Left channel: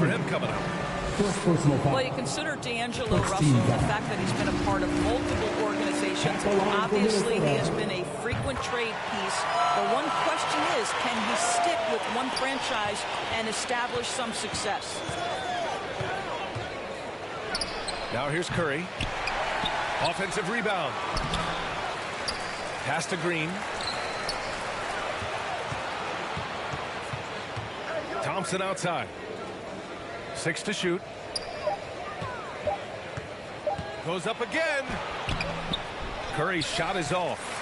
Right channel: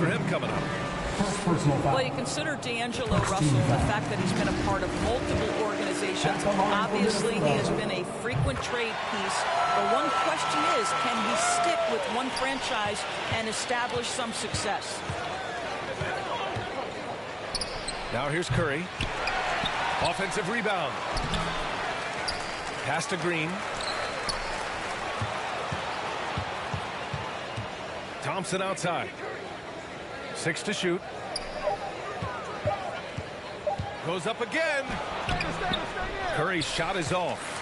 for him coming up. Well, you consider D'Angelo Russell and the fact that he's been a part of multiple organizations. Obviously, he has been a frequent trade piece. The one question is, can he stick with one franchise and establish some success? Now here's Curry. Offensive rebound. Pass to Green. Thompson outside. 6 to shoot. Goes up again. Curry's shot is off.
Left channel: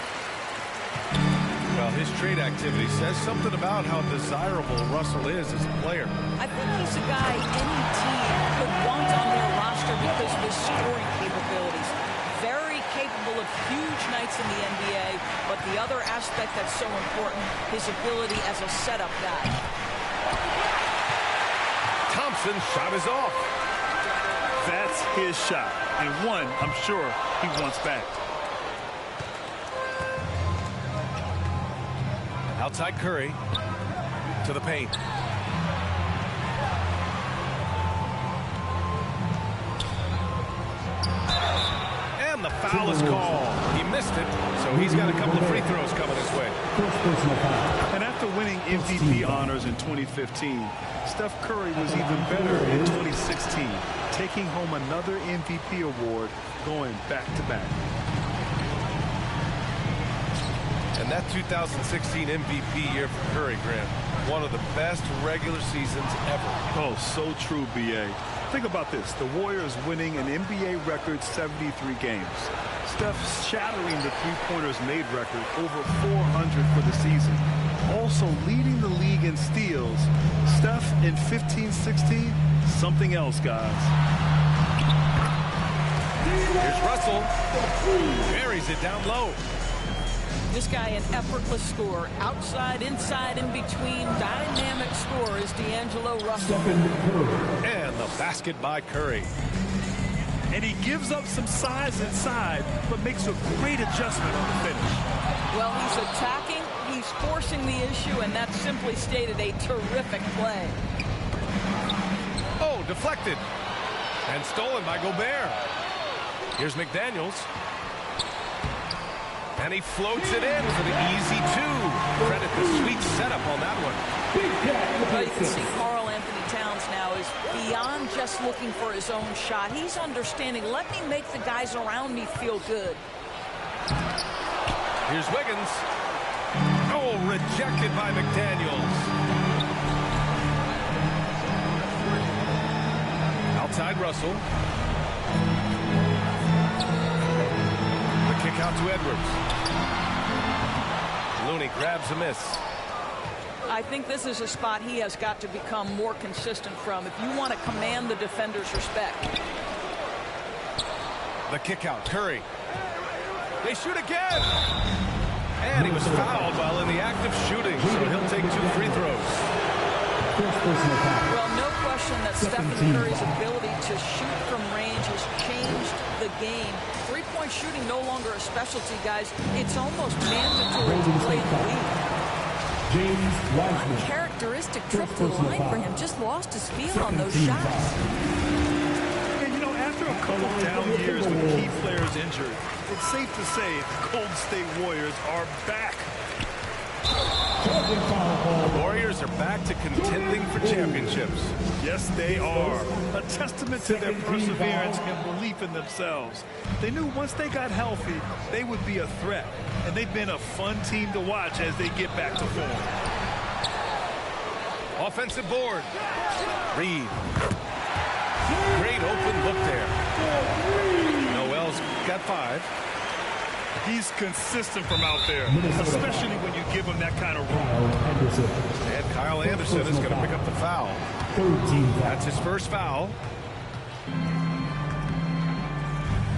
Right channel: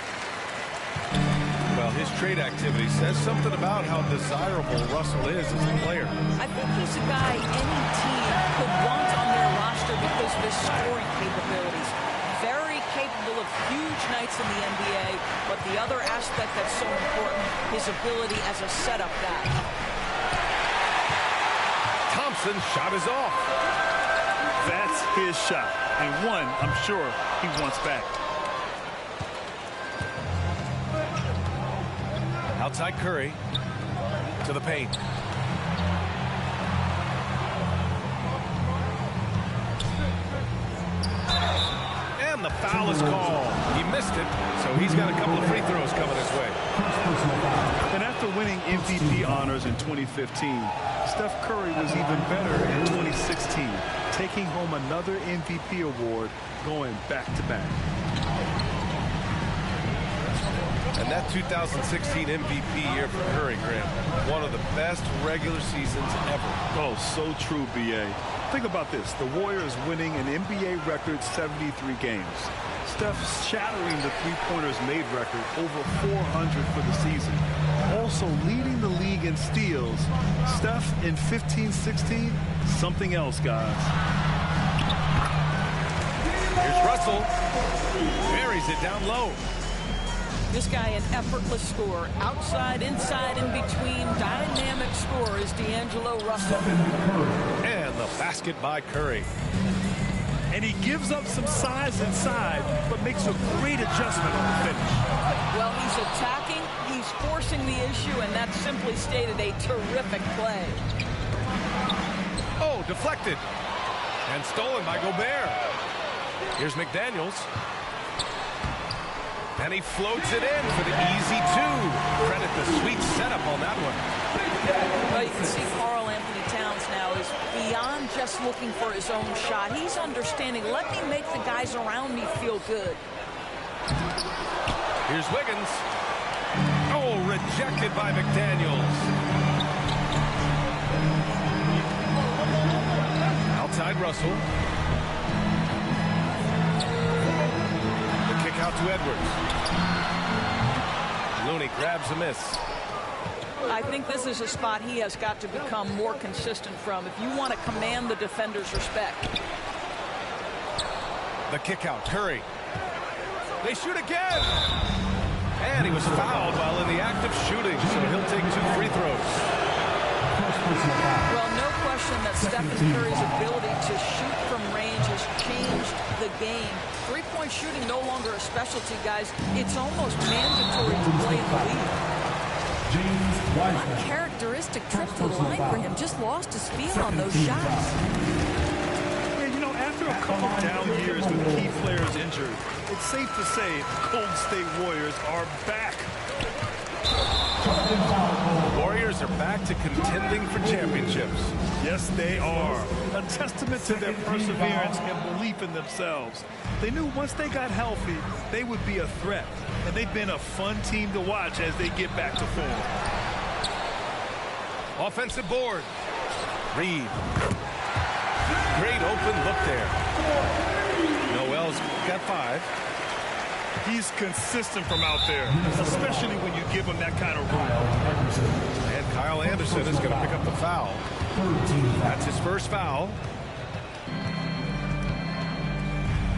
Well, his trade activity says something about how desirable Russell is as a player. I think he's a guy any team could want on their roster because of his scoring capabilities. Very capable of huge nights in the NBA, but the other aspect that's so important, his ability as a setup guy. Thompson's shot is off. That's his shot, and one I'm sure he wants back. Outside Curry to the paint. And the foul is called. He missed it, so he's got a couple of free throws coming his way. And after winning MVP honors in 2015, Steph Curry was even better in 2016, taking home another MVP award, going back-to-back. And that 2016 MVP year for Curry, Graham, one of the best regular seasons ever. Oh, so true, B.A. Think about this. The Warriors winning an NBA record 73 games. Steph shattering the three-pointers made record, over 400 for the season. Also leading the league in steals. Steph in 15-16, something else, guys. Here's Russell. Buries it down low. This guy, an effortless scorer. Outside, inside, in between. Dynamic scorer is D'Angelo Russell. And the basket by Curry. And he gives up some size inside, but makes a great adjustment on the finish. Well, he's attacking, he's forcing the issue, and that's simply stated a terrific play. Oh, deflected. And stolen by Gobert. Here's McDaniels. And he floats it in for the easy 2. Credit the sweet setup on that one. Well, you can see Karl Anthony Towns now is beyond just looking for his own shot. He's understanding, let me make the guys around me feel good. Here's Wiggins. Oh, rejected by McDaniels. Outside Russell. The kick out to Edwards. Looney grabs a miss. I think this is a spot he has got to become more consistent from if you want to command the defender's respect. The kick out, Curry. They shoot again. And he was fouled while in the act of shooting, so he'll take 2 free throws. Well, no question that Stephen Curry's ability to shoot from range has changed the game. Three-point shooting no longer a specialty, guys. It's almost mandatory to play in the league. James Wiseman. Uncharacteristic trip to the line for him. Just lost his feel on those shots. And, you know, after a couple down years with key players injured, it's safe to say the Golden State Warriors are back. The Warriors are back to contending for championships. Yes, they are. A testament to their perseverance and belief in themselves. They knew once they got healthy, they would be a threat. And they've been a fun team to watch as they get back to form. Offensive board. Reed. Great open look there. Noel's got 5. He's consistent from out there, especially when you give him that kind of room. And Kyle Anderson is going to pick up the foul. That's his first foul.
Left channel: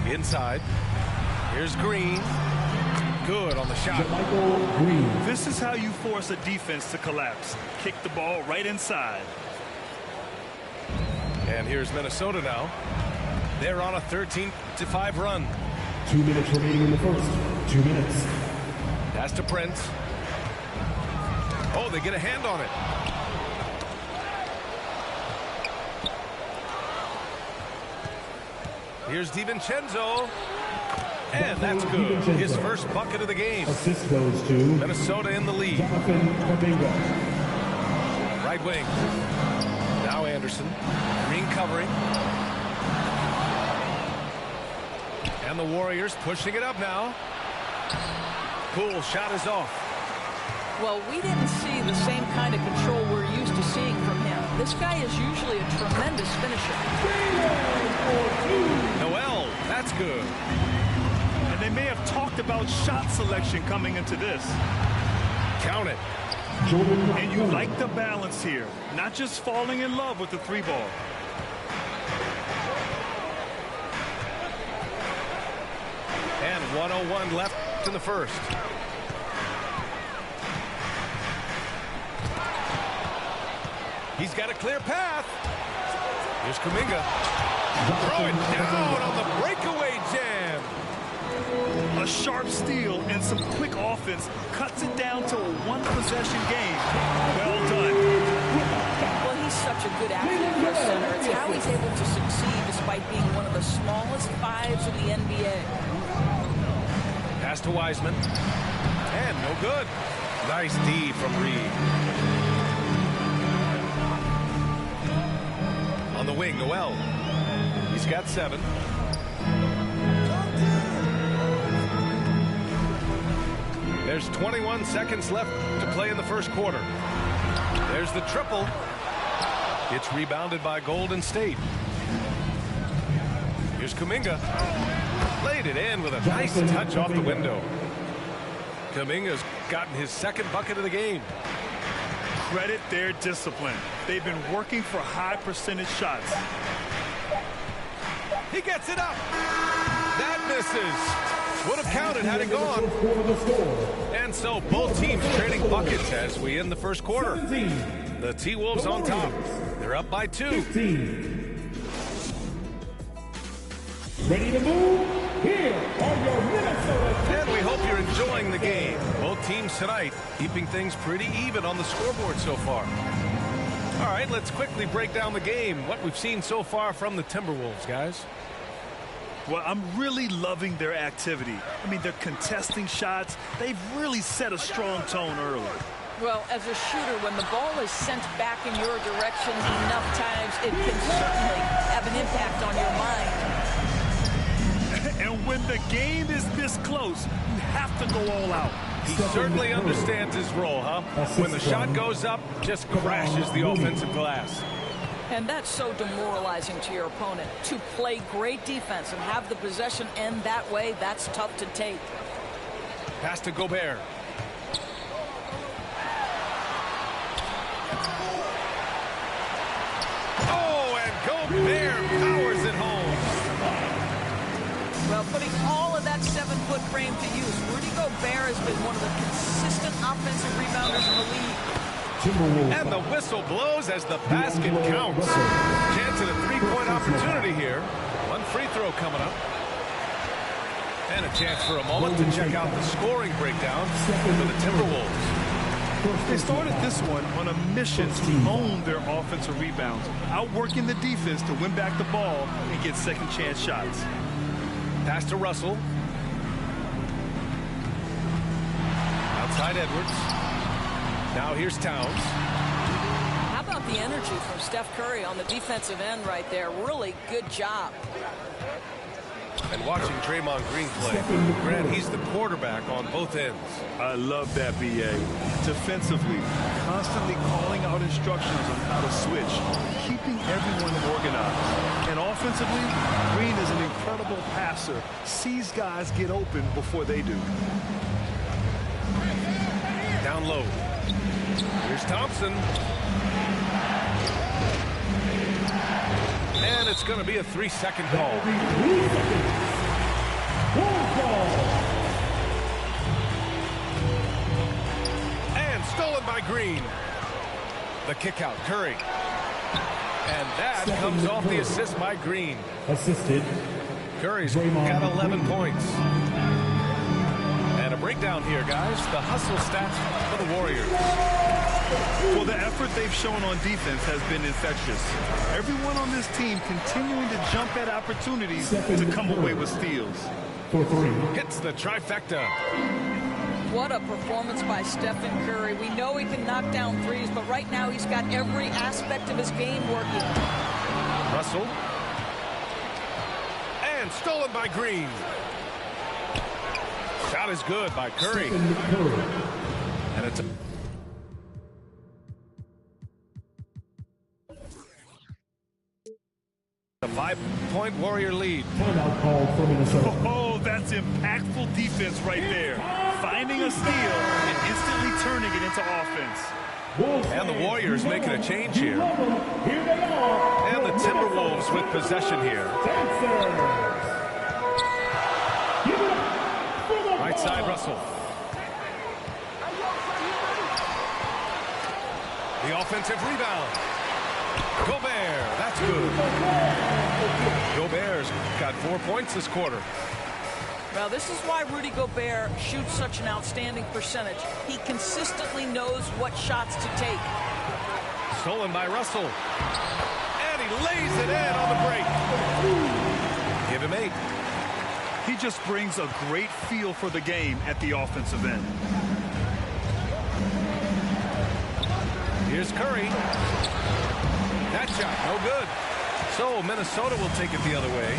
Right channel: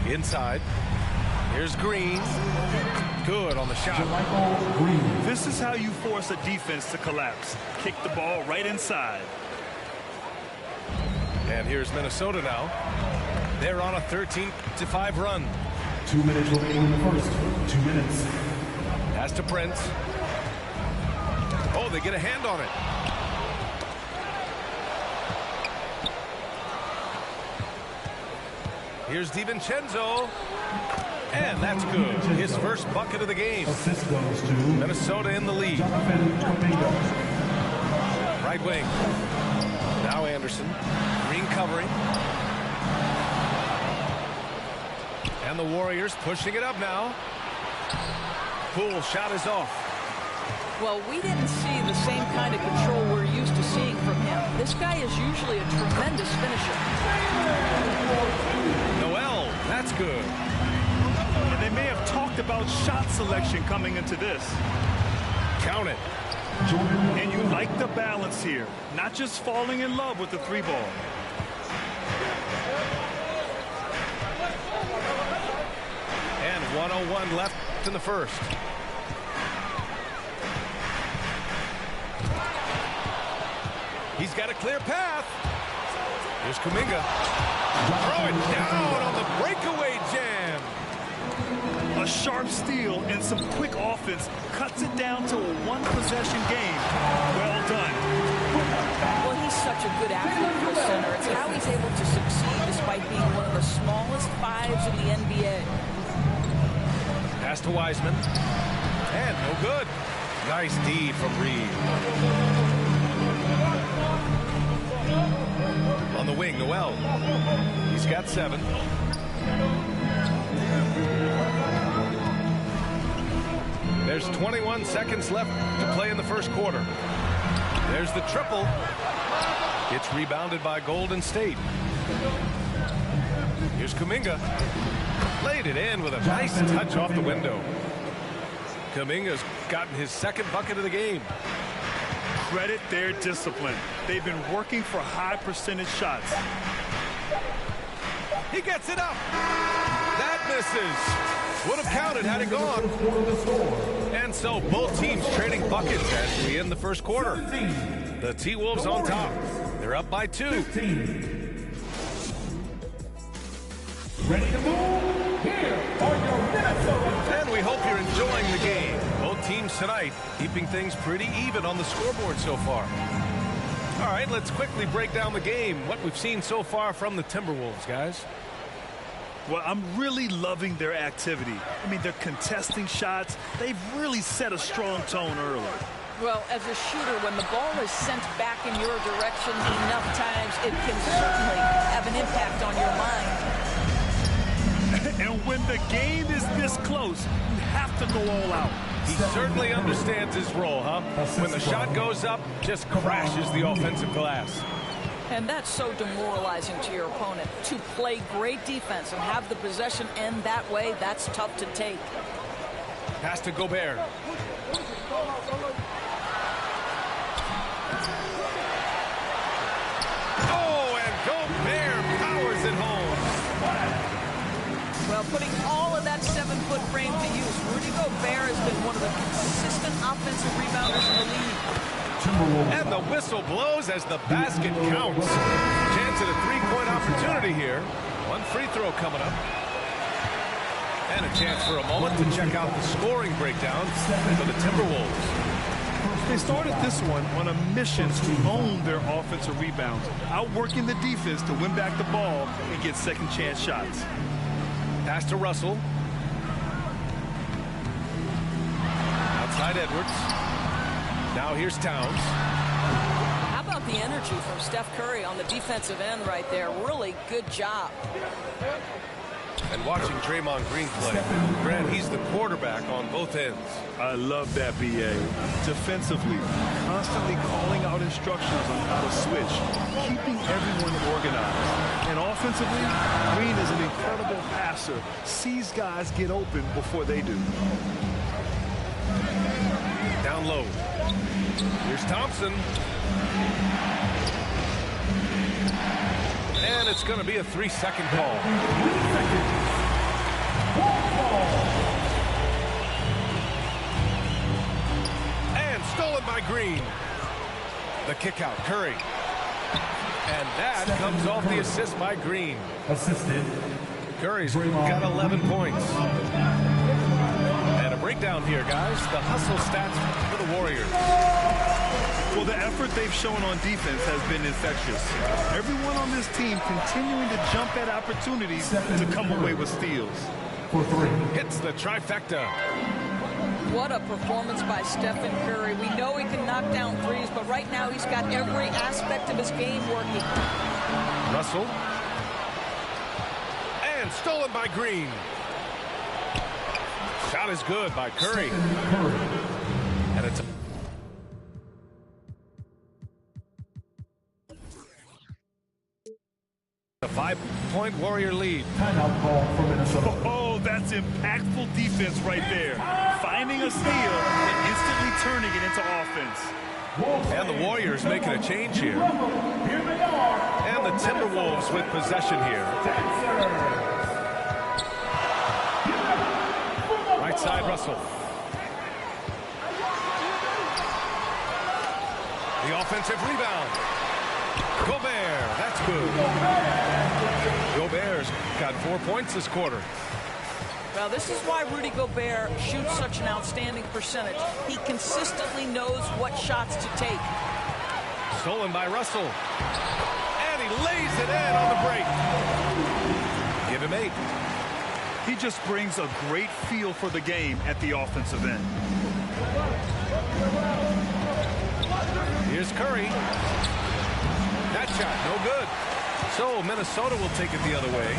Inside. Here's Green. Good on the shot. This is how you force a defense to collapse. Kick the ball right inside. And here's Minnesota now. They're on a 13-5 run. 2 minutes remaining in the first. 2 minutes. Pass to Prince. Oh, they get a hand on it. Here's DiVincenzo. And that's good. His first bucket of the game. Assist goes to Minnesota in the lead. Jonathan Kuminga. Right wing. Now Anderson. Green covering. And the Warriors pushing it up now. Poole shot is off. Well, we didn't see the same kind of control we're used to seeing from him. This guy is usually a tremendous finisher. Noel, that's good. And they may have talked about shot selection coming into this. Count it. And you like the balance here. Not just falling in love with the three ball. And 1:01 left in the first. He's got a clear path. Here's Kuminga. Throw it down on the breakaway jam. A sharp steal and some quick offense cuts it down to a one-possession game. Well done. Well, he's such a good athlete for a center. It's how he's able to succeed despite being one of the smallest fives in the NBA. Pass to Wiseman. And no good. Nice D from Reed. On the wing, Noel. He's got 7. There's 21 seconds left to play in the first quarter. There's the triple. It's rebounded by Golden State. Here's Kuminga. Laid it in with a nice touch off the window. Kuminga's gotten his second bucket of the game. Credit their discipline. They've been working for high percentage shots. He gets it up. That misses. Would have counted had it gone. And so both teams trading buckets as we end the first quarter. The T-Wolves on top. They're up by 2. Ready to move? Here are your Minnesota. And we hope you're enjoying the game. Both teams tonight keeping things pretty even on the scoreboard so far. All right, let's quickly break down the game. What we've seen so far from the Timberwolves, guys. Well, I'm really loving their activity. I mean, they're contesting shots. They've really set a strong tone early. Well, as a shooter, when the ball is sent back in your direction enough times, it can certainly have an impact on your mind. And when the game is this close, you have to go all out. He certainly understands his role, huh? When the shot goes up, just crashes the offensive glass. And that's so demoralizing to your opponent. To play great defense and have the possession end that way, that's tough to take. Pass to Gobert. Oh, and Gobert powers it home. Well, putting all of that 7-foot frame to use, Rudy Gobert has been one of the consistent offensive rebounders in the league. And the whistle blows as the basket counts. Chance at a 3-point opportunity here. One free throw coming up. And a chance for a moment to check out the scoring breakdown for the Timberwolves. They started this one on a mission to own their offensive rebounds, outworking the defense to win back the ball and get second chance shots. Pass to Russell. Outside Edwards. Now here's Towns. How about the energy from Steph Curry on the defensive end right there? Really good job. And watching Draymond Green play, Grant, he's the quarterback on both ends. I love that, B.A. Defensively, constantly calling out instructions on how to switch, keeping everyone organized. And offensively, Green is an incredible passer, sees guys get open before they do. Down low. Here's Thompson. And it's going to be a 3-second call. 3 seconds. Ball. And stolen by Green. The kick out, Curry. And that comes off the assist by Green. Assisted. Curry's got 11 points. And a breakdown here, guys. The hustle stats for the Warriors. Well, the effort they've shown on defense has been infectious. Everyone on this team continuing to jump at opportunities to come away with steals. For 3. Hits the trifecta. What a performance by Stephen Curry. We know he can knock down threes, but right now he's got every aspect of his game working. Russell. And stolen by Green. Shot is good by Curry. And it's a 5-point Warrior lead. Timeout call for Minnesota. Oh, that's impactful defense right there. Finding a steal and instantly turning it into offense. And the Warriors making a change here. Here they are. And the Timberwolves with possession here. Right side, Russell. The offensive rebound. Gobert, that's good. Gobert's got 4 points this quarter. Well, this is why Rudy Gobert shoots such an outstanding percentage. He consistently knows what shots to take. Stolen by Russell. And he lays it in on the break. Give him 8. He just brings a great feel for the game at the offensive end. Here's Curry. That shot, no good. So Minnesota will take it the other way.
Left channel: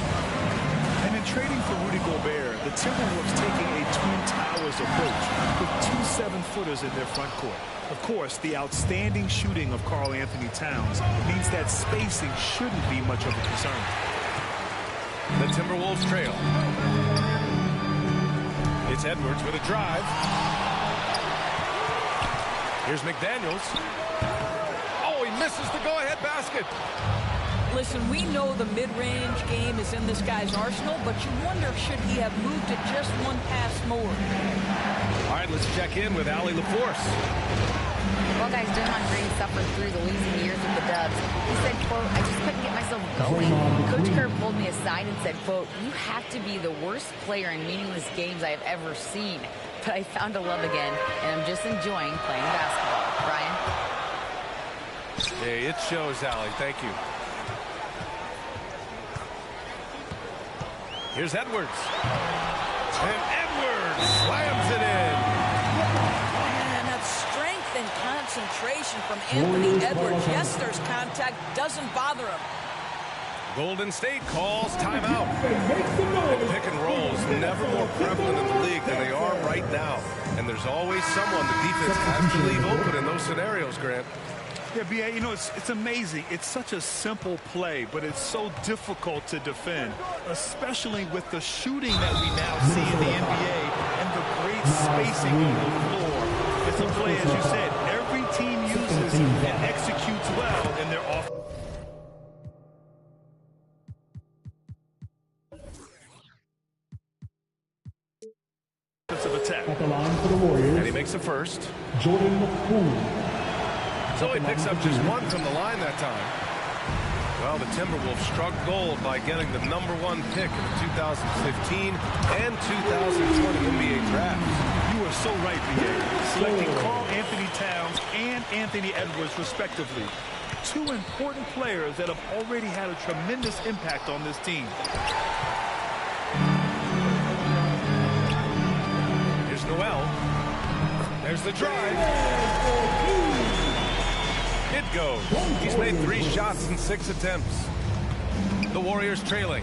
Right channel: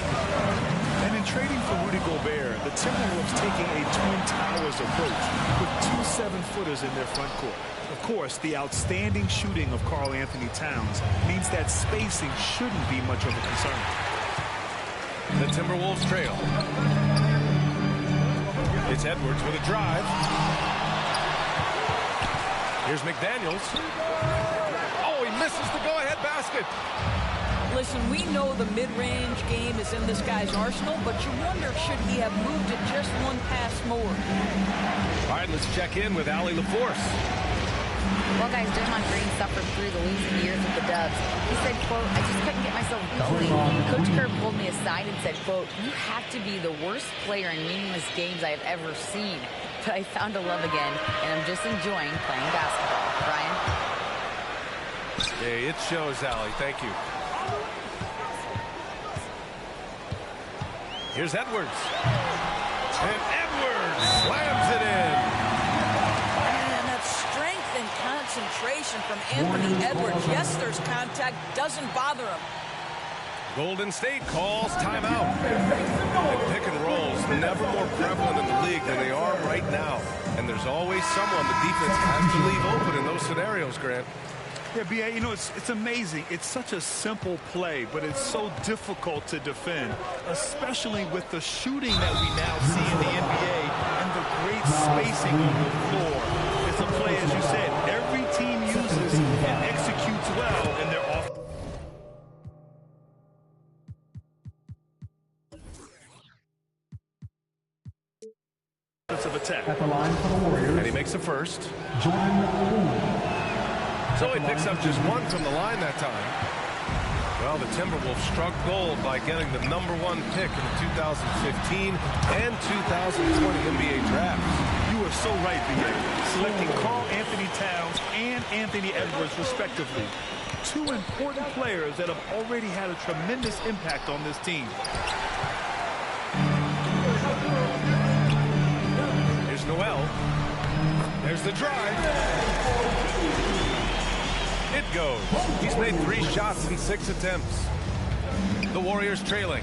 And in trading for Rudy Gobert, the Timberwolves taking a Twin Towers approach with 2 7-footers in their front court. Of course, the outstanding shooting of Karl Anthony Towns means that spacing shouldn't be much of a concern. The Timberwolves trail. It's Edwards with a drive. Here's McDaniels. Oh, he misses the go-ahead basket. Listen, we know the mid-range game is in this guy's arsenal, but you wonder, should he have moved it just one pass more? All right, let's check in with Allie LaForce. Well, guys, Draymond Green suffered through the losing years with the Dubs. He said, quote, I just couldn't get myself going. Coach Kerr pulled me aside and said, quote, you have to be the worst player in meaningless games I have ever seen. But I found a love again, and I'm just enjoying playing basketball. Brian? Hey, it shows, Allie. Thank you. Here's Edwards. And Edwards slams it in. And that strength and concentration from Anthony Edwards. Yes, there's contact. Doesn't bother him. Golden State calls timeout. And pick and rolls never more prevalent in the league than they are right now. And there's always someone the defense has to leave open in those scenarios, Grant. Yeah, B.A., you know, it's amazing. It's such a simple play, but it's so difficult to defend, especially with the shooting that we now see in the NBA and the great spacing on the floor. It's a play, as you said, every team uses and executes well in their offense. Of attack. At the line for the Warriors. And he makes the first. Jordan Poole. So he picks up just 1 from the line that time. Well, the Timberwolves struck gold by getting the #1 pick in the 2015 and 2020 NBA drafts. You are so right, B.A. Selecting Karl Anthony Towns and Anthony Edwards, respectively. 2 important players that have already had a tremendous impact on this team. Here's Noel. There's the drive. It goes. He's made 3 shots in 6 attempts. The Warriors trailing.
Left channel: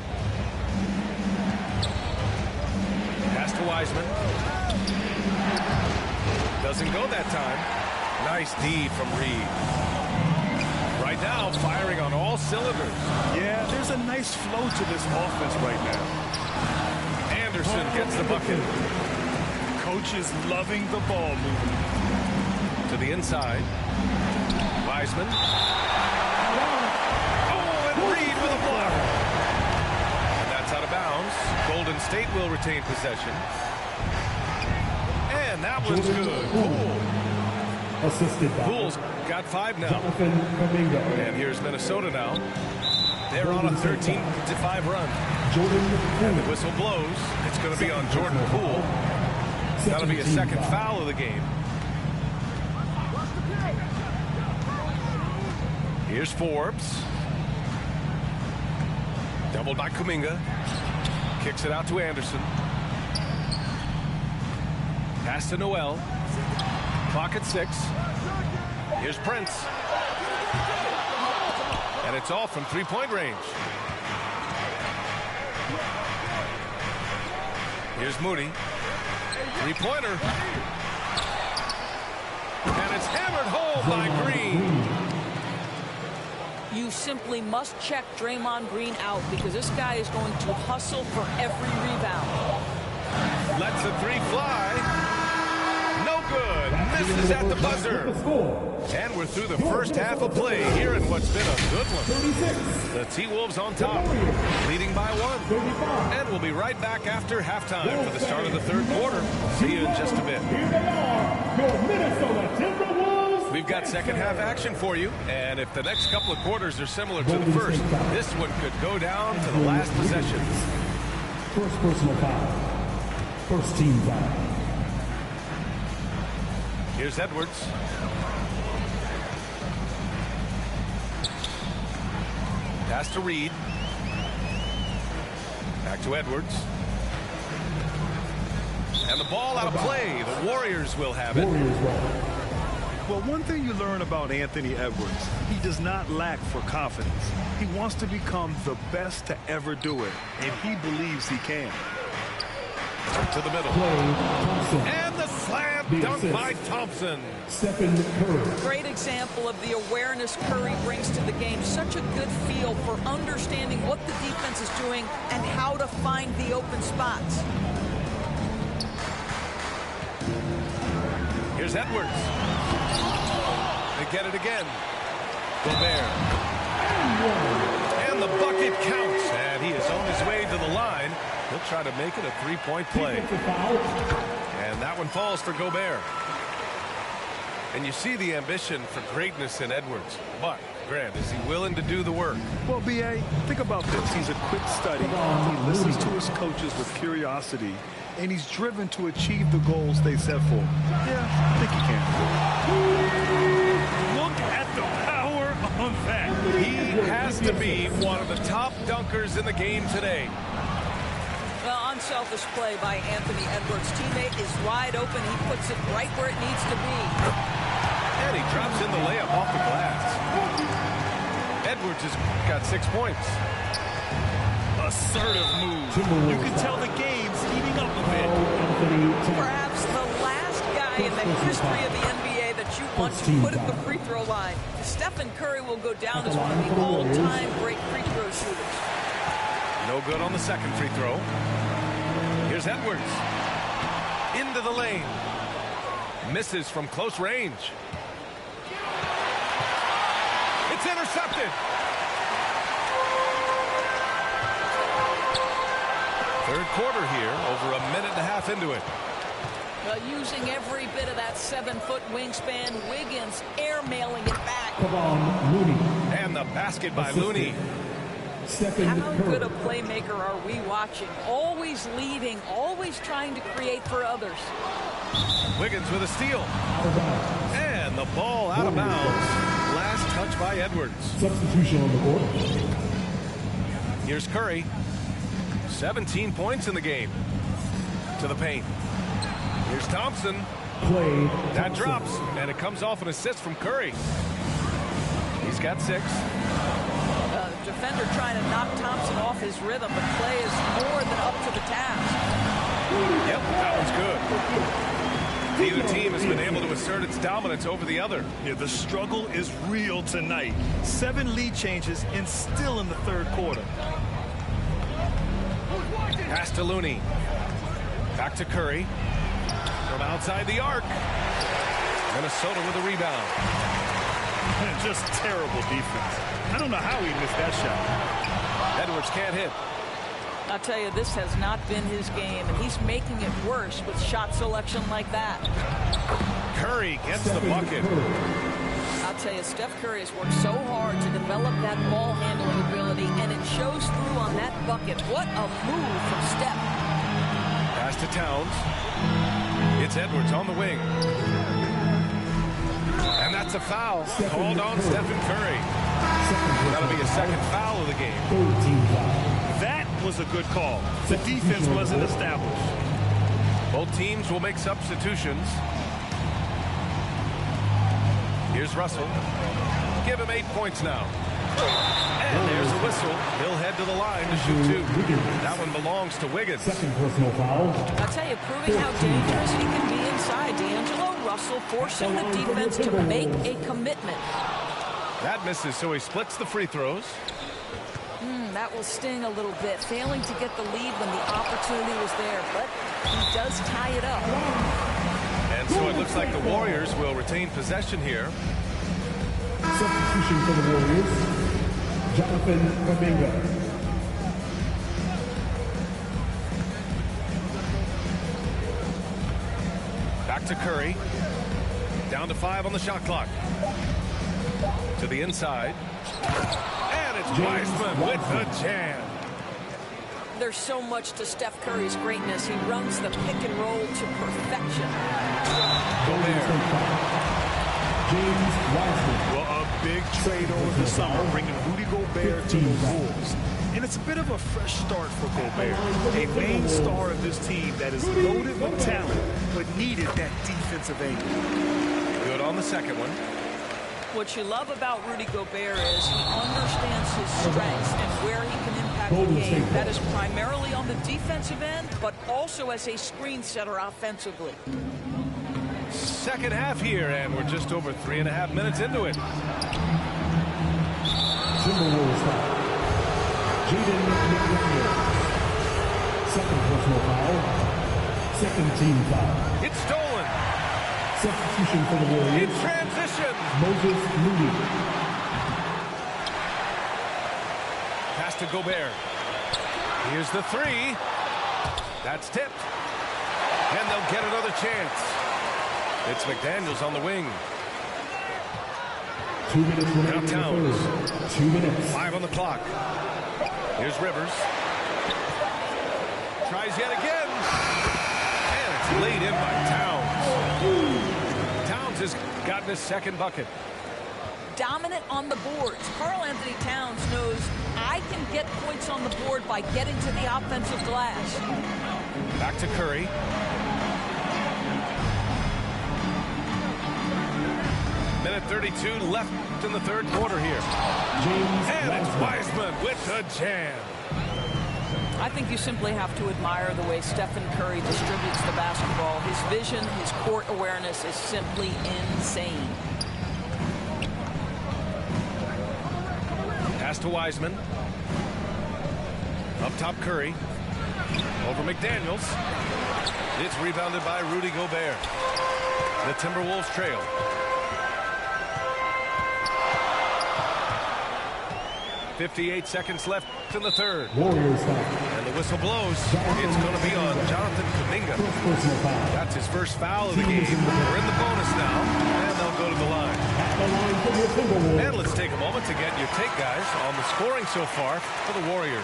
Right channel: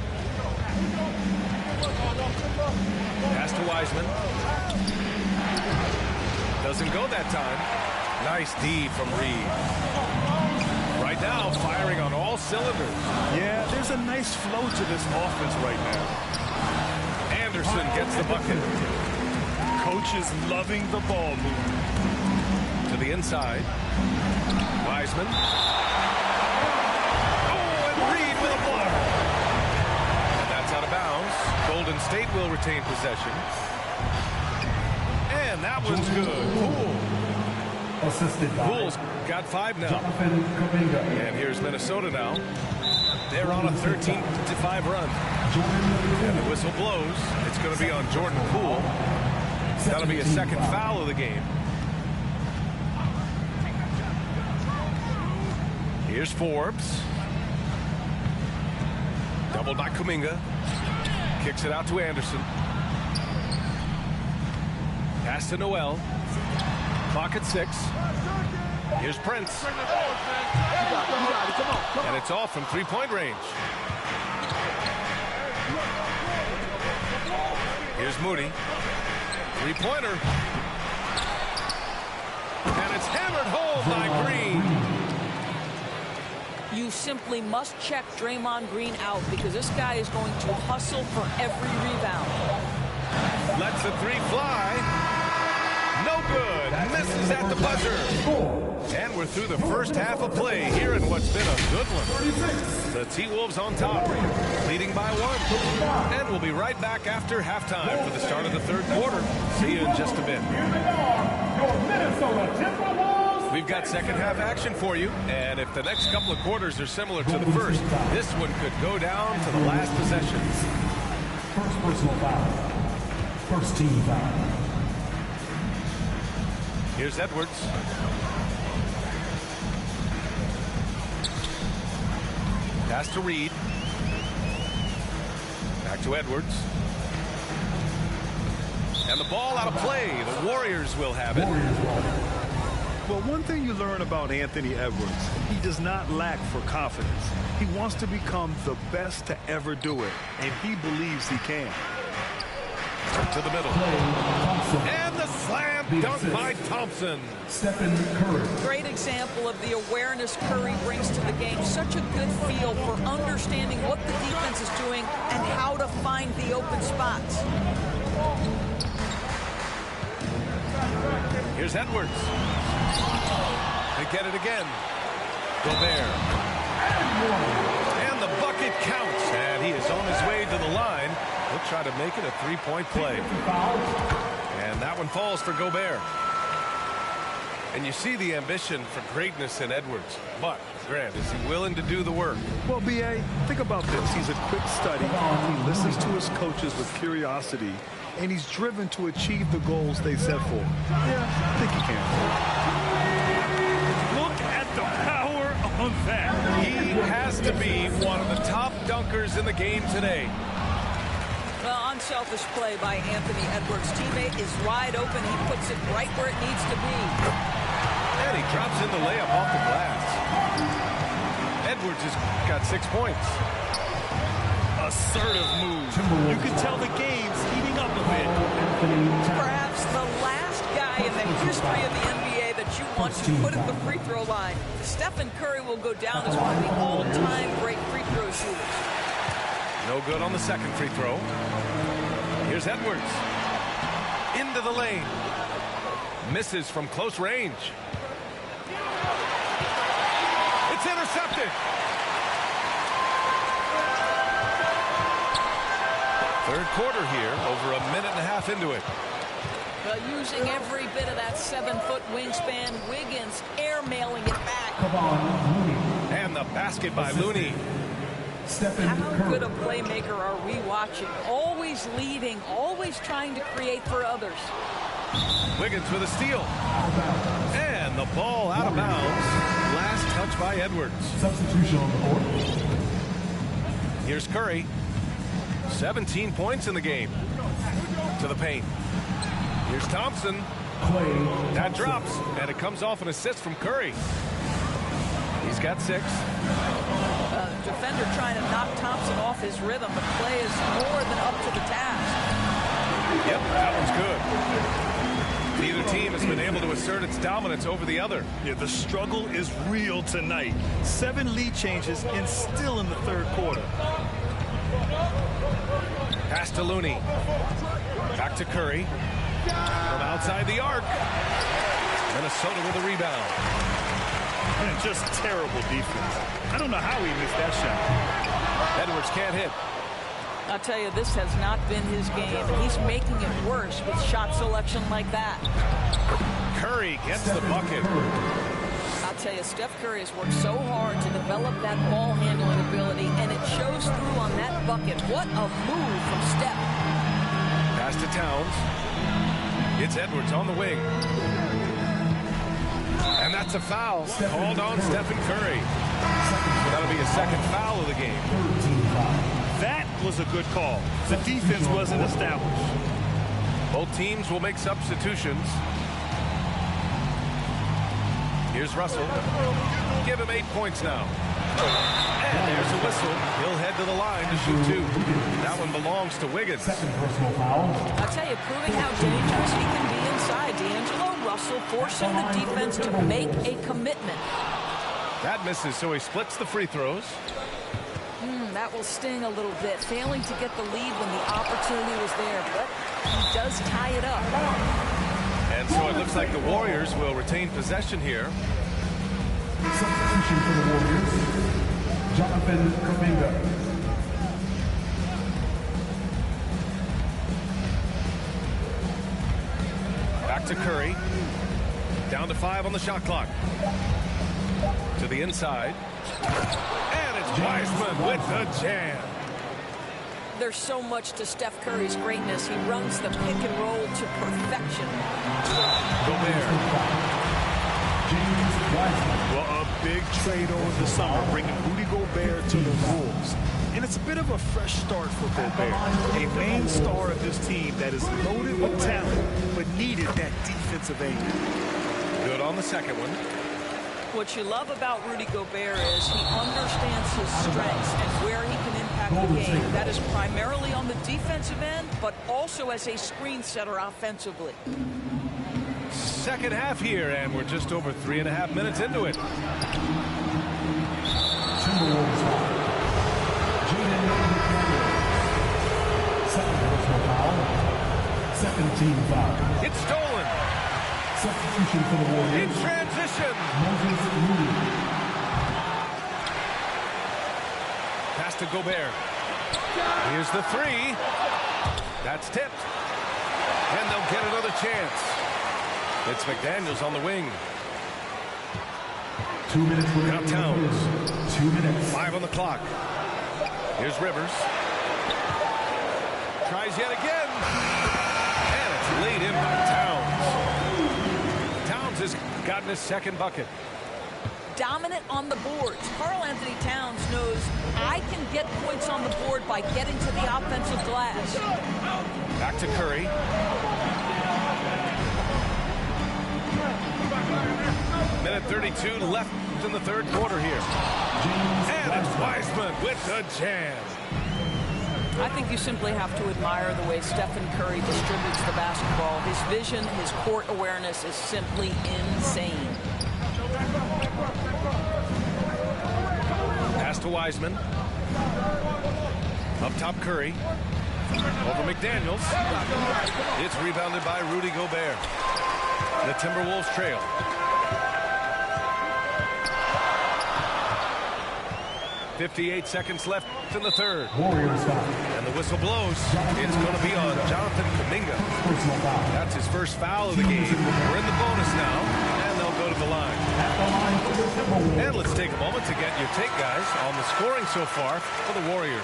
Pass to Wiseman. Doesn't go that time. Nice D from Reed. Right now, firing on all cylinders. Yeah, there's a nice flow to this offense right now. Anderson gets the bucket. Coach is loving the ball movement. To the inside. Wiseman. Oh, and Reed with a block. And that's out of bounds. Golden State will retain possession. And that one's good. Poole. Assisted by Poole's got 5 now. Jonathan Kuminga. And here's Minnesota now. They're on a 13-5 run. Jordan And the Poole. whistle blows. It's going to be on Jordan Poole. That'll be a second foul of the game. Here's Forbes. Doubled by Kuminga. Kicks it out to Anderson. Pass to Noel. Clock at 6. Here's Prince. And it's all from three-point range. Here's Moody. Three-pointer. And it's hammered home by Green. You simply must check Draymond Green out because this guy is going to hustle for every rebound. Lets the three fly. No good. Misses at the buzzer. And we're through the first half of play here in what's been a good one. The T-Wolves on top, leading by 1. And we'll be right back after halftime for the start of the third quarter. See you in just a bit. Here they are, your Minnesota Timberwolves. We've got second half action for you. And if the next couple of quarters are similar to the first, this one could go down to the last possession. First personal foul. First team foul. Here's Edwards. Pass to Reed. Back to Edwards. And the ball out of play. The Warriors will have it. Well, one thing you learn about Anthony Edwards, he does not lack for confidence. He wants to become the best to ever do it, and he believes he can. To the middle. And the slam dunk by Thompson. Stephen Curry. Great example of the awareness Curry brings to the game. Such a good feel for understanding what the defense is doing and how to find the open spots. Here's Edwards. They get it again. Gobert. And the bucket counts. And he is on his way to the line. He'll try to make it a three-point play. And that one falls for Gobert. And you see the ambition for greatness in Edwards. But, Grant, is he willing to do the work? Well, B.A., think about this. He's a quick study. He listens to his coaches with curiosity. And he's driven to achieve the goals they set for him. Yeah, I think he can. Look at the power on that. He has to be one of the top dunkers in the game today. Well, unselfish play by Anthony Edwards. Teammate is wide open. He puts it right where it needs to be. And he drops in the layup off the glass. Edwards has got 6 points. Assertive move. You can tell the game's heating up a bit. Perhaps the last guy in the history of the NBA that you want to put at the free throw line. Stephen Curry will go down as one of the all-time great free throw shooters. No good on the second free throw. Here's Edwards. Into the lane. Misses from close range. It's intercepted. Third quarter here, over a minute and a half into it. Well, using every bit of that 7-foot wingspan, Wiggins air-mailing it back. And the basket by Looney. How good a playmaker are we watching? Always leading, always trying to create for others. Wiggins with a steal. And the ball out of bounds. Last touch by Edwards. Substitution on the court. Here's Curry. 17 points in the game. To the paint. Here's Thompson. That drops, and it comes off an assist from Curry. He's got 6. Defender trying to knock Thompson off his rhythm, but Clay is more than up to the task. Yep, that one's good. Neither team has been able to assert its dominance over the other. Yeah, the struggle is real tonight. 7 lead changes and still in the third quarter. Pass to Looney. Back to Curry. From outside the arc. Minnesota with a rebound. And just terrible defense. I don't know how he missed that shot. Edwards can't hit. I'll tell you, this has not been his game, and he's making it worse with shot selection like that. Curry gets the bucket. I'll tell you, Steph Curry has worked so hard to develop that ball handling ability, and it shows through on that bucket. What a move from Steph. Pass to Towns. It's Edwards on the wing. And that's a foul called on Stephen Curry. That'll be a second foul of the game. That was a good call. The defense wasn't established. Both teams will make substitutions. Here's Russell. Give him 8 points now. And there's a whistle. He'll head to the line to shoot 2. That one belongs to Wiggins. Second personal foul. I'll tell you, proving how dangerous he can be inside. D'Angelo Russell forcing the defense to make a commitment. That misses, so he splits the free throws. That will sting a little bit. Failing to get the lead when the opportunity was there, but he does tie it up. And so it looks like the Warriors will retain possession here. Substitution for the Warriors, Jonathan Kuminga. Back to Curry. Down to 5 on the shot clock. To the inside. And it's Wiseman with the jam. There's so much to Steph Curry's greatness. He runs the pick and roll to perfection. Gobert. James Wiseman. Well, a big trade over the summer, bringing Rudy Gobert to the Wolves. And it's a bit of a fresh start for Gobert, a main star of this team that is loaded with talent, but needed that defensive angle. Good on the second one. What you love about Rudy Gobert is he understands his strengths and where he can impact the game. That is primarily on the defensive end, but also as a screen setter offensively. Second half here, and we're just over 3.5 minutes into it. Timberwolves foul. Jaden McDaniels. Second personal foul. Second team foul. It's stolen. Substitution for the In Warriors, transition. Moses Moody. Pass to Gobert. Here's the 3. That's tipped. And they'll get another chance. It's McDaniels on the wing. 2 minutes remaining in the Towns. third. 2 minutes. 5 on the clock. Here's Rivers. Tries yet again. And it's laid in by Towns. Towns has gotten his second bucket. Dominant on the boards. Karl-Anthony Towns knows I can get points on the board by getting to the offensive glass. Back to Curry. Minute 32 left in the third quarter here. And it's Wiseman with the jam. I think you simply have to admire the way Stephen Curry distributes the basketball. His vision, his court awareness is simply insane. Pass to Wiseman. Up top Curry. Over McDaniels. It's rebounded by Rudy Gobert. The Timberwolves trail. 58 seconds left in the third. Warriors foul. And the whistle blows. It's going to be on Jonathan Kuminga. Personal foul. That's his first foul of the game. We're in the bonus now, and they'll go to the line. At the line for the Timberwolves. And let's take a moment to get your take, guys, on the scoring so far for the Warriors.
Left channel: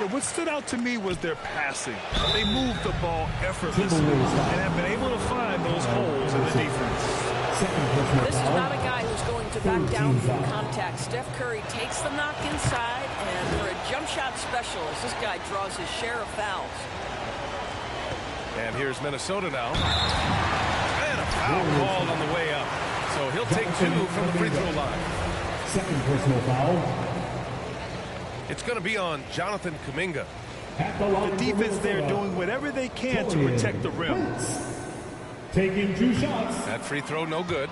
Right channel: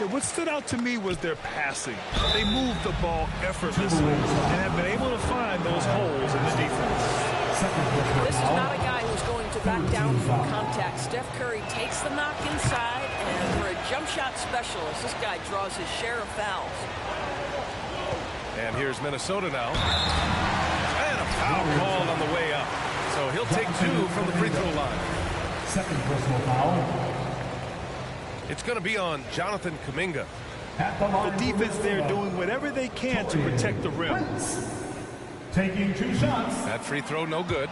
Yeah, what stood out to me was their passing. They moved the ball effortlessly and have been able to find those holes in the defense. This is not a guy who's going to back down from contact. Steph Curry takes the knock inside, and for a jump shot specialist, this guy draws his share of fouls. And here's Minnesota now. And a foul called on the way up. So he'll take 2 from the free throw line. Second personal foul. It's going to be on Jonathan Kuminga. At the line The defense there doing whatever they can to protect the rim. Taking 2 shots. That free throw no good.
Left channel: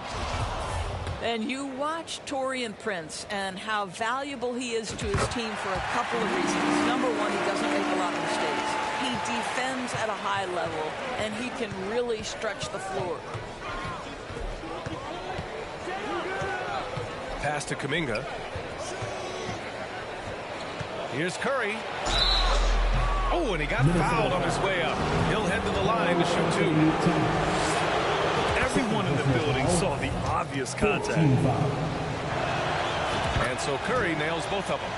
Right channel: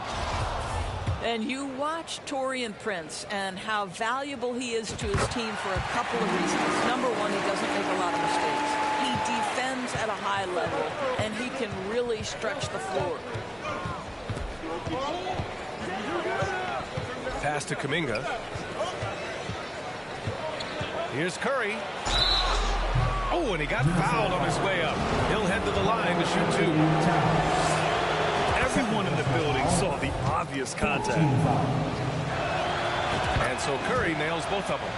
And you watch Taurean Prince and how valuable he is to his team for a couple of reasons. Number one, he doesn't make a lot of mistakes. He defends at a high level, and he can really stretch the floor. Pass to Kuminga. Here's Curry. Oh, and he got fouled on his way up. He'll head to the line to shoot 2. Everyone in the building saw the obvious contact. And so Curry nails both of them.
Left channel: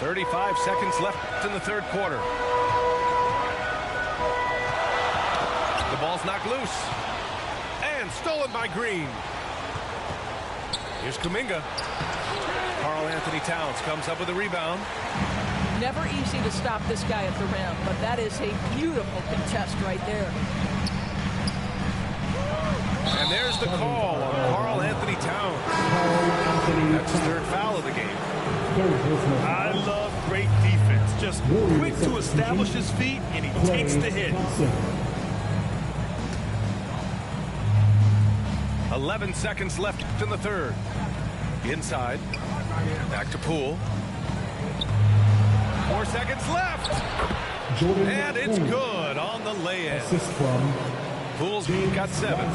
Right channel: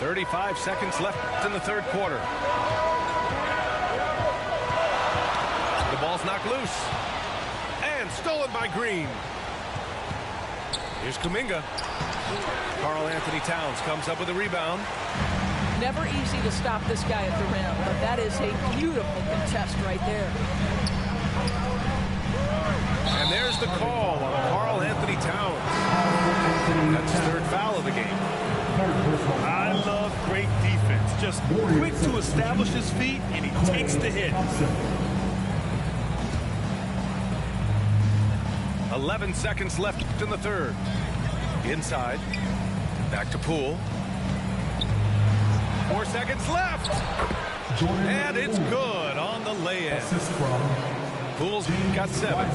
35 seconds left in the third quarter. The ball's knocked loose. And stolen by Green. Here's Kuminga. Karl Anthony Towns comes up with a rebound. Never easy to stop this guy at the rim, but that is a beautiful contest right there. And there's the call on Karl Anthony Towns. That's his third foul of the game. I love great defense. Just quick to establish his feet, and he takes the hit. 11 seconds left in the third. Inside. Back to Poole. 4 seconds left. And it's good on the lay-in. Poole's got 7.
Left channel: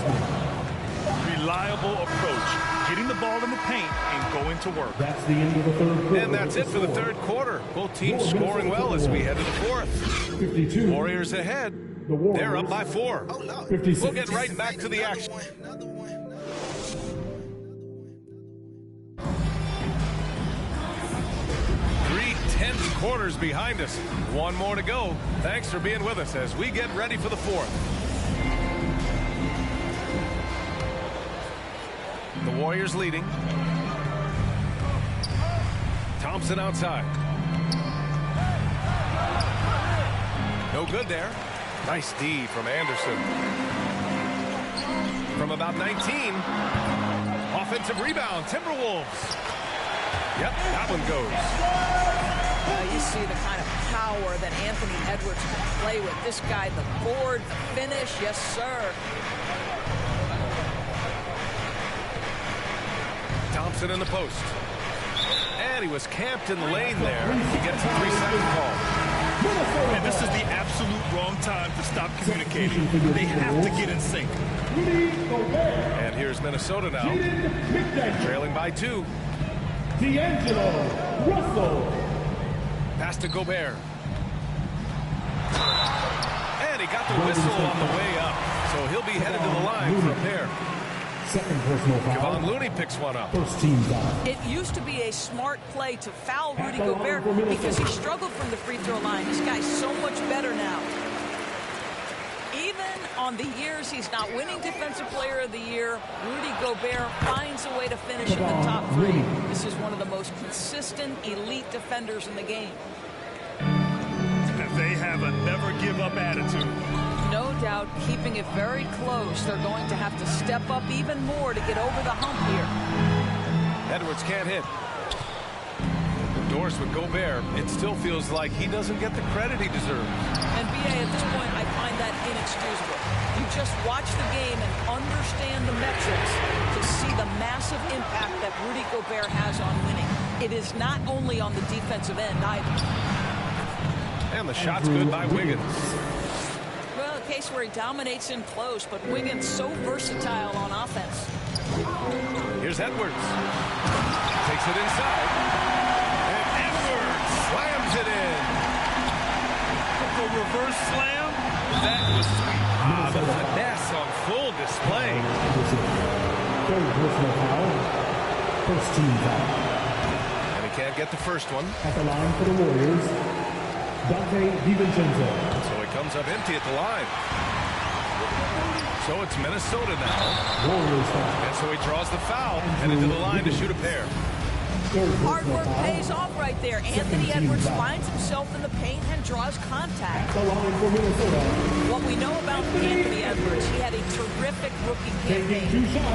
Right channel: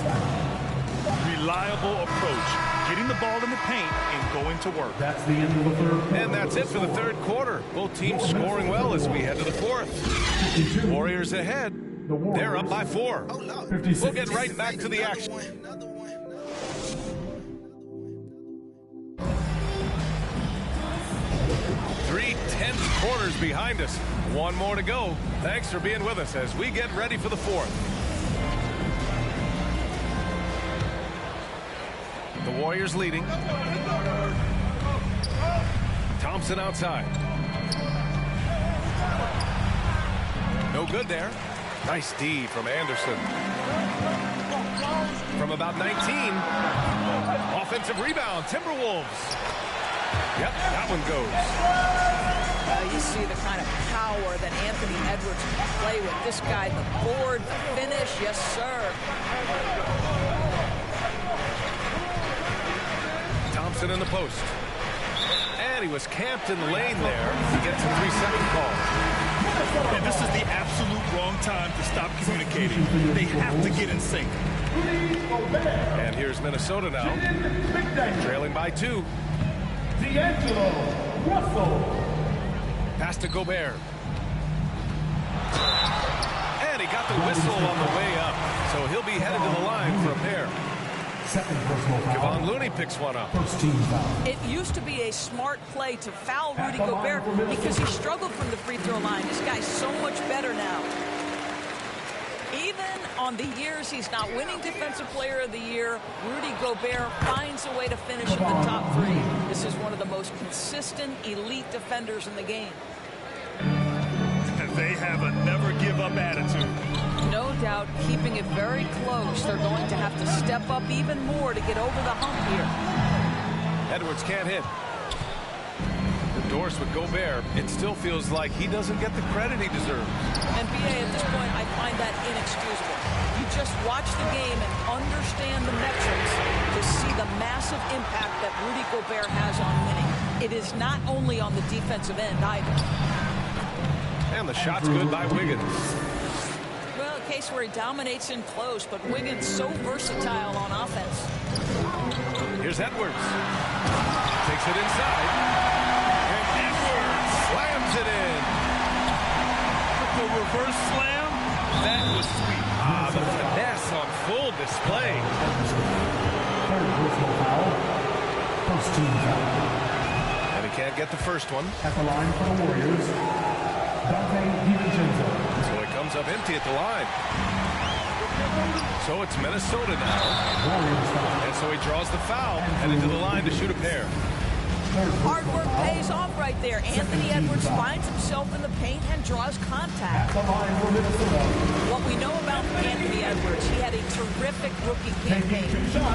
Reliable approach. Getting the ball in the paint and going to work. That's the end of the third quarter. And that's it for the third quarter. Both teams scoring well as we head to the fourth. Warriors ahead. They're up by 4. We'll get right back to the action. 3 tense quarters behind us. One more to go. Thanks for being with us as we get ready for the fourth. The Warriors leading. Thompson outside. No good there. Nice D from Anderson. From about 19. Offensive rebound, Timberwolves. Yep, that one goes. You see the kind of power that Anthony Edwards can play with. This guy, the board, the finish, yes, sir. Thompson in the post. And he was camped in the lane there. He gets a 3-second call. And this is the absolute wrong time to stop communicating. They have to get in sync. And here's Minnesota now. Trailing by 2. D'Angelo Russell. Pass to Gobert. And he got the whistle on the way up. So he'll be headed to the line for a pair. Second personal foul. Kevon Looney picks one up. First team foul. It used to be a smart play to foul Rudy Gobert because he struggled from the free throw line. This guy's so much better now. Even on the years he's not winning Defensive Player of the Year, Rudy Gobert finds a way to finish in the top 3. This is one of the most consistent, elite defenders in the game. They have a never-give-up attitude. No doubt, keeping it very close. They're going to have to step up even more to get over the hump here. Edwards can't hit. Endorsed with Gobert, it still feels like he doesn't get the credit he deserves. And B.A., at this point, I find that inexcusable. You just watch the game and understand the metrics to see the massive impact that Rudy Gobert has on winning. It is not only on the defensive end either. And the shot's good by Wiggins. Well, a case where he dominates in close, but Wiggins so versatile on offense. Here's Edwards. Takes it inside. And Edwards slams it in. The reverse slam, that was sweet. Ah, the finesse on full display. Third personal foul. First team foul. And he can't get the first one. At the line for the Warriors, Dante DiVincenzo. So he comes up empty at the line. So it's Minnesota now. Warriors foul. And so he draws the foul, headed to the line to shoot a pair. Hard work pays off right there. Anthony Edwards finds himself in the paint and draws contact. At the line for Minnesota. What we know about Anthony Edwards, he had a terrific rookie campaign,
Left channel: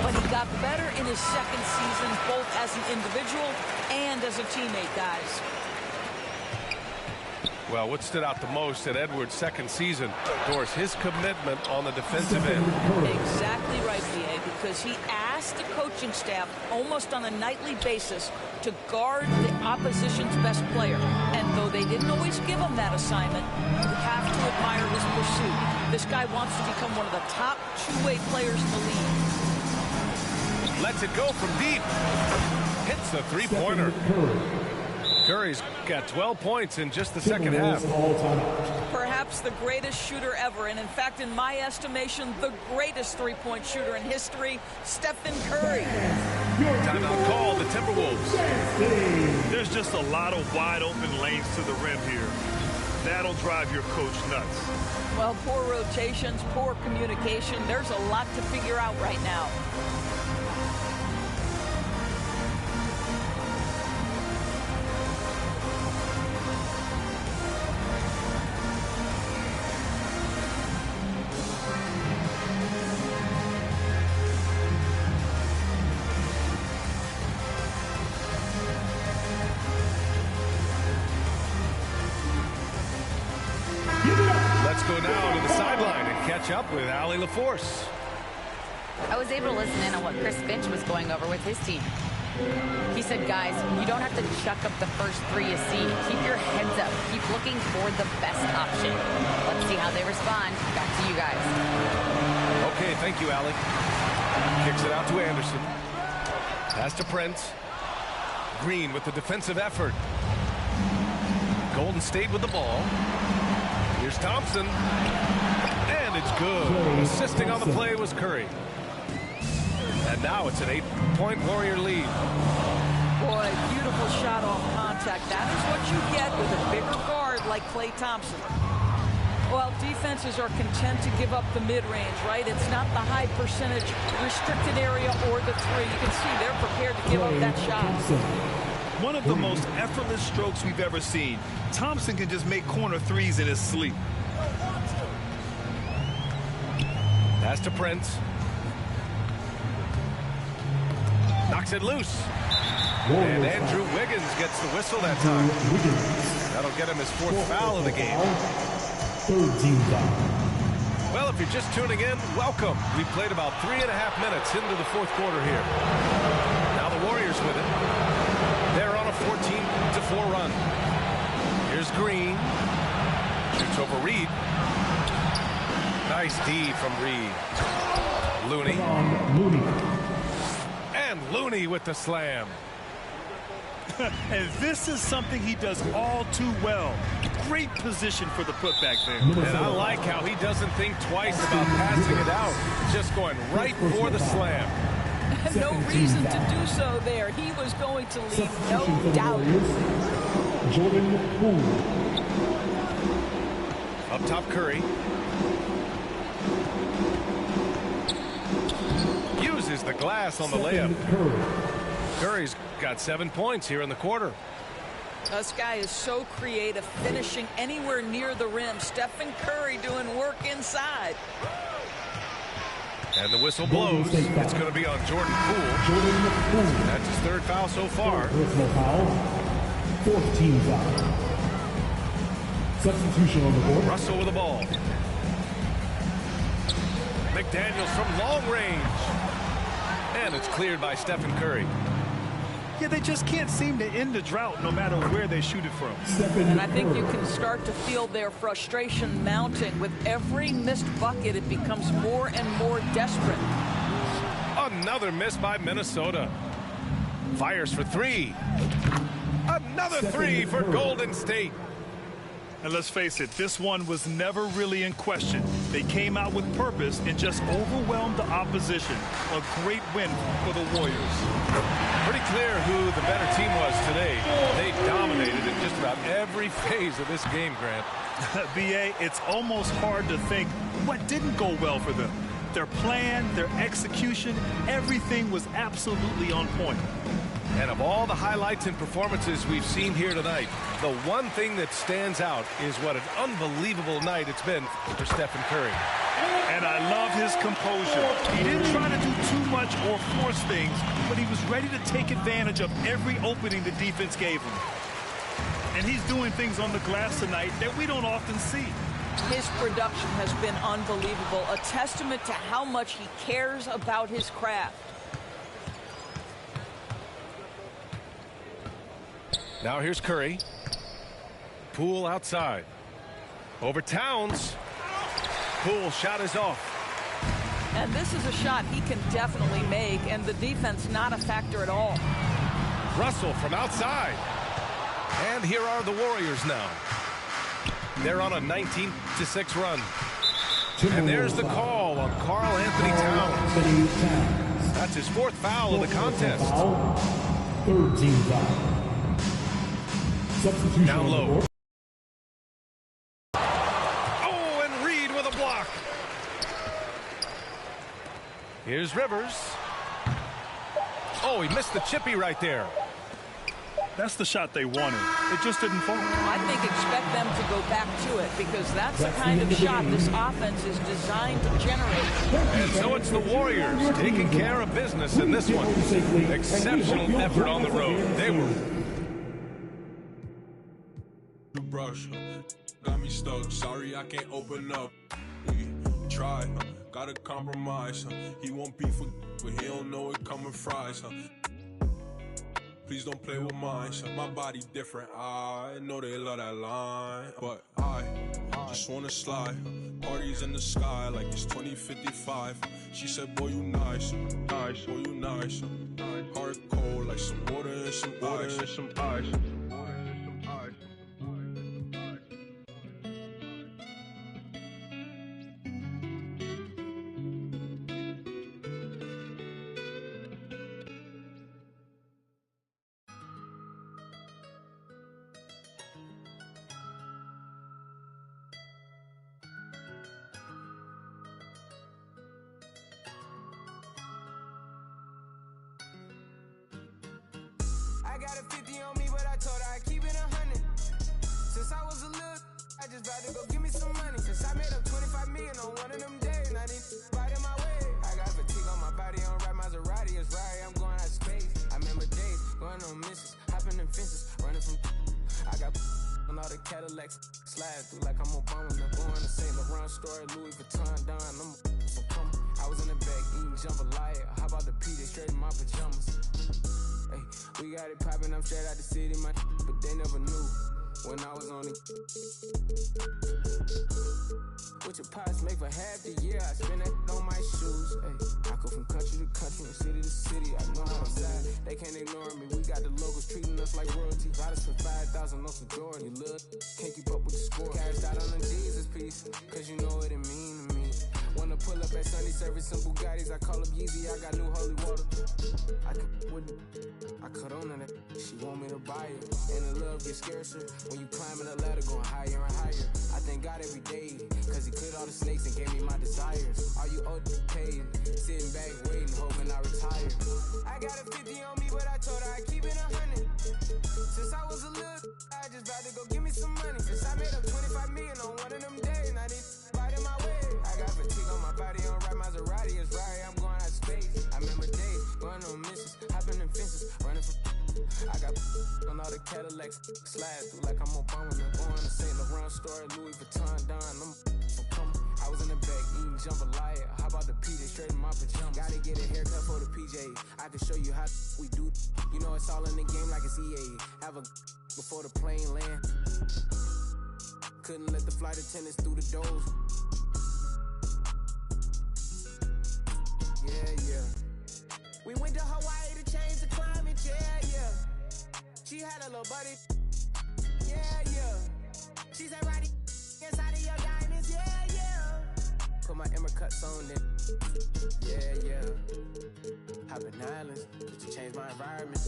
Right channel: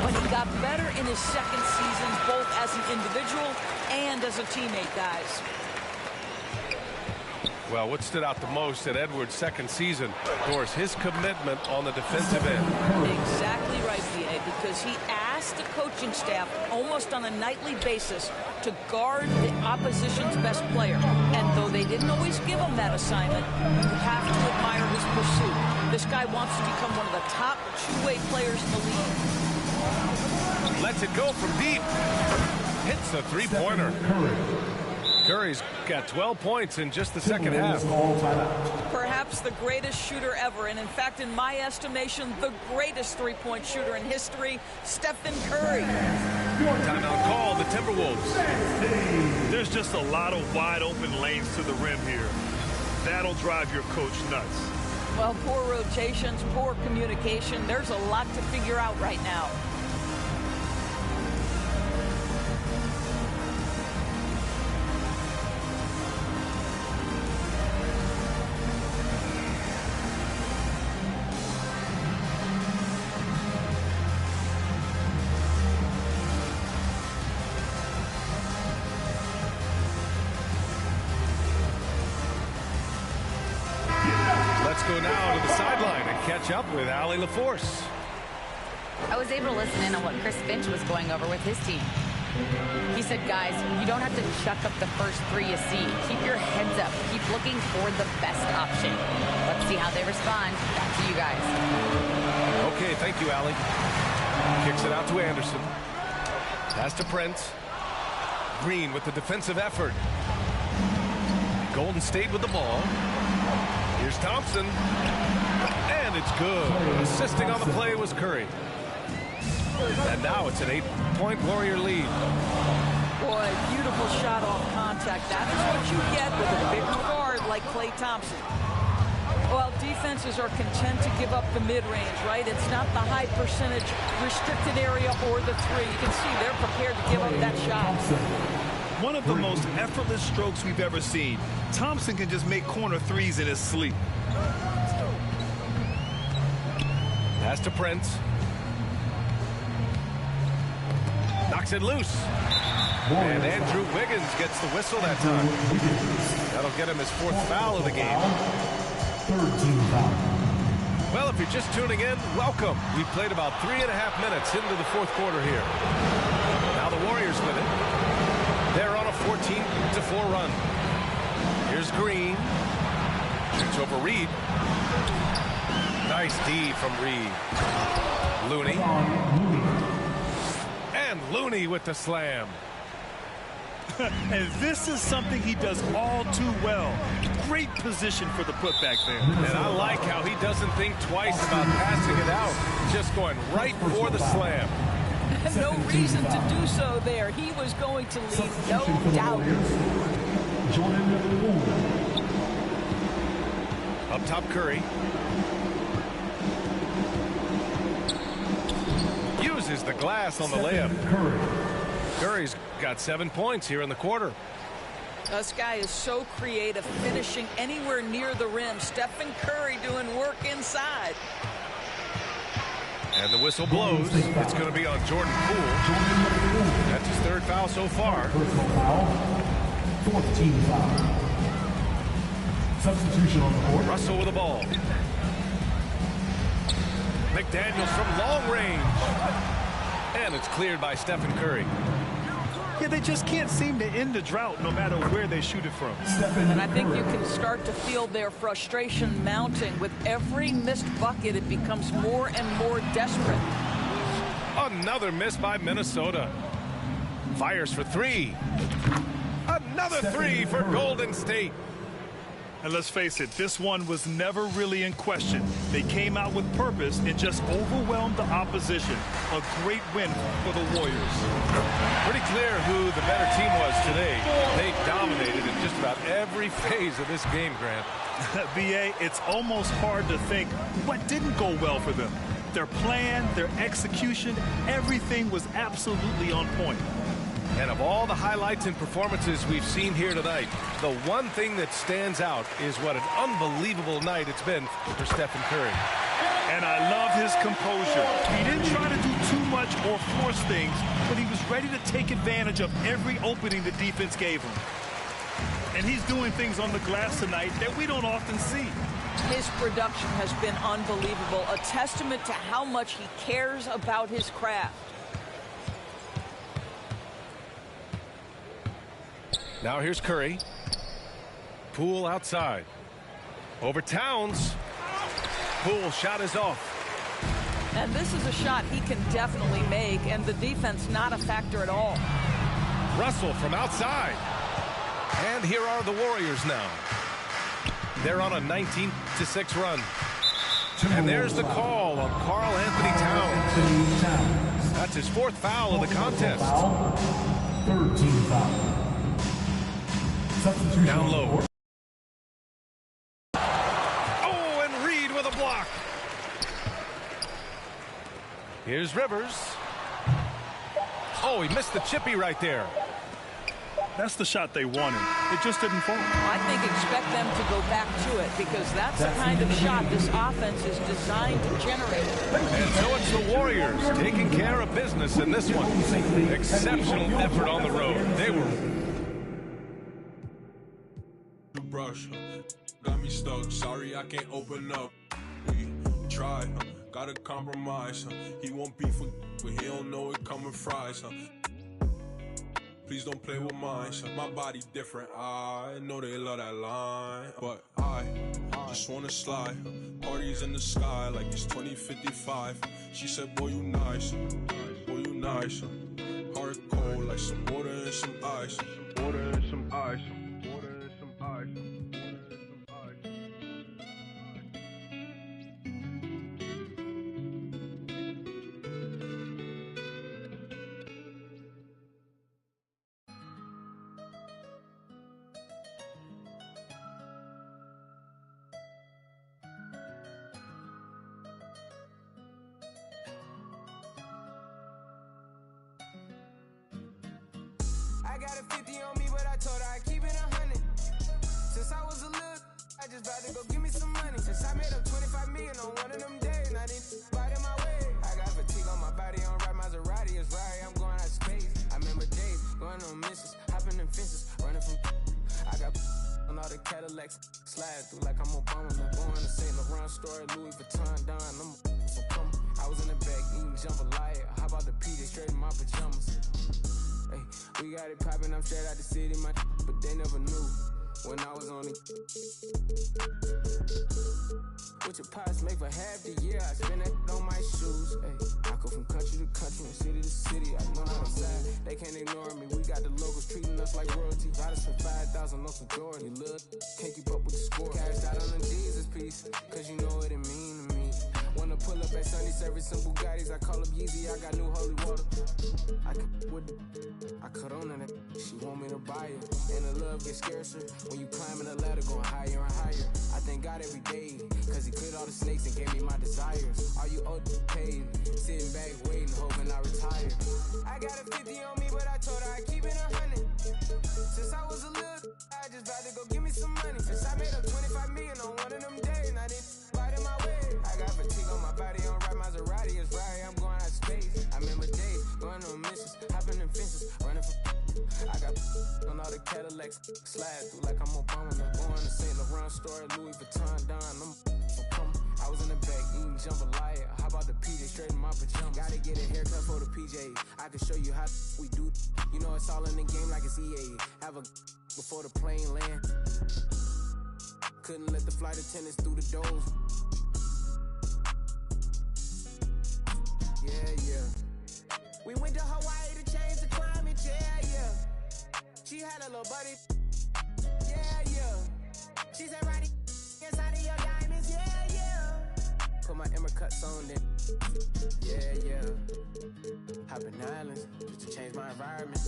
but he got better in his second season, both as an individual and as a teammate, guys. Well, what stood out the most in Edwards' second season, Doris, his commitment on the defensive end. Exactly right, B.A., because he asked the coaching staff almost on a nightly basis to guard the opposition's best player. And though they didn't always give him that assignment, you have to admire his pursuit. This guy wants to become one of the top two-way players in the league. Lets it go from deep. Hits the three-pointer. Curry's got 12 points in just the second half. Perhaps the greatest shooter ever, and in fact, in my estimation, the greatest three-point shooter in history, Stephen Curry. Timeout call, the Timberwolves. There's just a lot of wide open lanes to the rim here. That'll drive your coach nuts. Well, poor rotations, poor communication. There's a lot to figure out right now. Let's go now to the sideline and catch up with Allie LaForce. I was able to listen in on what Chris Finch was going over with his team. He said, guys, you don't have to chuck up the first three you see. Keep your heads up. Keep looking for the best option. Let's see how they respond. Back to you guys. Okay, thank you, Allie. Kicks it out to Anderson. Pass to Prince. Green with the defensive effort. Golden State with the ball. Here's Thompson. And it's good. Assisting on the play was Curry. And now it's an 8-point Warrior lead. Boy, beautiful shot off contact. That is what you get with a bigger guard like Klay Thompson. Well, defenses are content to give up the mid-range, right? It's not the high percentage restricted area or the three. You can see they're prepared to give up that shot. One of the most effortless strokes we've ever seen. Thompson can just make corner threes in his sleep. Pass to Prince. Knocks it loose. And Andrew Wiggins gets the whistle that time. That'll get him his fourth foul of the game. Third team foul. Well, if you're just tuning in, welcome. We played about 3.5 minutes into the fourth quarter here. Now the Warriors with it. They're on a 14-4 run. Here's Green. Shoots over Reed. Nice D from Reed. Looney. And Looney with the slam. And this is something he does all too well. Great position for the putback there. And I like how he doesn't think twice about passing it out. Just going right for the slam. No reason to do so there. He was going to leave, no doubt. Jordan Poole. Up top, Curry. Uses the glass on the layup. Curry's got 7 points here in the quarter. This guy is so creative, finishing anywhere near the rim. Stephen Curry doing work inside. And the whistle blows. It's going to be on Jordan Poole. That's his third foul so far. Personal foul. Fourth team foul. Substitution on the board. Russell with the ball. McDaniels from long range. And it's cleared by Stephen Curry. Yeah, they just can't seem to end the drought no matter where they shoot it from. And I think you can start to feel their frustration mounting. With every missed bucket, it becomes more and more desperate. Another miss by Minnesota. Fires for three. Another three for Golden State. And let's face it, this one was never really in question. They came out with purpose and just overwhelmed the opposition. A great win for the Warriors. Pretty clear who the better team was today. They dominated in just about every phase of this game, Grant. B.A., it's almost hard to think what didn't go well for them. Their plan, their execution, everything was absolutely on point. And of all the highlights and performances we've seen here tonight, the one thing that stands out is what an unbelievable night it's been for Stephen Curry. And I love his composure. He didn't try to do too much or force things, but he was ready to take advantage of every opening the defense gave him. And he's doing things on the glass tonight that we don't often see. His production has been unbelievable, a testament to how much he cares about his craft. Now here's Curry. Poole outside. Over Towns. Poole shot is off. And this is a shot he can definitely make, and the defense not a factor at all. Russell from outside. And here are the Warriors now. They're on a 19-6 run. And there's the call on Karl Anthony Towns. That's his fourth foul of the contest. Third team foul. Substitution down low. Oh, and Reed with a block. Here's Rivers. Oh, he missed the chippy right there. That's the shot they wanted. It just didn't fall. I think expect them to go back to it, because that's the kind of shot this offense is designed to generate. And so it's the Warriors taking care of business in this one. Exceptional effort on the road. They were got me stuck. Sorry, I can't open up. We try, gotta compromise. He won't beef with, but he don't know it coming fries. Please don't play with mine. My body different. I know they love that line, but I just wanna slide. Parties in the sky like it's 2055. She said, boy, you nice. Boy, you nice. Heart cold like some water and some ice. I got a 50 on me, but I told her I keep it 100. Since I was a little, I just about to go give me some money. Since I made up 25 million on one of them days, now these biting my way. I got fatigue on my body, on ride Maserati, it's right, I'm going out of space. I remember days, going on missions, hopping in fences, running from I got on all the Cadillacs, slide through like I'm Obama. I'm going to St. Laurent store, Louis Vuitton, Don, I'm so come. I was in the back eating jambalaya. How about the PJ straight in my pajamas? Hey, we got it poppin', I'm straight out the city, my but they never knew when I was on it. What your pots make for half the year, I spend that on my shoes. Hey, I go from country to country and city to city, I know how to side. They can't ignore me, we got the locals treating us like royalty. I done spent 5,000 on some Jordan, you little can't keep up with the score. Cashed out on the Jesus piece, cause you know what it mean to me. Wanna pull up at Sunday service some Bugattis, I call up Yeezy, I got new holy water. I cut on that, she want me to buy it. And the love gets scarcer when you climbing the ladder, going higher and higher. I thank God every day, cause he cleared all the snakes and gave me my desires. Are you old paid? Sitting back waiting, hoping I retire. I got a 50 on me, but I told her I keep it 100. Since I was a little, I just about to go give me some money. Since I made up 25 million on one of them days, now these biting my way. I got fatigue on my body, on ride Maserati, it's right, I'm going out of space. I remember days, going on missions, hopping in fences, running from I got on all the Cadillacs, slide through like I'm Obama. I'm going to St. Laurent store, Louis Vuitton, Don, I'm so come. I was in the back eating jambalaya. How about the PJ straight in my pajamas? Gotta get a haircut for the PJ. I can show you how we do. You know it's all in the game like it's EA. Have a before the plane land. Couldn't let the flight attendants through the doors. Yeah. We went to Hawaii to change the climate, yeah. She had a little buddy, yeah. She said, Roddy, inside of your diamonds, yeah. Put my Emma cuts on then, yeah. Hopping islands, just to change my environment.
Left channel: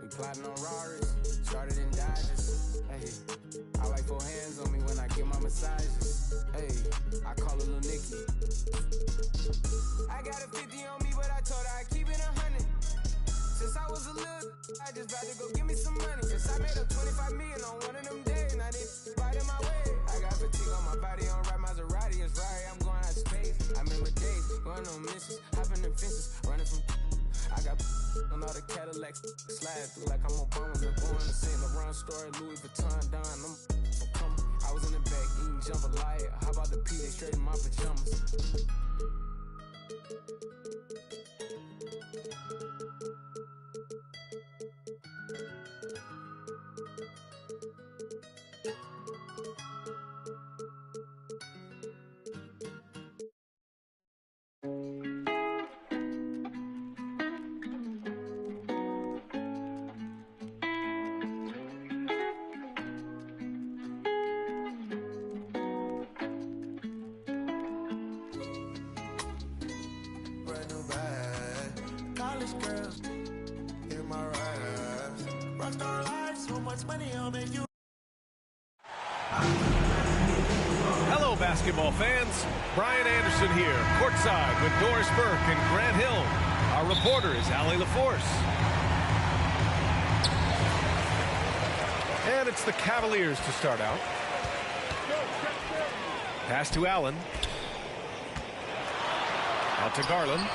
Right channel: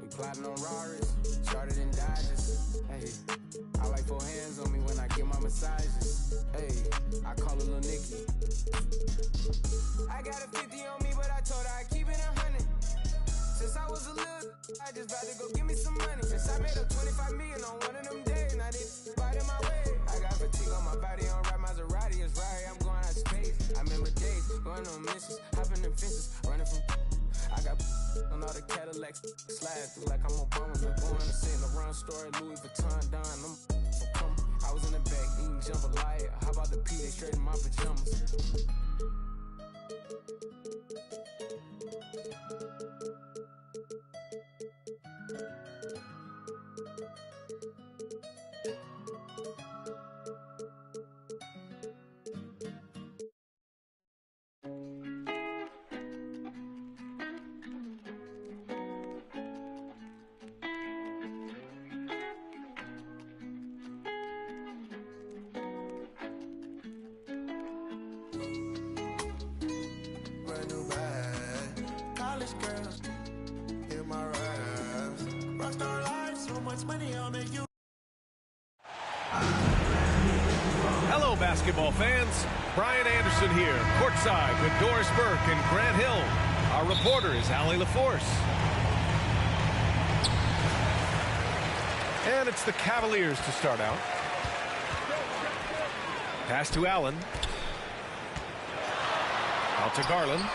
We plotting on Raris, started in Dodges, hey. I like 4 hands on me when I get my massages, hey. I call her Lil Nicky. I got a 50 on me, but I told her I keep it 100. Since I was a little, I just about to go give me some money. Since I made up 25 million on one of them days, now they biting my way. I got fatigue on my body, on ride Maserati, it's right, I'm going out of space. I remember days, going on missions, hopping in fences, running from I got on all the Cadillacs, slide through like I'm Obama. I'm going to St. Laurent store, Louis Vuitton, Don, I'm so come. I was in the back eating jambalaya. How about the PJ straight in my pajamas? Girls in my raps. Rockstar life, so much money, I'll make you. Hello, basketball fans. Brian Anderson here, courtside with Doris Burke and Grant Hill. Our reporter is Allie LaForce. And it's the Cavaliers to start out. Pass to Allen. Out to Garland.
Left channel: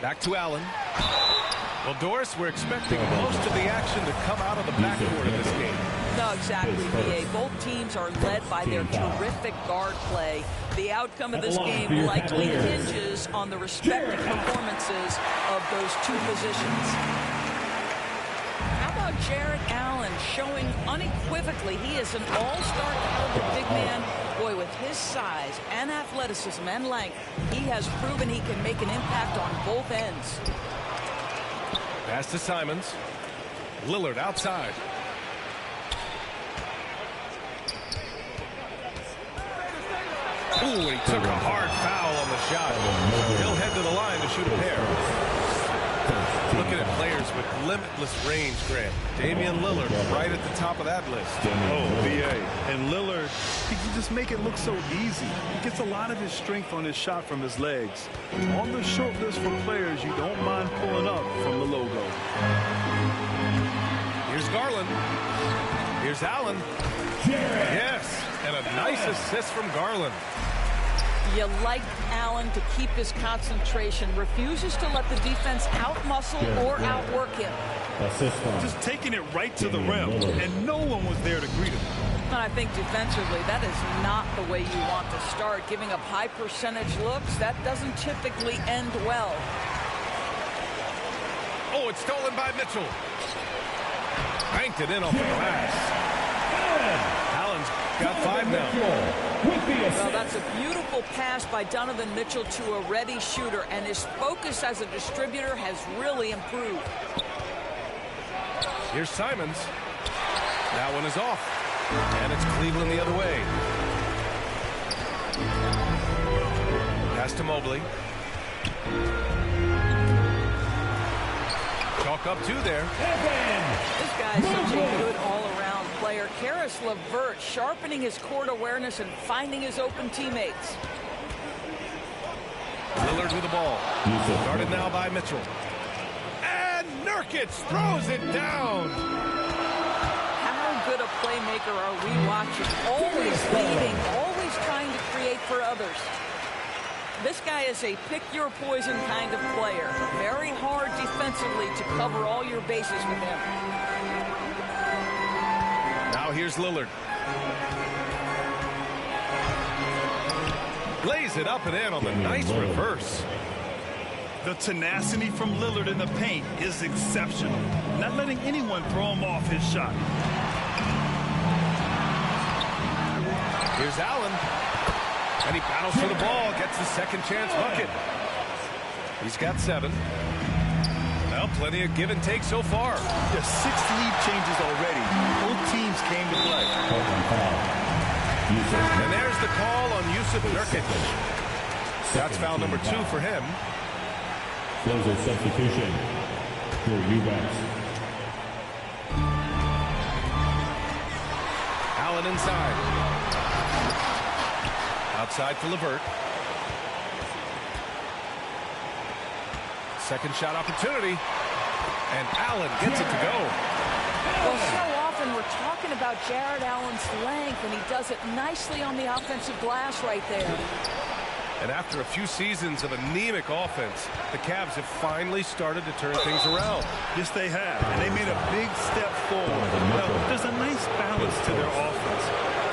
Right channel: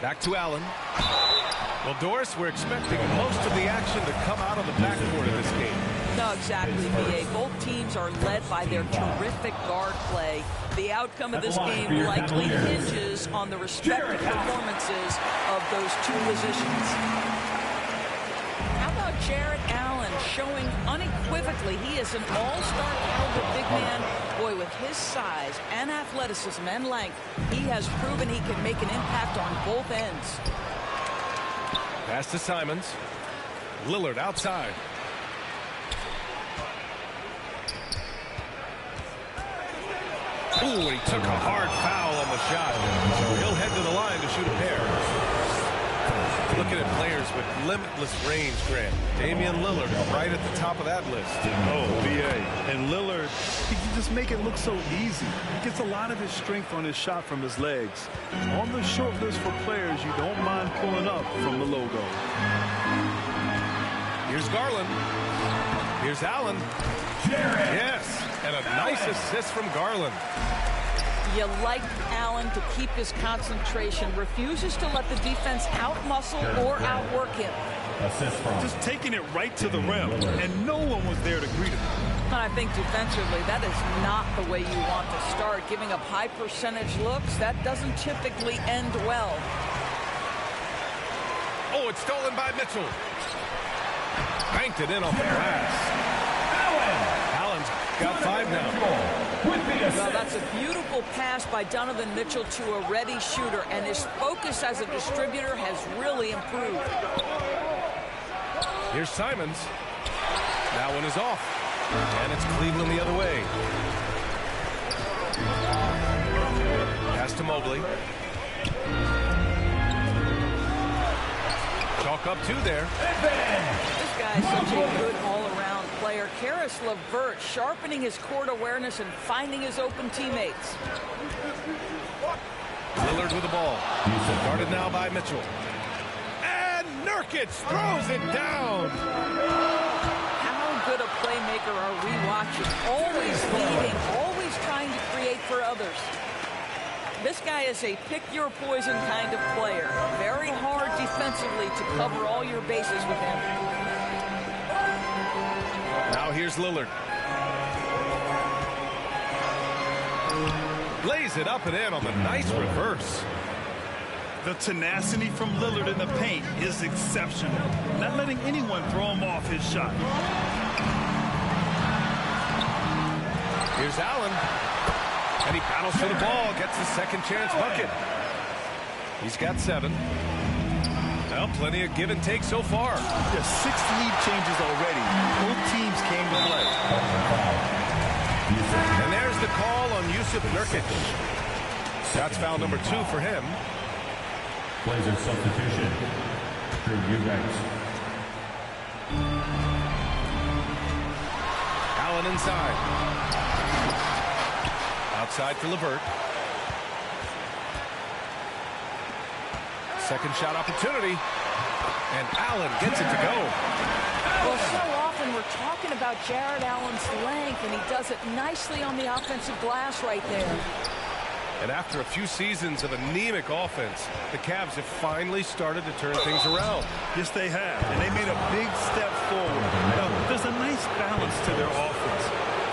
Back to Allen. Well, Doris, we're expecting most of the action to come out of the backcourt in this game. No, exactly, B.A. Both teams are led by their terrific guard play. The outcome of this game likely hinges on the respective performances of those two positions. How about Jarrett Allen showing unequivocally he is an all-star caliber big man. Boy, with his size and athleticism and length, he has proven he can make an impact on both ends. Pass to Simons. Lillard outside. Ooh, he took a hard foul on the shot. So he'll head to the line to shoot a pair. Looking at players with limitless range, Grant. Damian Lillard right at the top of that list. Oh, B.A. And Lillard, he can just make it look so easy. He gets a lot of his strength on his shot from his legs. On the short list for players you don't mind pulling up from the logo. Here's Garland. Here's Allen. Yes, and a nice assist from Garland. You like Allen to keep his concentration, refuses to let the defense outmuscle or outwork him. Just taking it right to the rim, and no one was there to greet him. And I think defensively, that is not the way you want to start. Giving up high percentage looks, that doesn't typically end well. Oh, it's stolen by Mitchell. Banked it in off the glass. Allen's got 5 now. Well, that's a beautiful pass by Donovan Mitchell to a ready shooter, and his focus as a distributor has really improved. Here's Simons. That one is off. And it's Cleveland the other way. Pass to Mobley. Chalk up 2 there. This guy's such a good all-around player. Karis LeVert sharpening his court awareness and finding his open teammates. Lillard with the ball. Guarded now by Mitchell. And Nurkic throws it down. How good a playmaker are we watching? Always leading, always trying to create for others. This guy is a pick-your-poison kind of player. Very hard defensively to cover all your bases with him. Now here's Lillard. Lays it up and in on the nice reverse. The tenacity from Lillard in the paint is exceptional. Not letting anyone throw him off his shot. Here's Allen. And he battles for the ball, gets the second chance bucket. He's got 7. Well, plenty of give and take so far. There's 6 lead changes already. Both teams came to play. And there's the call on Jusuf Nurkic. That's foul number 2 for him. Blazers substitution. Drew Eubanks. Allen inside. Outside for LeVert. Second shot opportunity. And Allen gets it to go. Well, so often we're talking about Jarrett Allen's length, and he does it nicely on the offensive glass right there. And after a few seasons of anemic offense, the Cavs have finally started to turn things around. Yes, they have. And they made a big step forward. Now, there's a nice balance to their offense.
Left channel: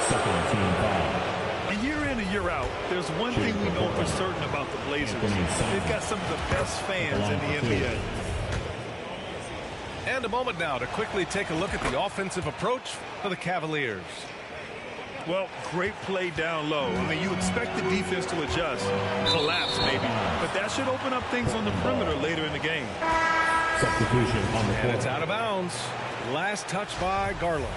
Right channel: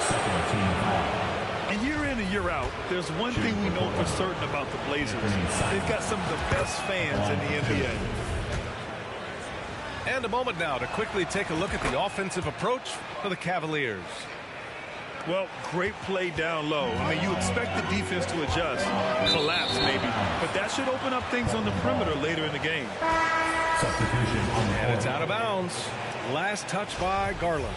Second team foul. And year in and year out, there's one thing we know for certain about the Blazers. They've got some of the best fans in the NBA. And a moment now to quickly take a look at the offensive approach for the Cavaliers. Well, great play down low. I mean, you expect the defense to adjust, collapse maybe, but that should open up things on the perimeter later in the game. Substitution on the And it's out of bounds. Last touch by Garland.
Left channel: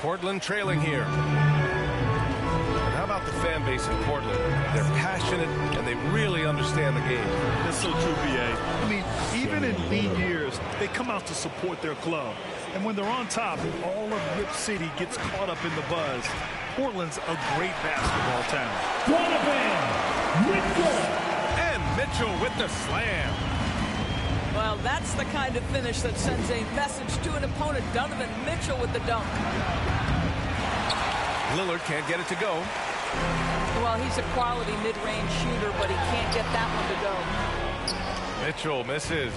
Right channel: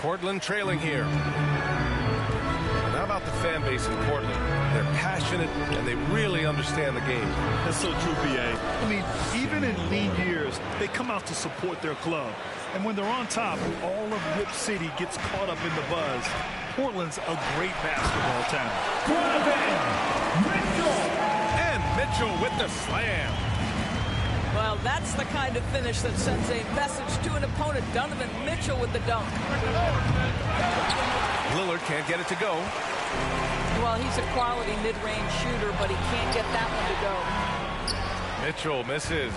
Portland trailing here. And how about the fan base in Portland? They're passionate and they really understand the game. That's so true, B.A. I mean, even in lean years, they come out to support their club. And when they're on top, all of Rip City gets caught up in the buzz. Portland's a great basketball town. Donovan Mitchell. And Mitchell with the slam. Well, that's the kind of finish that sends a message to an opponent. Donovan Mitchell with the dunk. Lillard can't get it to go. Well, he's a quality mid-range shooter, but he can't get that one to go. Mitchell misses.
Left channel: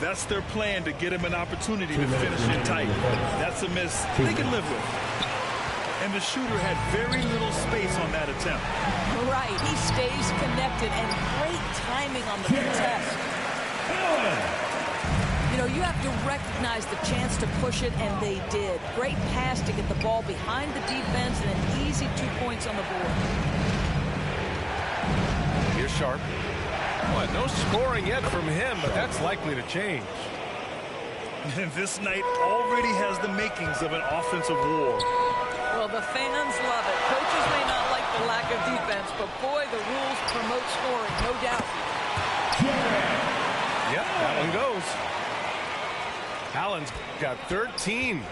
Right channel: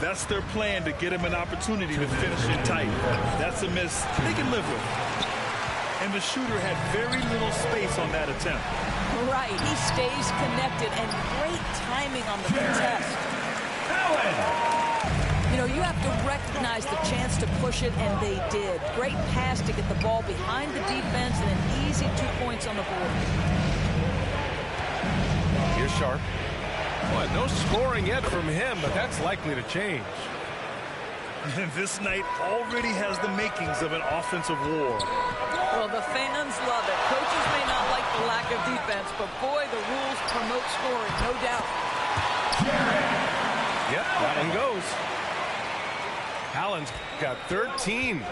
That's their plan, to get him an opportunity to finish it tight. That's a miss they can live with. And the shooter had very little space on that attempt. Right, he stays connected, and great timing on the contest. You know, you have to recognize the chance to push it, and they did. Great pass to get the ball behind the defense, and an easy 2 points on the board. Here's Sharp. Well, no scoring yet from him, but that's likely to change. And this night already has the makings of an offensive war. Well, the fans love it. Coaches may not like the lack of defense, but boy, the rules promote scoring, no doubt. Yep, that one goes. Allen's got 13.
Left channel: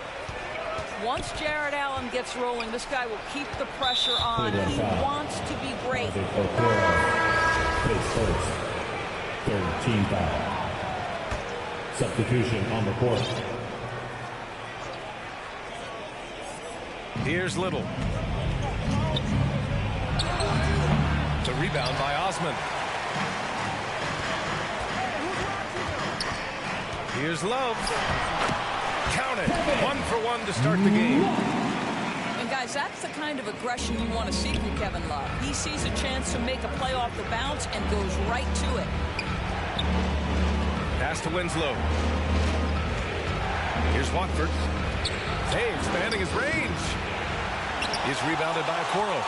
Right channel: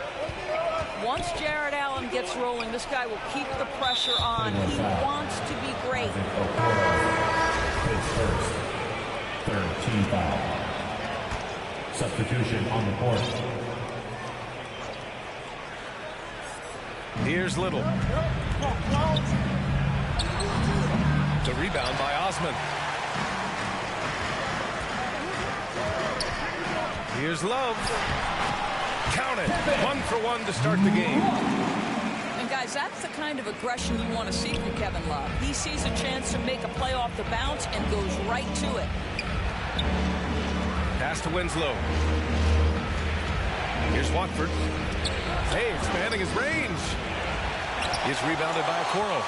Once Jared Allen gets rolling, this guy will keep the pressure on. He wants to be great. His first third team foul. Substitution on the court. Here's Little. The rebound by Osman. Here's Love. Count it. 1 for 1 to start the game. And guys, that's the kind of aggression you want to see from Kevin Love. He sees a chance to make a play off the bounce and goes right to it. Pass to Winslow. Here's Watford. Hey, expanding his range. He's rebounded by Okoro.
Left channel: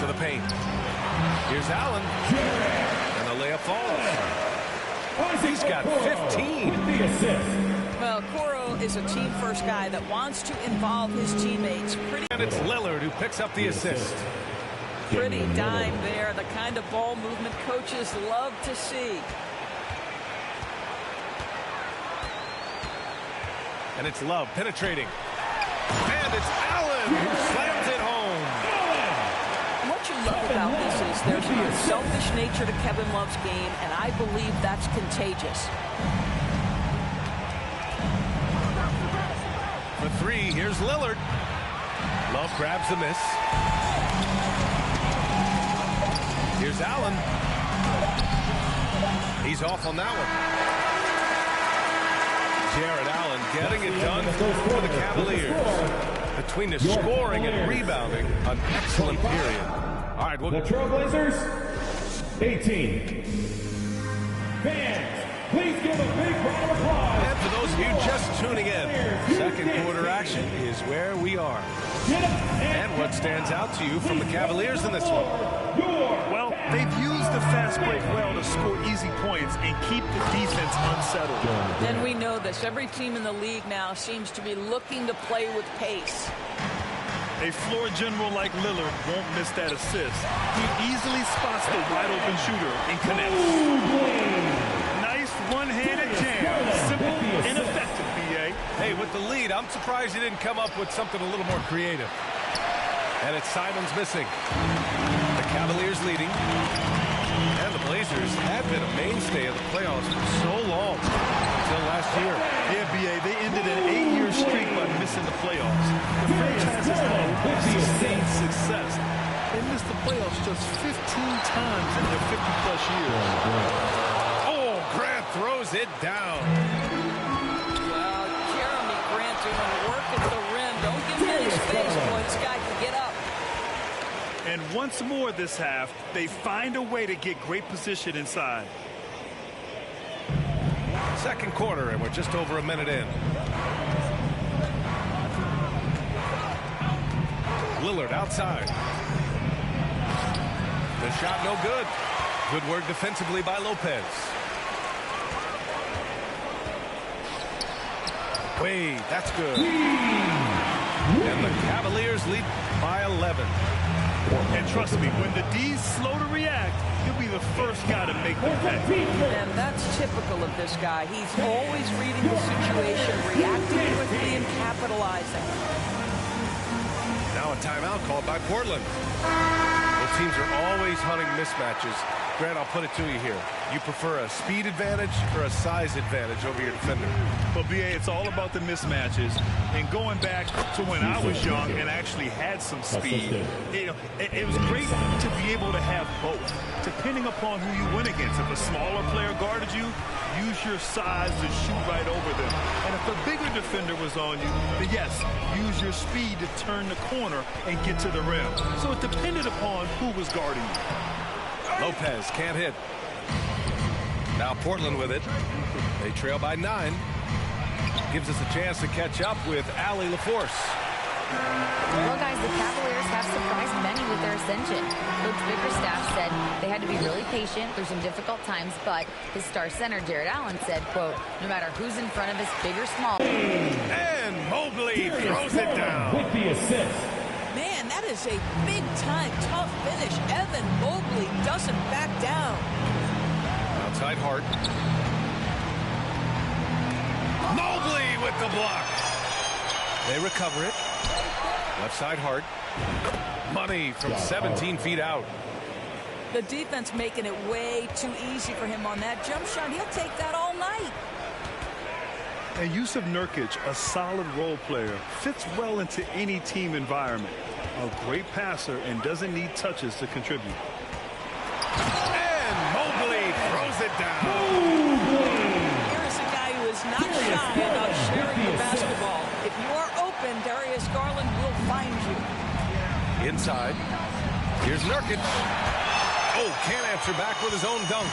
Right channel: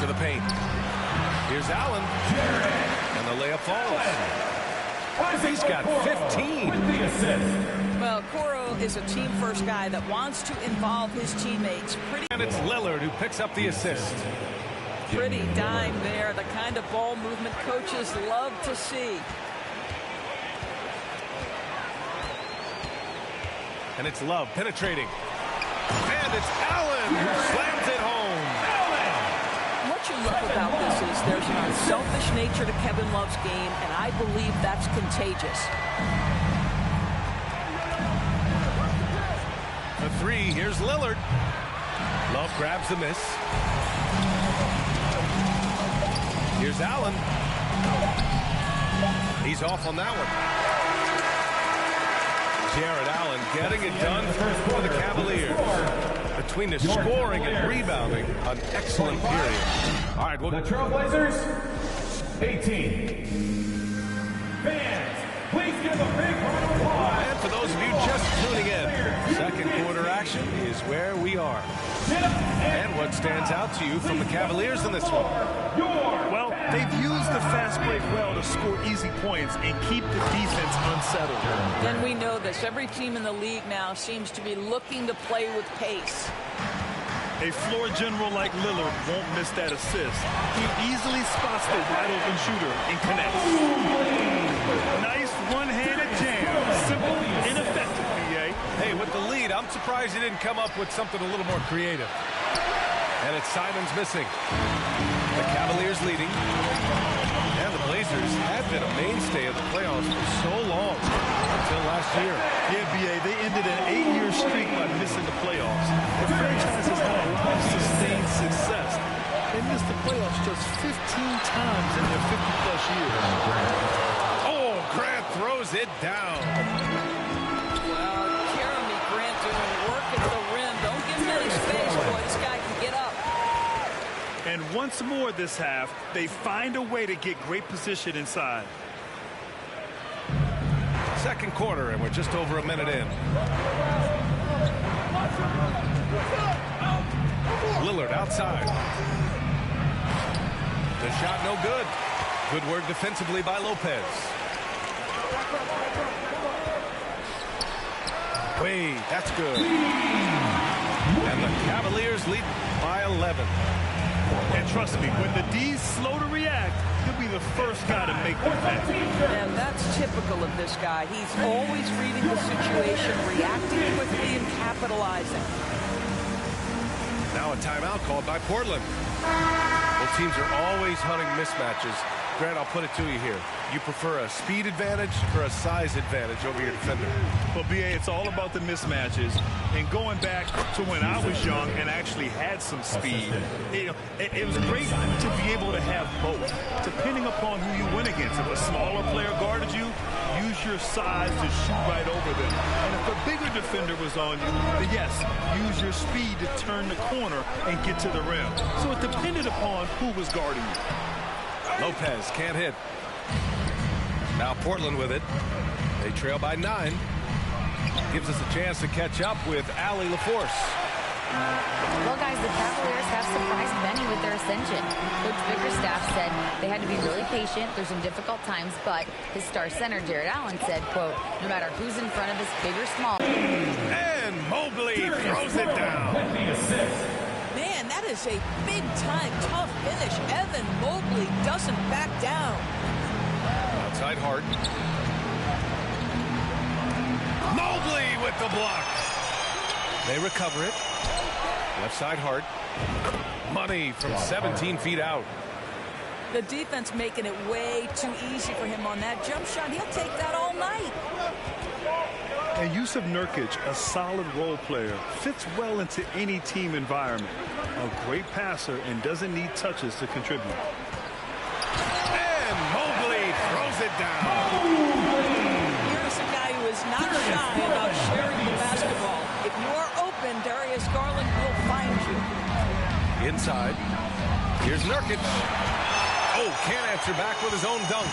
To the paint. Here's Allen. And the layup falls. He's got 15. Well, Okoro is a team-first guy that wants to involve his teammates. And it's Lillard who picks up the assist. Pretty dime there, the kind of ball movement coaches love to see. And it's Love penetrating. And it's Allen who slams it home. What you love about this is there's an unselfish nature to Kevin Love's game, and I believe that's contagious. For 3, here's Lillard. Love grabs the miss. Here's Allen. He's off on that one. Jared Allen getting it done for the Cavaliers. Between the scoring and rebounding, an excellent period. All right, the Trailblazers, 18. Fans, please give a big round of applause. And for those of you just tuning in, second quarter action is where we are. And what stands out to you from the Cavaliers in this one? Well, they've used the fast break well to score easy points and keep the defense unsettled. And we know this. Every team in the league now seems to be looking to play with pace. A floor general like Lillard won't miss that assist. He easily spots the wide-open shooter and connects. Nice one-handed jam. Simple and effective, B.A. Hey, with the lead, I'm surprised he didn't come up with something a little more creative. And it's Simons missing. The Cavaliers leading. And the Blazers had been a mainstay of the playoffs for so long, until last year. Yeah, B.A., they ended an 8-year streak by missing the playoffs. The franchise has had a lot of sustained success. They missed the playoffs just 15 times in their 50-plus years. Oh, Grant throws it down. Well, Jeremy Grant doing work at the rim. Don't give him any space, boy. This guy can get up. And once more this half, they find a way to get great position inside. Second quarter, and we're just over a minute in. Lillard outside. The shot no good. Good work defensively by Lopez. Wait, that's good. And the Cavaliers lead by 11. And trust me, when the D's slow to react, he'll be the first guy to make them pay. And that's typical of this guy. He's always reading the situation, reacting quickly, and capitalizing. Now a timeout called by Portland. Both teams are always hunting mismatches, Grant, I'll put it to you here. You prefer a speed advantage or a size advantage over your defender? Well, BA, it's all about the mismatches. And going back to when I was young and actually had some speed, it was great to be able to have both, depending upon who you went against. If a smaller player guarded you, use your size to shoot right over them. And if a bigger defender was on you, then yes, use your speed to turn the corner and get to the rim. So it depended upon who was guarding you. Lopez can't hit. Now Portland with it. They trail by 9. Gives us a chance to catch up with Allie LaForce. Well, guys, the Cavaliers have surprised many with their ascension. Coach Bickerstaff said they had to be really patient through some difficult times, but his star center, Jared Allen, said, quote, no matter who's in front of us, big or small. And Mobley throws it down. With the assist. Man, that is a big-time tough finish. Evan Mobley doesn't back down. Outside Hart. Mobley with the block. They recover it. Left side Hart. Money from 17 feet out. The defense making it way too easy for him on that jump shot. He'll take that all night. And Jusuf Nurkic, a solid role player, fits well into any team environment. A great passer and doesn't need touches to contribute. And Mobley throws it down. Here is a guy who is not shy about sharing the basketball. If you are open, Darius Garland will find you. Inside. Here's Nurkic. Oh, can't answer back with his own dunk.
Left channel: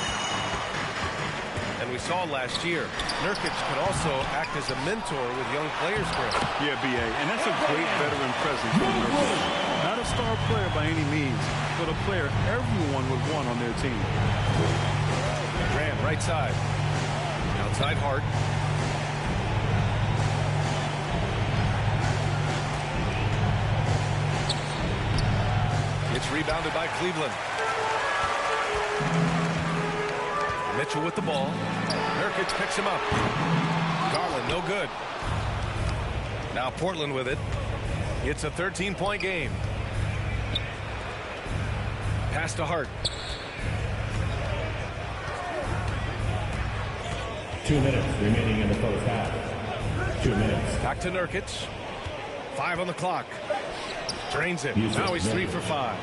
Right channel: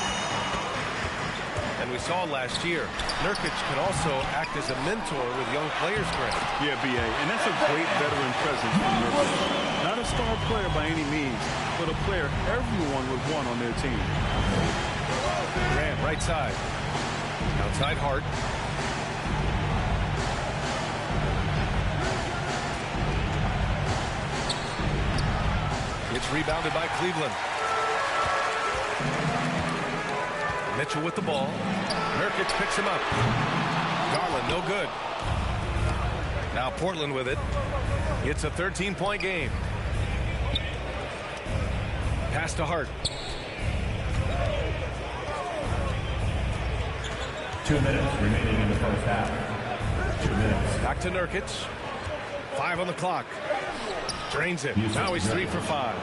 And we saw last year, Nurkic can also act as a mentor with young players, Grant. Yeah, BA, and that's a great veteran presence from Nurkic. Not a star player by any means, but a player everyone would want on their team. Grant, right side. Outside Hart. It's rebounded by Cleveland. Mitchell with the ball. Nurkic picks him up. Garland, no good. Now Portland with it. It's a 13-point game. Pass to Hart. 2 minutes remaining in the first half. 2 minutes. Back to Nurkic. 5 on the clock. Drains it. Now he's 3 for 5.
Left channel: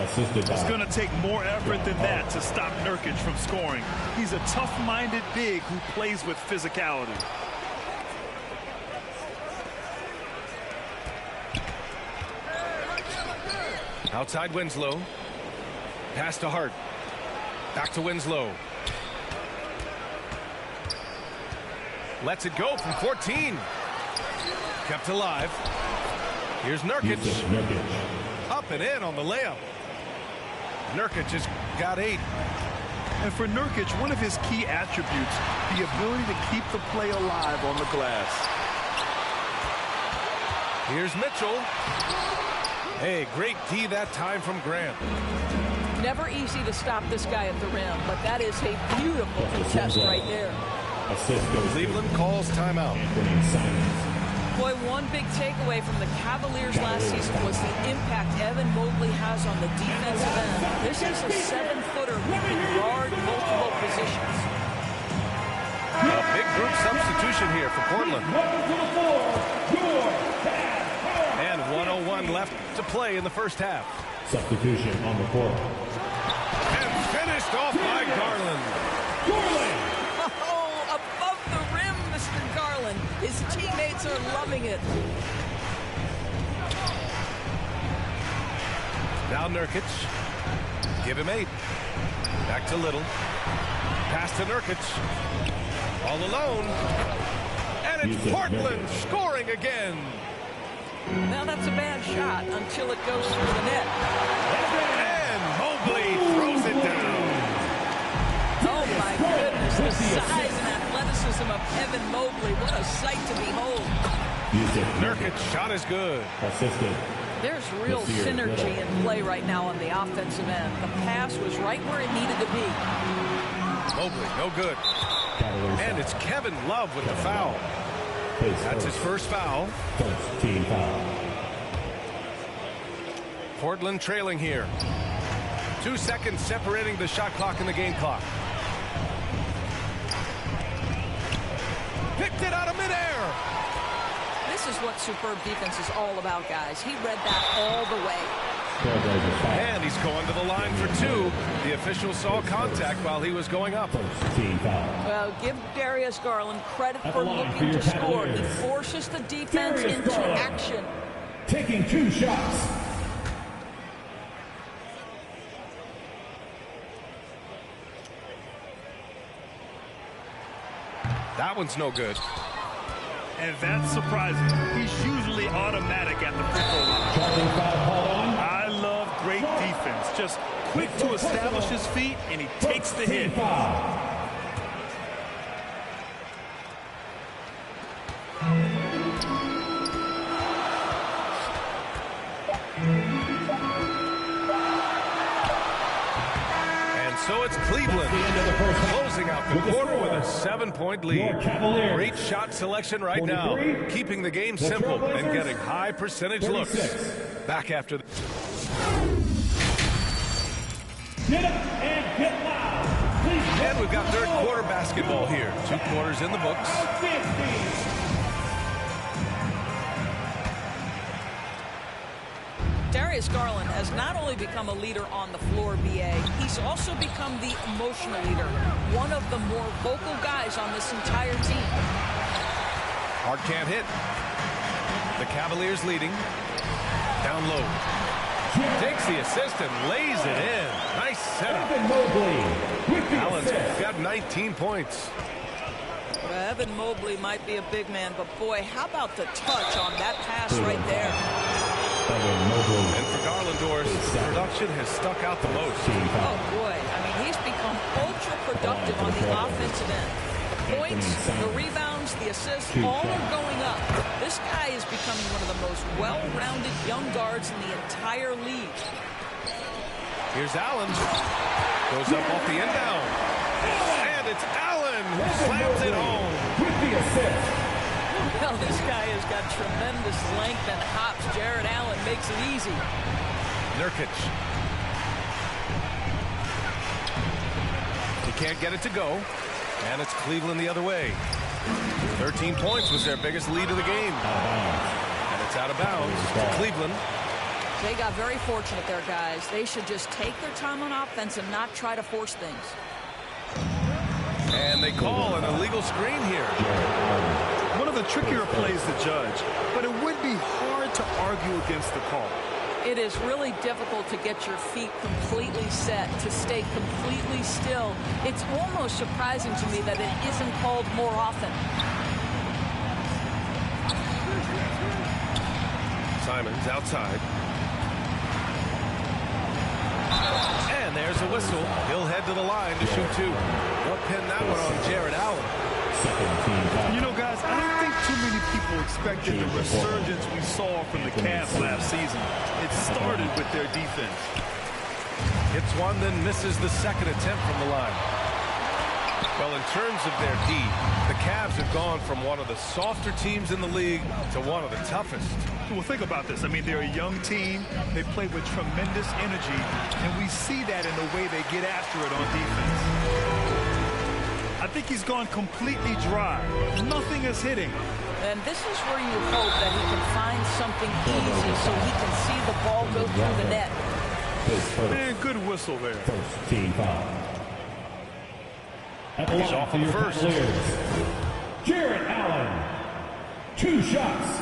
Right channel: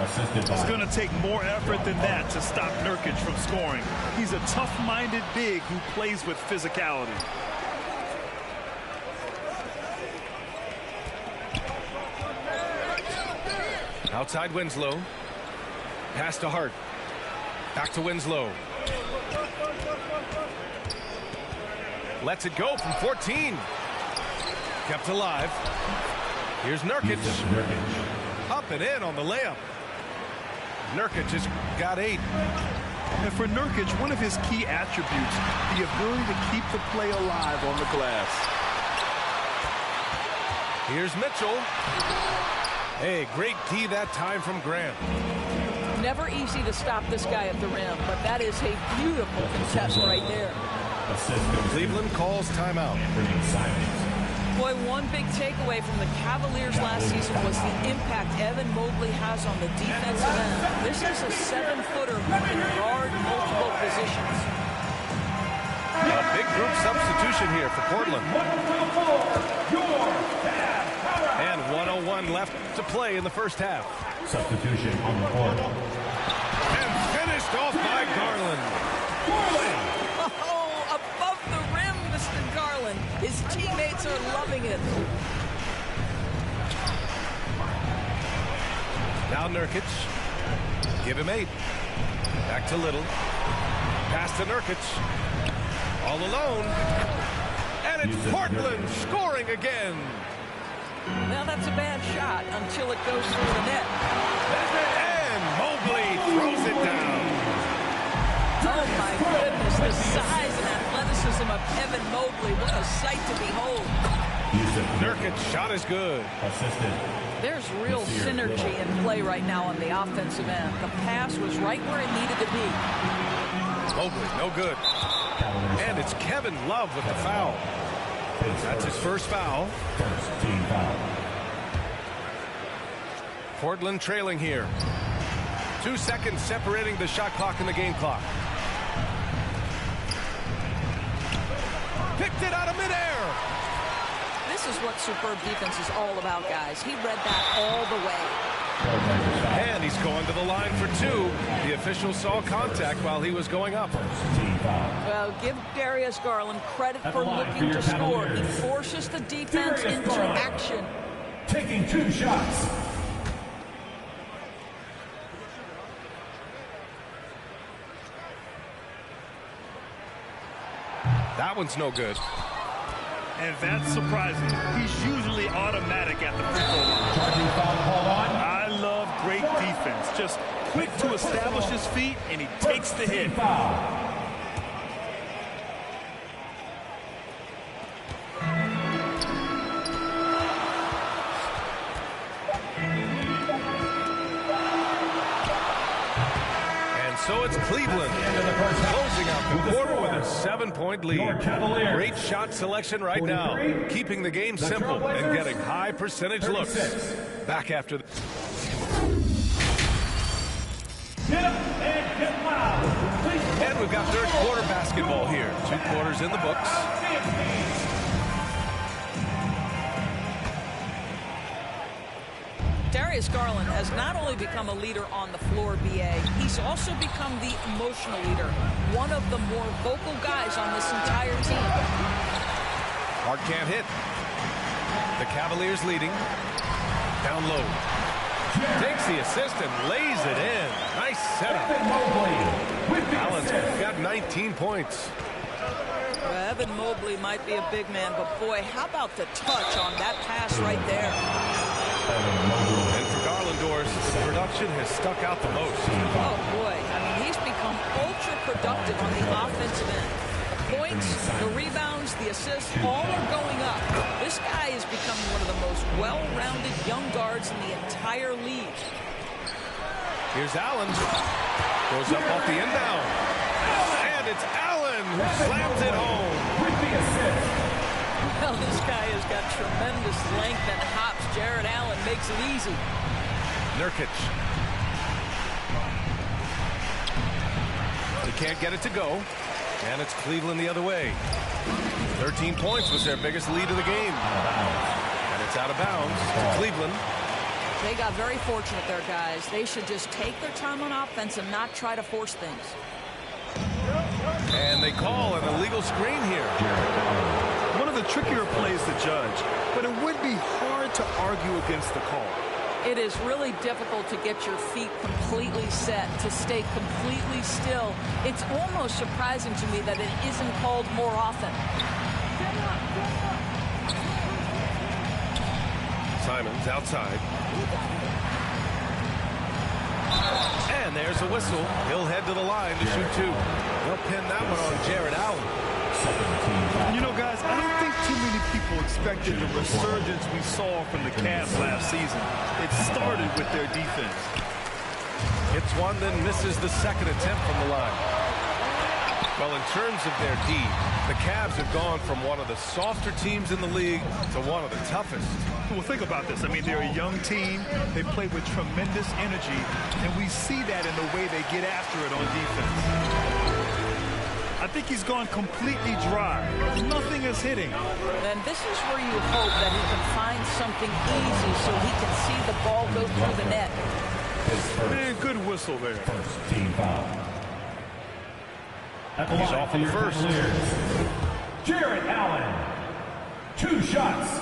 It's going to take more effort than that to stop Nurkic from scoring. He's a tough-minded big who plays with physicality. Outside Winslow. Pass to Hart. Back to Winslow. Lets it go from 14. Kept alive. Here's Nurkic. Up and in on the layup. Nurkic has got 8. And for Nurkic, one of his key attributes, the ability to keep the play alive on the glass. Here's Mitchell. Hey, great D that time from Grant. Never easy to stop this guy at the rim, but that is a beautiful contest right there. Cleveland calls timeout. Boy, one big takeaway from the Cavaliers last season was the impact Evan Mobley has on the defensive end. This is a 7-footer who can guard multiple positions. A big group substitution here for Portland. And 1:01 left to play in the first half. Substitution on the court. And finished off by Garland. Oh, above the rim, Mr. Garland. His teammates are loving it. Now Nurkic. Give him 8. Back to Little. Pass to Nurkic. All alone. And it's Portland scoring again. Now that's a bad shot until it goes through the net. And Mobley throws it down. Oh my goodness, the size and athleticism of Evan Mobley. What a sight to behold. Nurkic shot is good. Assisted. There's real synergy in play right now on the offensive end. The pass was right where it needed to be. Mobley, no good. And it's Kevin Love with the foul. That's his first foul. First team foul. Portland trailing here. 2 seconds separating the shot clock and the game clock. Picked it out of midair. This is what superb defense is all about, guys. He read that all the way. And he's going to the line for 2. The official saw contact while he was going up. Well, give Darius Garland credit for looking to score. He forces the defense into action. Taking 2 shots. That one's no good. And that's surprising. He's usually automatic at the free throw line. Charging foul called on. I love great defense. Just quick to establish his feet, and he takes the hit. Foul. So it's Cleveland closing out the quarter with a 7-point lead. Great shot selection right now, keeping the game simple and getting high percentage looks. Back after the... Get up and get loud. And we've got third quarter basketball here. 2 quarters in the books. Darius Garland has not only become a leader on the floor, BA, he's also become the emotional leader, one of the more vocal guys on this entire team. Hart can't hit. The Cavaliers leading. Down low. Takes the assist and lays it in. Nice setup. Allen's got 19 points. Well, Evan Mobley might be a big man, but boy, how about the touch on that pass right there? And for Garlandors, the production has stuck out the most. Oh, boy. I mean, he's become ultra-productive on the offensive end. The points, the rebounds, the assists, all are going up. This guy is becoming one of the most well-rounded young guards in the entire league. Here's Allen. Goes up off the inbound. And it's Allen who slams it home. With the assist. Well, this guy has got tremendous length and hops. Jared Allen makes it easy. Nurkic. He can't get it to go. And it's Cleveland the other way. 13 points was their biggest lead of the game. And it's out of bounds to Cleveland. They got very fortunate there, guys. They should just take their time on offense and not try to force things. And they call an illegal screen here. One of the trickier plays to judge, but it would be hard to argue against the call. It is really difficult to get your feet completely set, to stay completely still. It's almost surprising to me that it isn't called more often. Simons outside. And there's a whistle. He'll head to the line to shoot 2. They'll pin that one on Jared Allen. You know, guys, I don't think too many people expected the resurgence we saw from the Cavs last season. It started with their defense. Hits one, then misses the second attempt from the line. Well, in terms of their D, the Cavs have gone from one of the softer teams in the league to one of the toughest. Well, think about this. I mean, they're a young team. They play with tremendous energy, and we see that in the way they get after it on defense. I think he's gone completely dry. Nothing is hitting. And this is where you hope that he can find something easy so he can see the ball go through the net. And good whistle there. First team foul. He's off on the first. Jared Allen. 2 shots.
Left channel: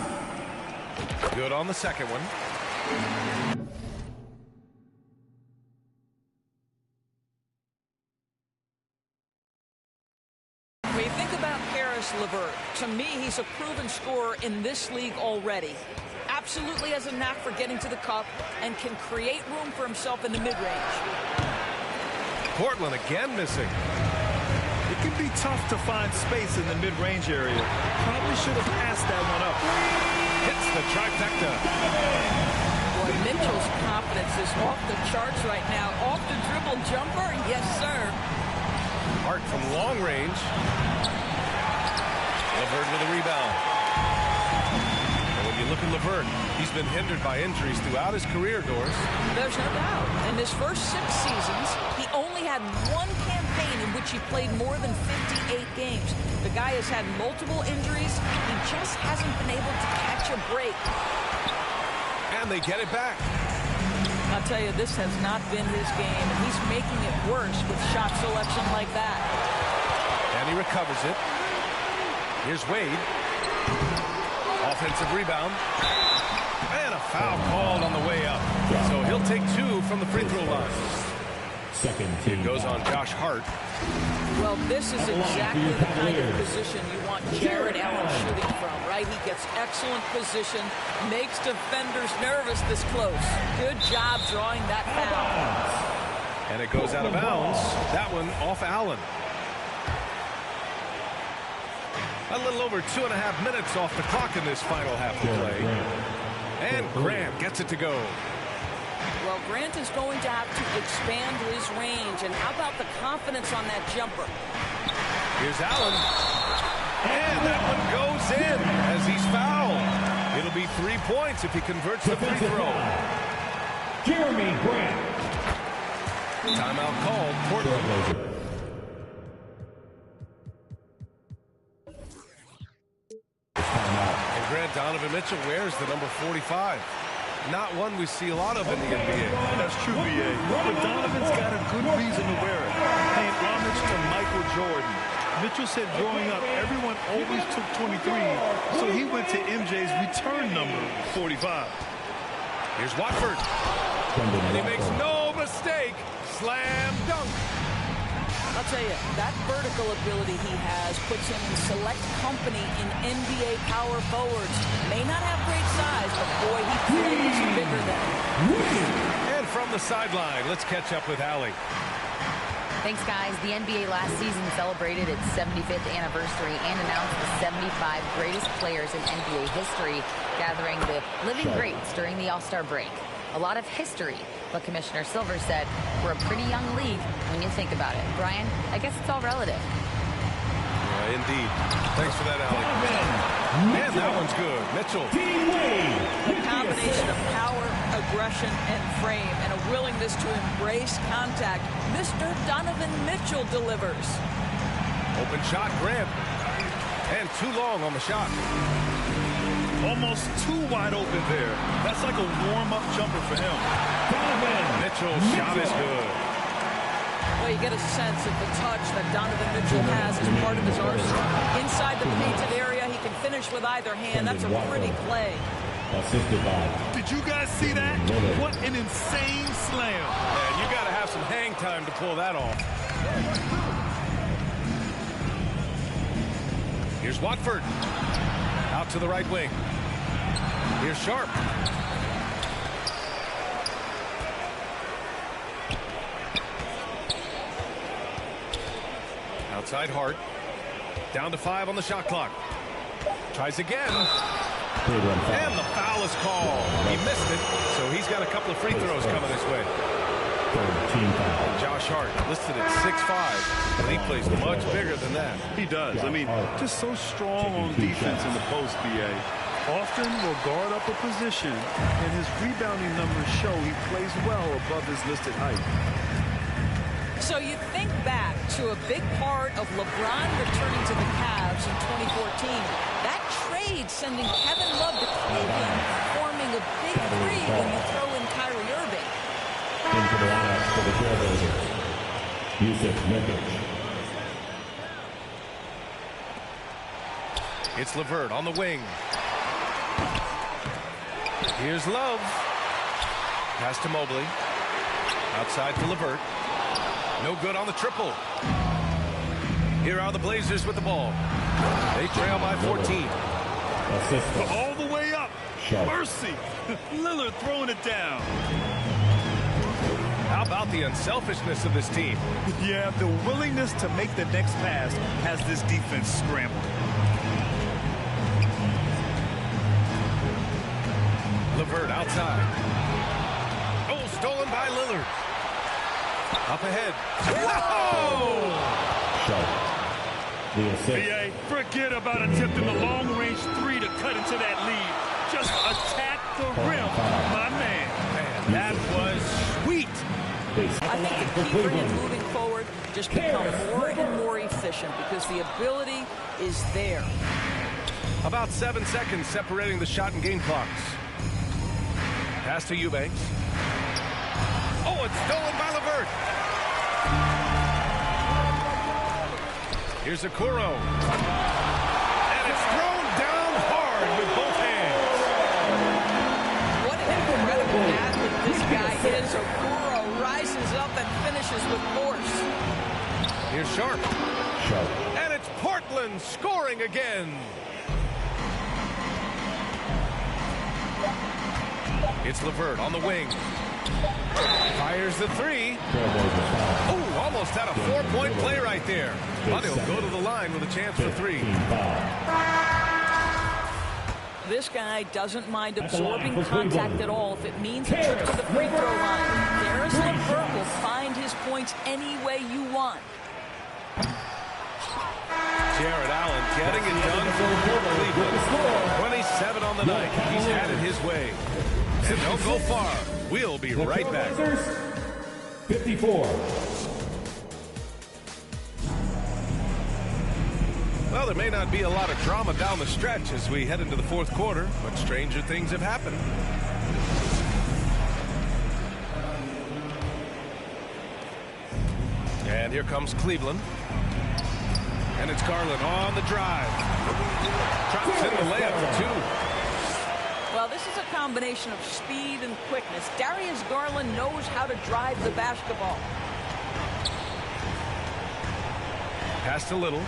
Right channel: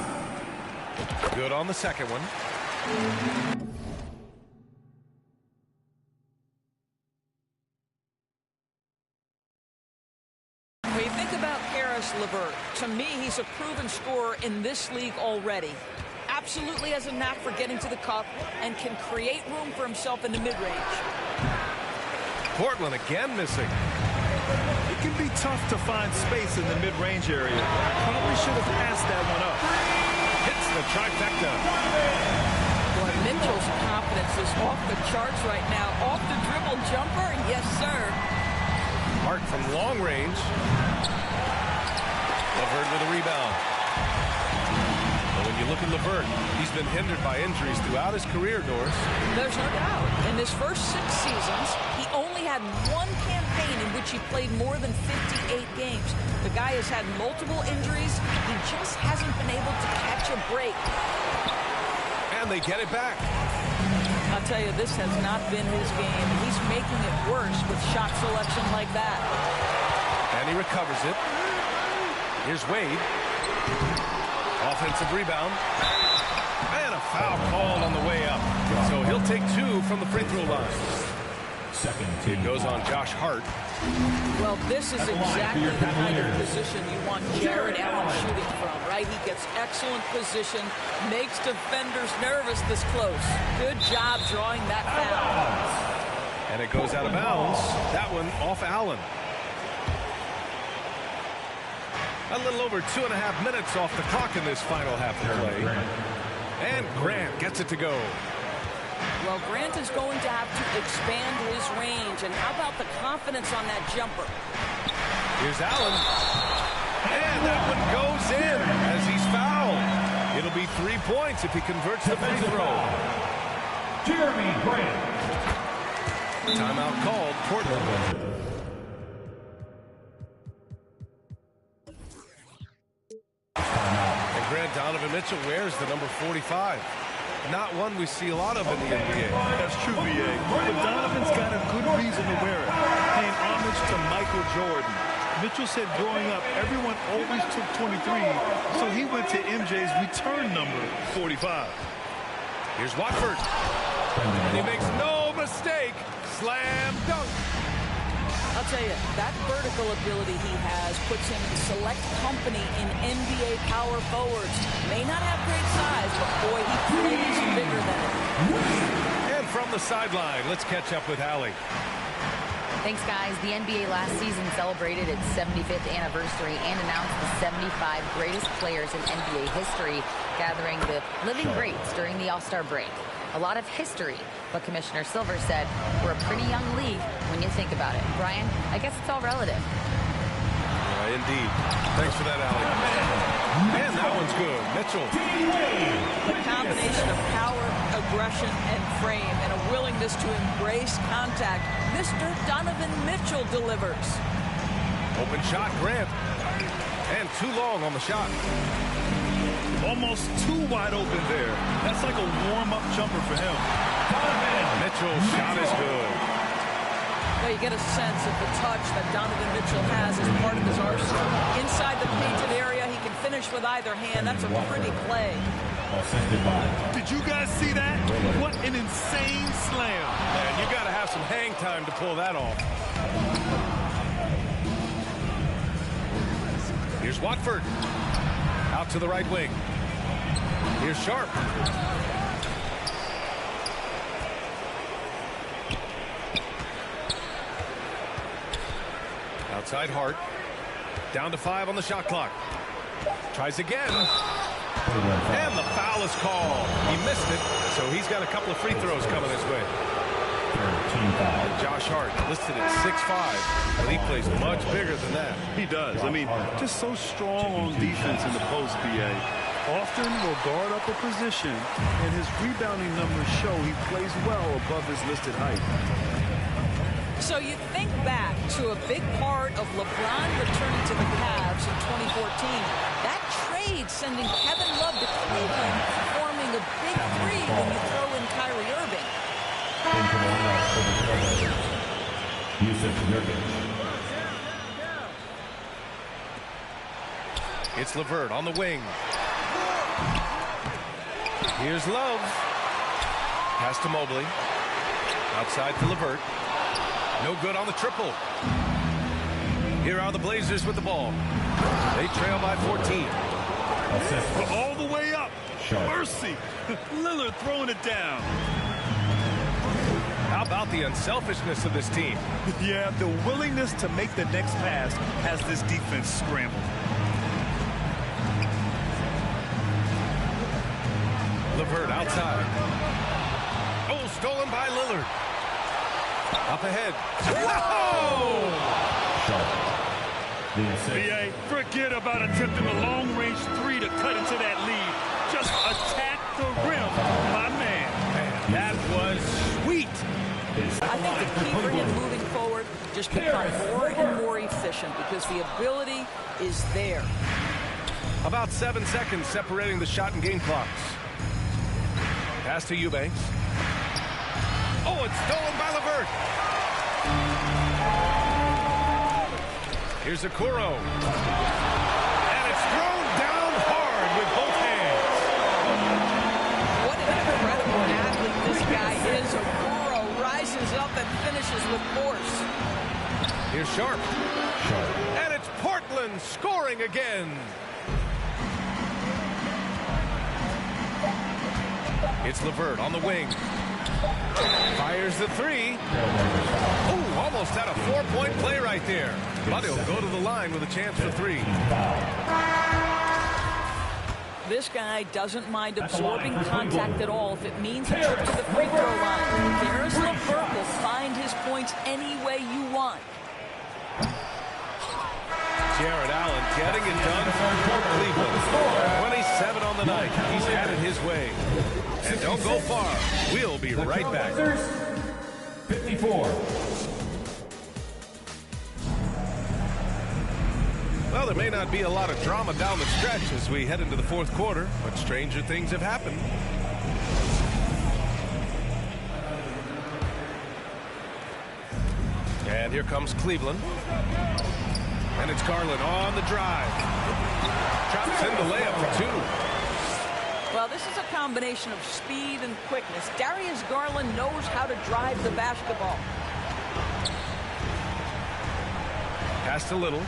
Good on the second one. When you think about Caris LeVert, to me, he's a proven scorer in this league already. Absolutely has a knack for getting to the cup and can create room for himself in the mid-range. Portland again missing. It can be tough to find space in the mid-range area. Probably should have passed that one up. Hits the trifecta. Boy, Mitchell's confidence is off the charts right now. Off the dribble jumper, yes, sir. Hart from long range. LeVert with a rebound. And when you look at LeVert, he's been hindered by injuries throughout his career, Doris. There's no doubt. In his first 6 seasons, he only had one campaign in which he played more than 58 games. The guy has had multiple injuries. He just hasn't been able to catch a break. And they get it back. I'll tell you, this has not been his game, and he's making it worse with shot selection like that. And he recovers it. Here's Wade. Offensive rebound. And a foul called on the way up. So he'll take 2 from the free throw line. It goes on Josh Hart. Well, this is exactly the kind of position you want Jared Allen shooting from, right? He gets excellent position, makes defenders nervous this close. Good job drawing that foul. And it goes out of bounds. That one off Allen. A little over 2.5 minutes off the clock in this final half of play. And Grant gets it to go. Well, Grant is going to have to expand his range. And how about the confidence on that jumper? Here's Allen. And that one goes in as he's fouled. It'll be 3 points if he converts the free throw. Jeremy Grant. Timeout called. Portland. And Grant Donovan Mitchell wears the number 45. Not one we see a lot of in the NBA. That's true, B.A. But Donovan's got a good reason to wear it. Paying homage to Michael Jordan. Mitchell said growing up, everyone always took 23, so he went to MJ's return number, 45. Here's Watford. And he makes no mistake. Slam dunk. I'll tell you, that vertical ability he has puts him in select company in NBA power forwards. May not have great size, but boy, he plays bigger than it. And from the sideline, let's catch up with Allie. Thanks, guys. The NBA last season celebrated its 75th anniversary and announced the 75 greatest players in NBA history, gathering the living greats during the All-Star break. A lot of history, but Commissioner Silver said we're a pretty young league when you think about it. Brian, I guess it's all relative. Yeah, indeed. Thanks for that, Allie. Man, that one's good. Mitchell. The combination of power, aggression, and frame, and a willingness to embrace contact, Mr. Donovan Mitchell delivers. Open shot, Grant. And too long on the shot. Almost too wide open there. That's like a warm-up jumper for him. Donovan Mitchell's shot is good. Well, you get a sense of the touch that Donovan Mitchell has as part of his arsenal. Inside the painted area, he can finish with either hand. That's a pretty play. Assisted by. Did you guys see that? What an insane slam. Man, you got to have some hang time to pull that off. Here's Watford. Out to the right wing. Here's Sharp. Outside Hart. Down to 5 on the shot clock. Tries again. And the foul is called. He missed it, so he's got a couple of free throws coming this way. And Josh Hart listed at 6'5", but he plays much bigger than that. He does. I mean, just so strong on defense in the post, B.A. Often will guard up a position, and his rebounding numbers show he plays well above his listed height. So you think back to a big part of LeBron returning to the Cavs in 2014. That trade sending Kevin Love to Cleveland, forming a big three when you throw in Kyrie Irving. Into the lineup for the Trailblazers, Yusuf Nurkic. It's LeVert on the wing. Here's Love. Pass to Mobley. Outside to LeVert. No good on the triple. Here are the Blazers with the ball. They trail by 14. Assist. All the way up. Sharp. Mercy. Lillard throwing it down. How about the unselfishness of this team? Yeah, the willingness to make the next pass has this defense scrambled. LeVert outside. Oh, stolen by Lillard. Up ahead. Whoa! Sharp. The assist. BA, forget about attempting the long-range three to cut into that lead. Just attack the rim, my man. Man, that was sweet. I think the key for him moving forward, just become more and more efficient because the ability is there. About 7 seconds separating the shot and game clocks. Pass to Eubanks. Oh, it's stolen by LeVert. Here's Okoro. And it's thrown down hard with both hands. What an incredible athlete this guy is. Okoro rises up and finishes with force. Here's Sharp. And it's Portland scoring again. It's LeVert on the wing. Fires the three. Oh, almost had a 4-point play right there. But he'll go to the line with a chance for three. This guy doesn't mind absorbing contact at all if it means a trip to the free throw line. Caris LeVert will find his points any way you want. Jarrett Allen getting it done for Cleveland. 27 on the night. He's had it his way. And don't go far. We'll be right back. 54. Well, there may not be a lot of drama down the stretch as we head into the fourth quarter, but stranger things have happened. And here comes Cleveland. And it's Garland on the drive. Drops in the layup for two. Well, this is a combination of speed and quickness. Darius Garland knows how to drive the basketball. Pass to Little.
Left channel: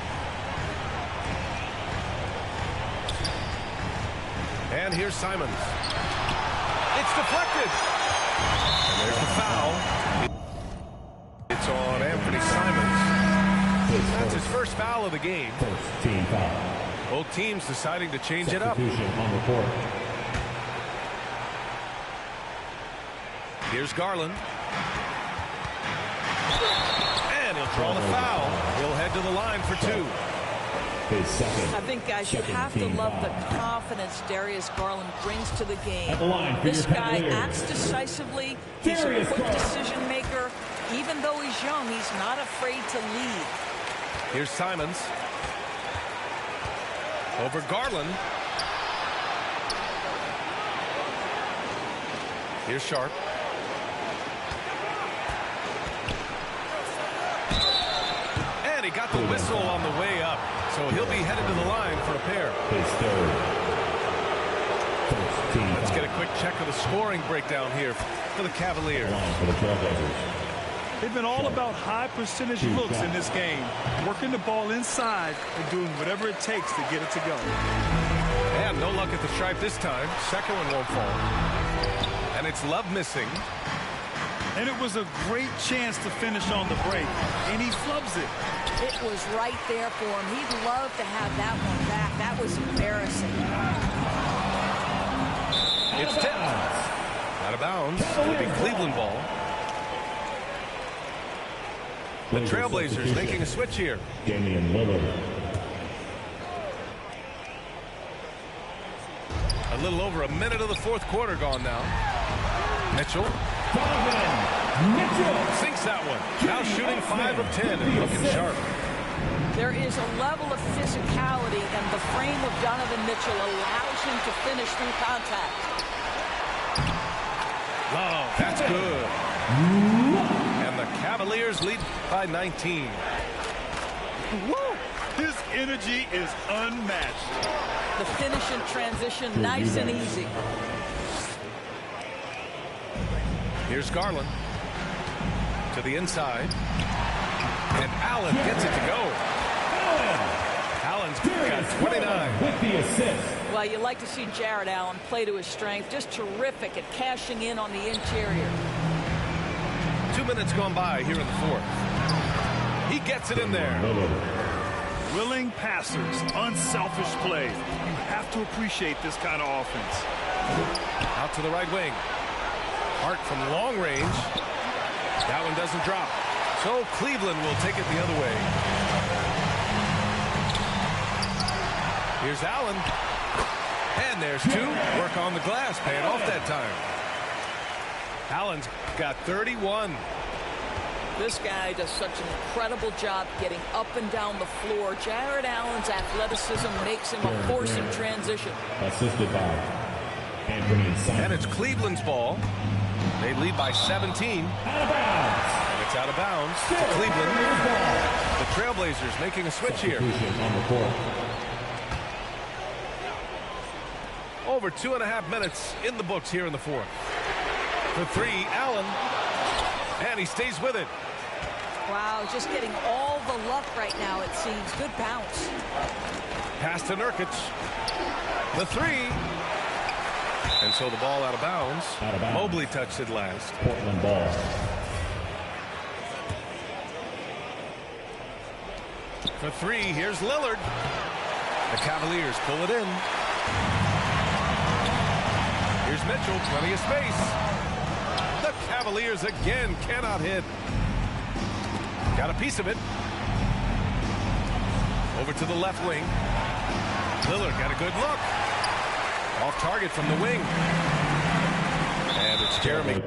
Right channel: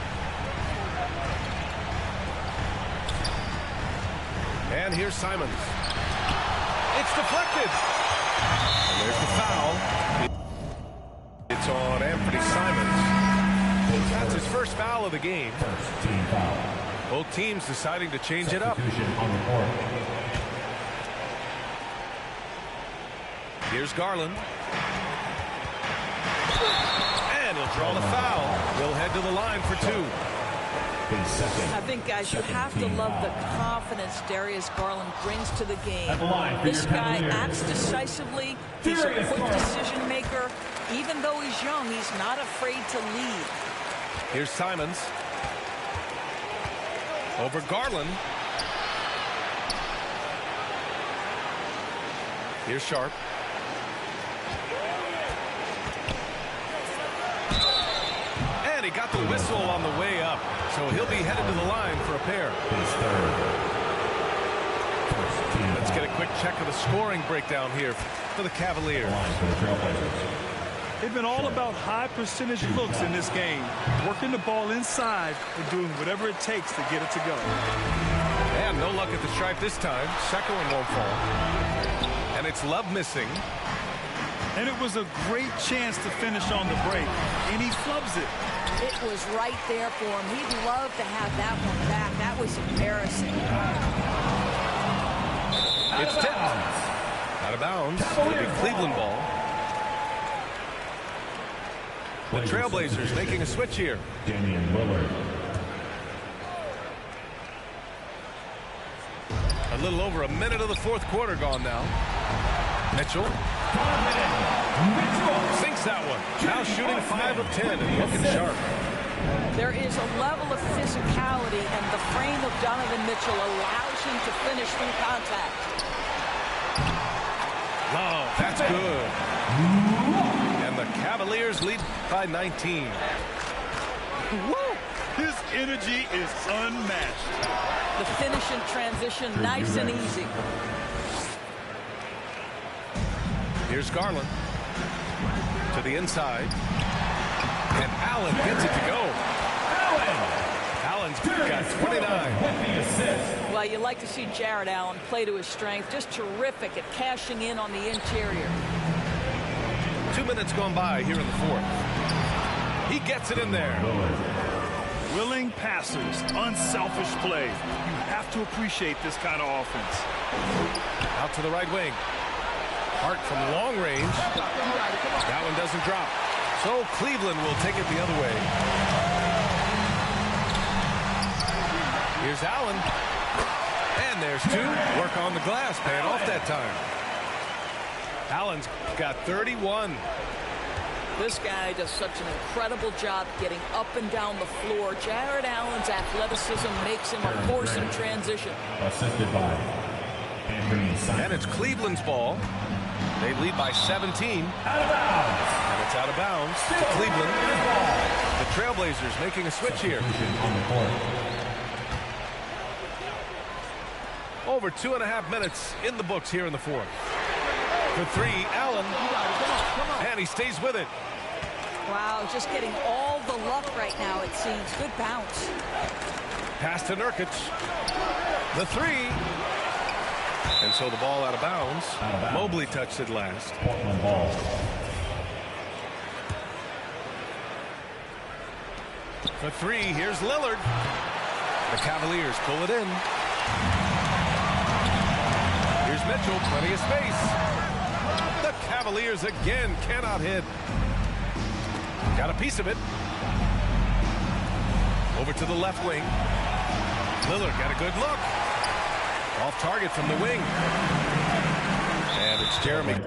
And here's Simons. It's deflected. And there's the foul. It's on Anthony Simons. That's his first foul of the game. First team foul. Both teams deciding to change it up. Substitution on the court. Here's Garland. And he'll draw the foul. He'll head to the line for two. His second. I think, guys, you have to love the confidence Darius Garland brings to the game. At the line for This your guy Cavaliers. acts decisively. He's a Darius quick Garland. decision maker. Even though he's young, he's not afraid to lead. Here's Simons. Over Garland. Here's Sharp. And he got the whistle on the way up. So he'll be headed to the line for a pair. His third. First team Let's foul. get a quick check of the scoring breakdown here for the Cavaliers. Line for the Trailblazers. They've been all about high percentage looks in this game, working the ball inside and doing whatever it takes to get it to go. And no luck at the stripe this time. Second one won't fall. And it's Love missing. And it was a great chance to finish on the break, and he flubs it. It was right there for him. He'd love to have that one back. That was embarrassing. It's tipped. Out of bounds. It'll be Cleveland ball. The Trailblazers making a switch here. Damian Lillard. A little over a minute of the fourth quarter gone now. Mitchell Donovan Mitchell. sinks that one. Now shooting 5 of 10 and looking sharp. There is a level of physicality, and the frame of Donovan Mitchell allows him to finish through contact. Love, that's good. And the Cavaliers lead by 19. Woo! His energy is unmatched. The finish in transition, nice and easy. Here's Garland to the inside. And Allen gets it to go. Allen's got 29. With the assist. Well, you like to see Jarrett Allen play to his strength. Just terrific at cashing in on the interior. 2 minutes gone by here in the fourth. He gets it in there. Willing passers, unselfish play. You have to appreciate this kind of offense. Out to the right wing. Hart from long range. That one doesn't drop. So Cleveland will take it the other way. Here's Allen. And there's two. Work on the glass. Paying off that time. Allen's got 31. This guy does such an incredible job getting up and down the floor. Jared Allen's athleticism makes him a force in transition. Assisted by Anthony Simon. And it's Cleveland's ball. They lead by 17. Out of bounds. And it's out of bounds to Cleveland. The Trailblazers making a switch here. On the court. Over 2.5 minutes in the books here in the fourth. For three, Allen. And he stays with it. Wow, just getting all the luck right now, it seems. Good bounce. Pass to Nurkic. The three. And so the ball out of bounds. Mobley touched it last. Portland ball. For three, here's Lillard. The Cavaliers pull it in. Here's Mitchell, plenty of space. The Cavaliers again cannot hit. Got a piece of it. Over to the left wing. Lillard got a good look. Off target from the wing. And it's Jeremy.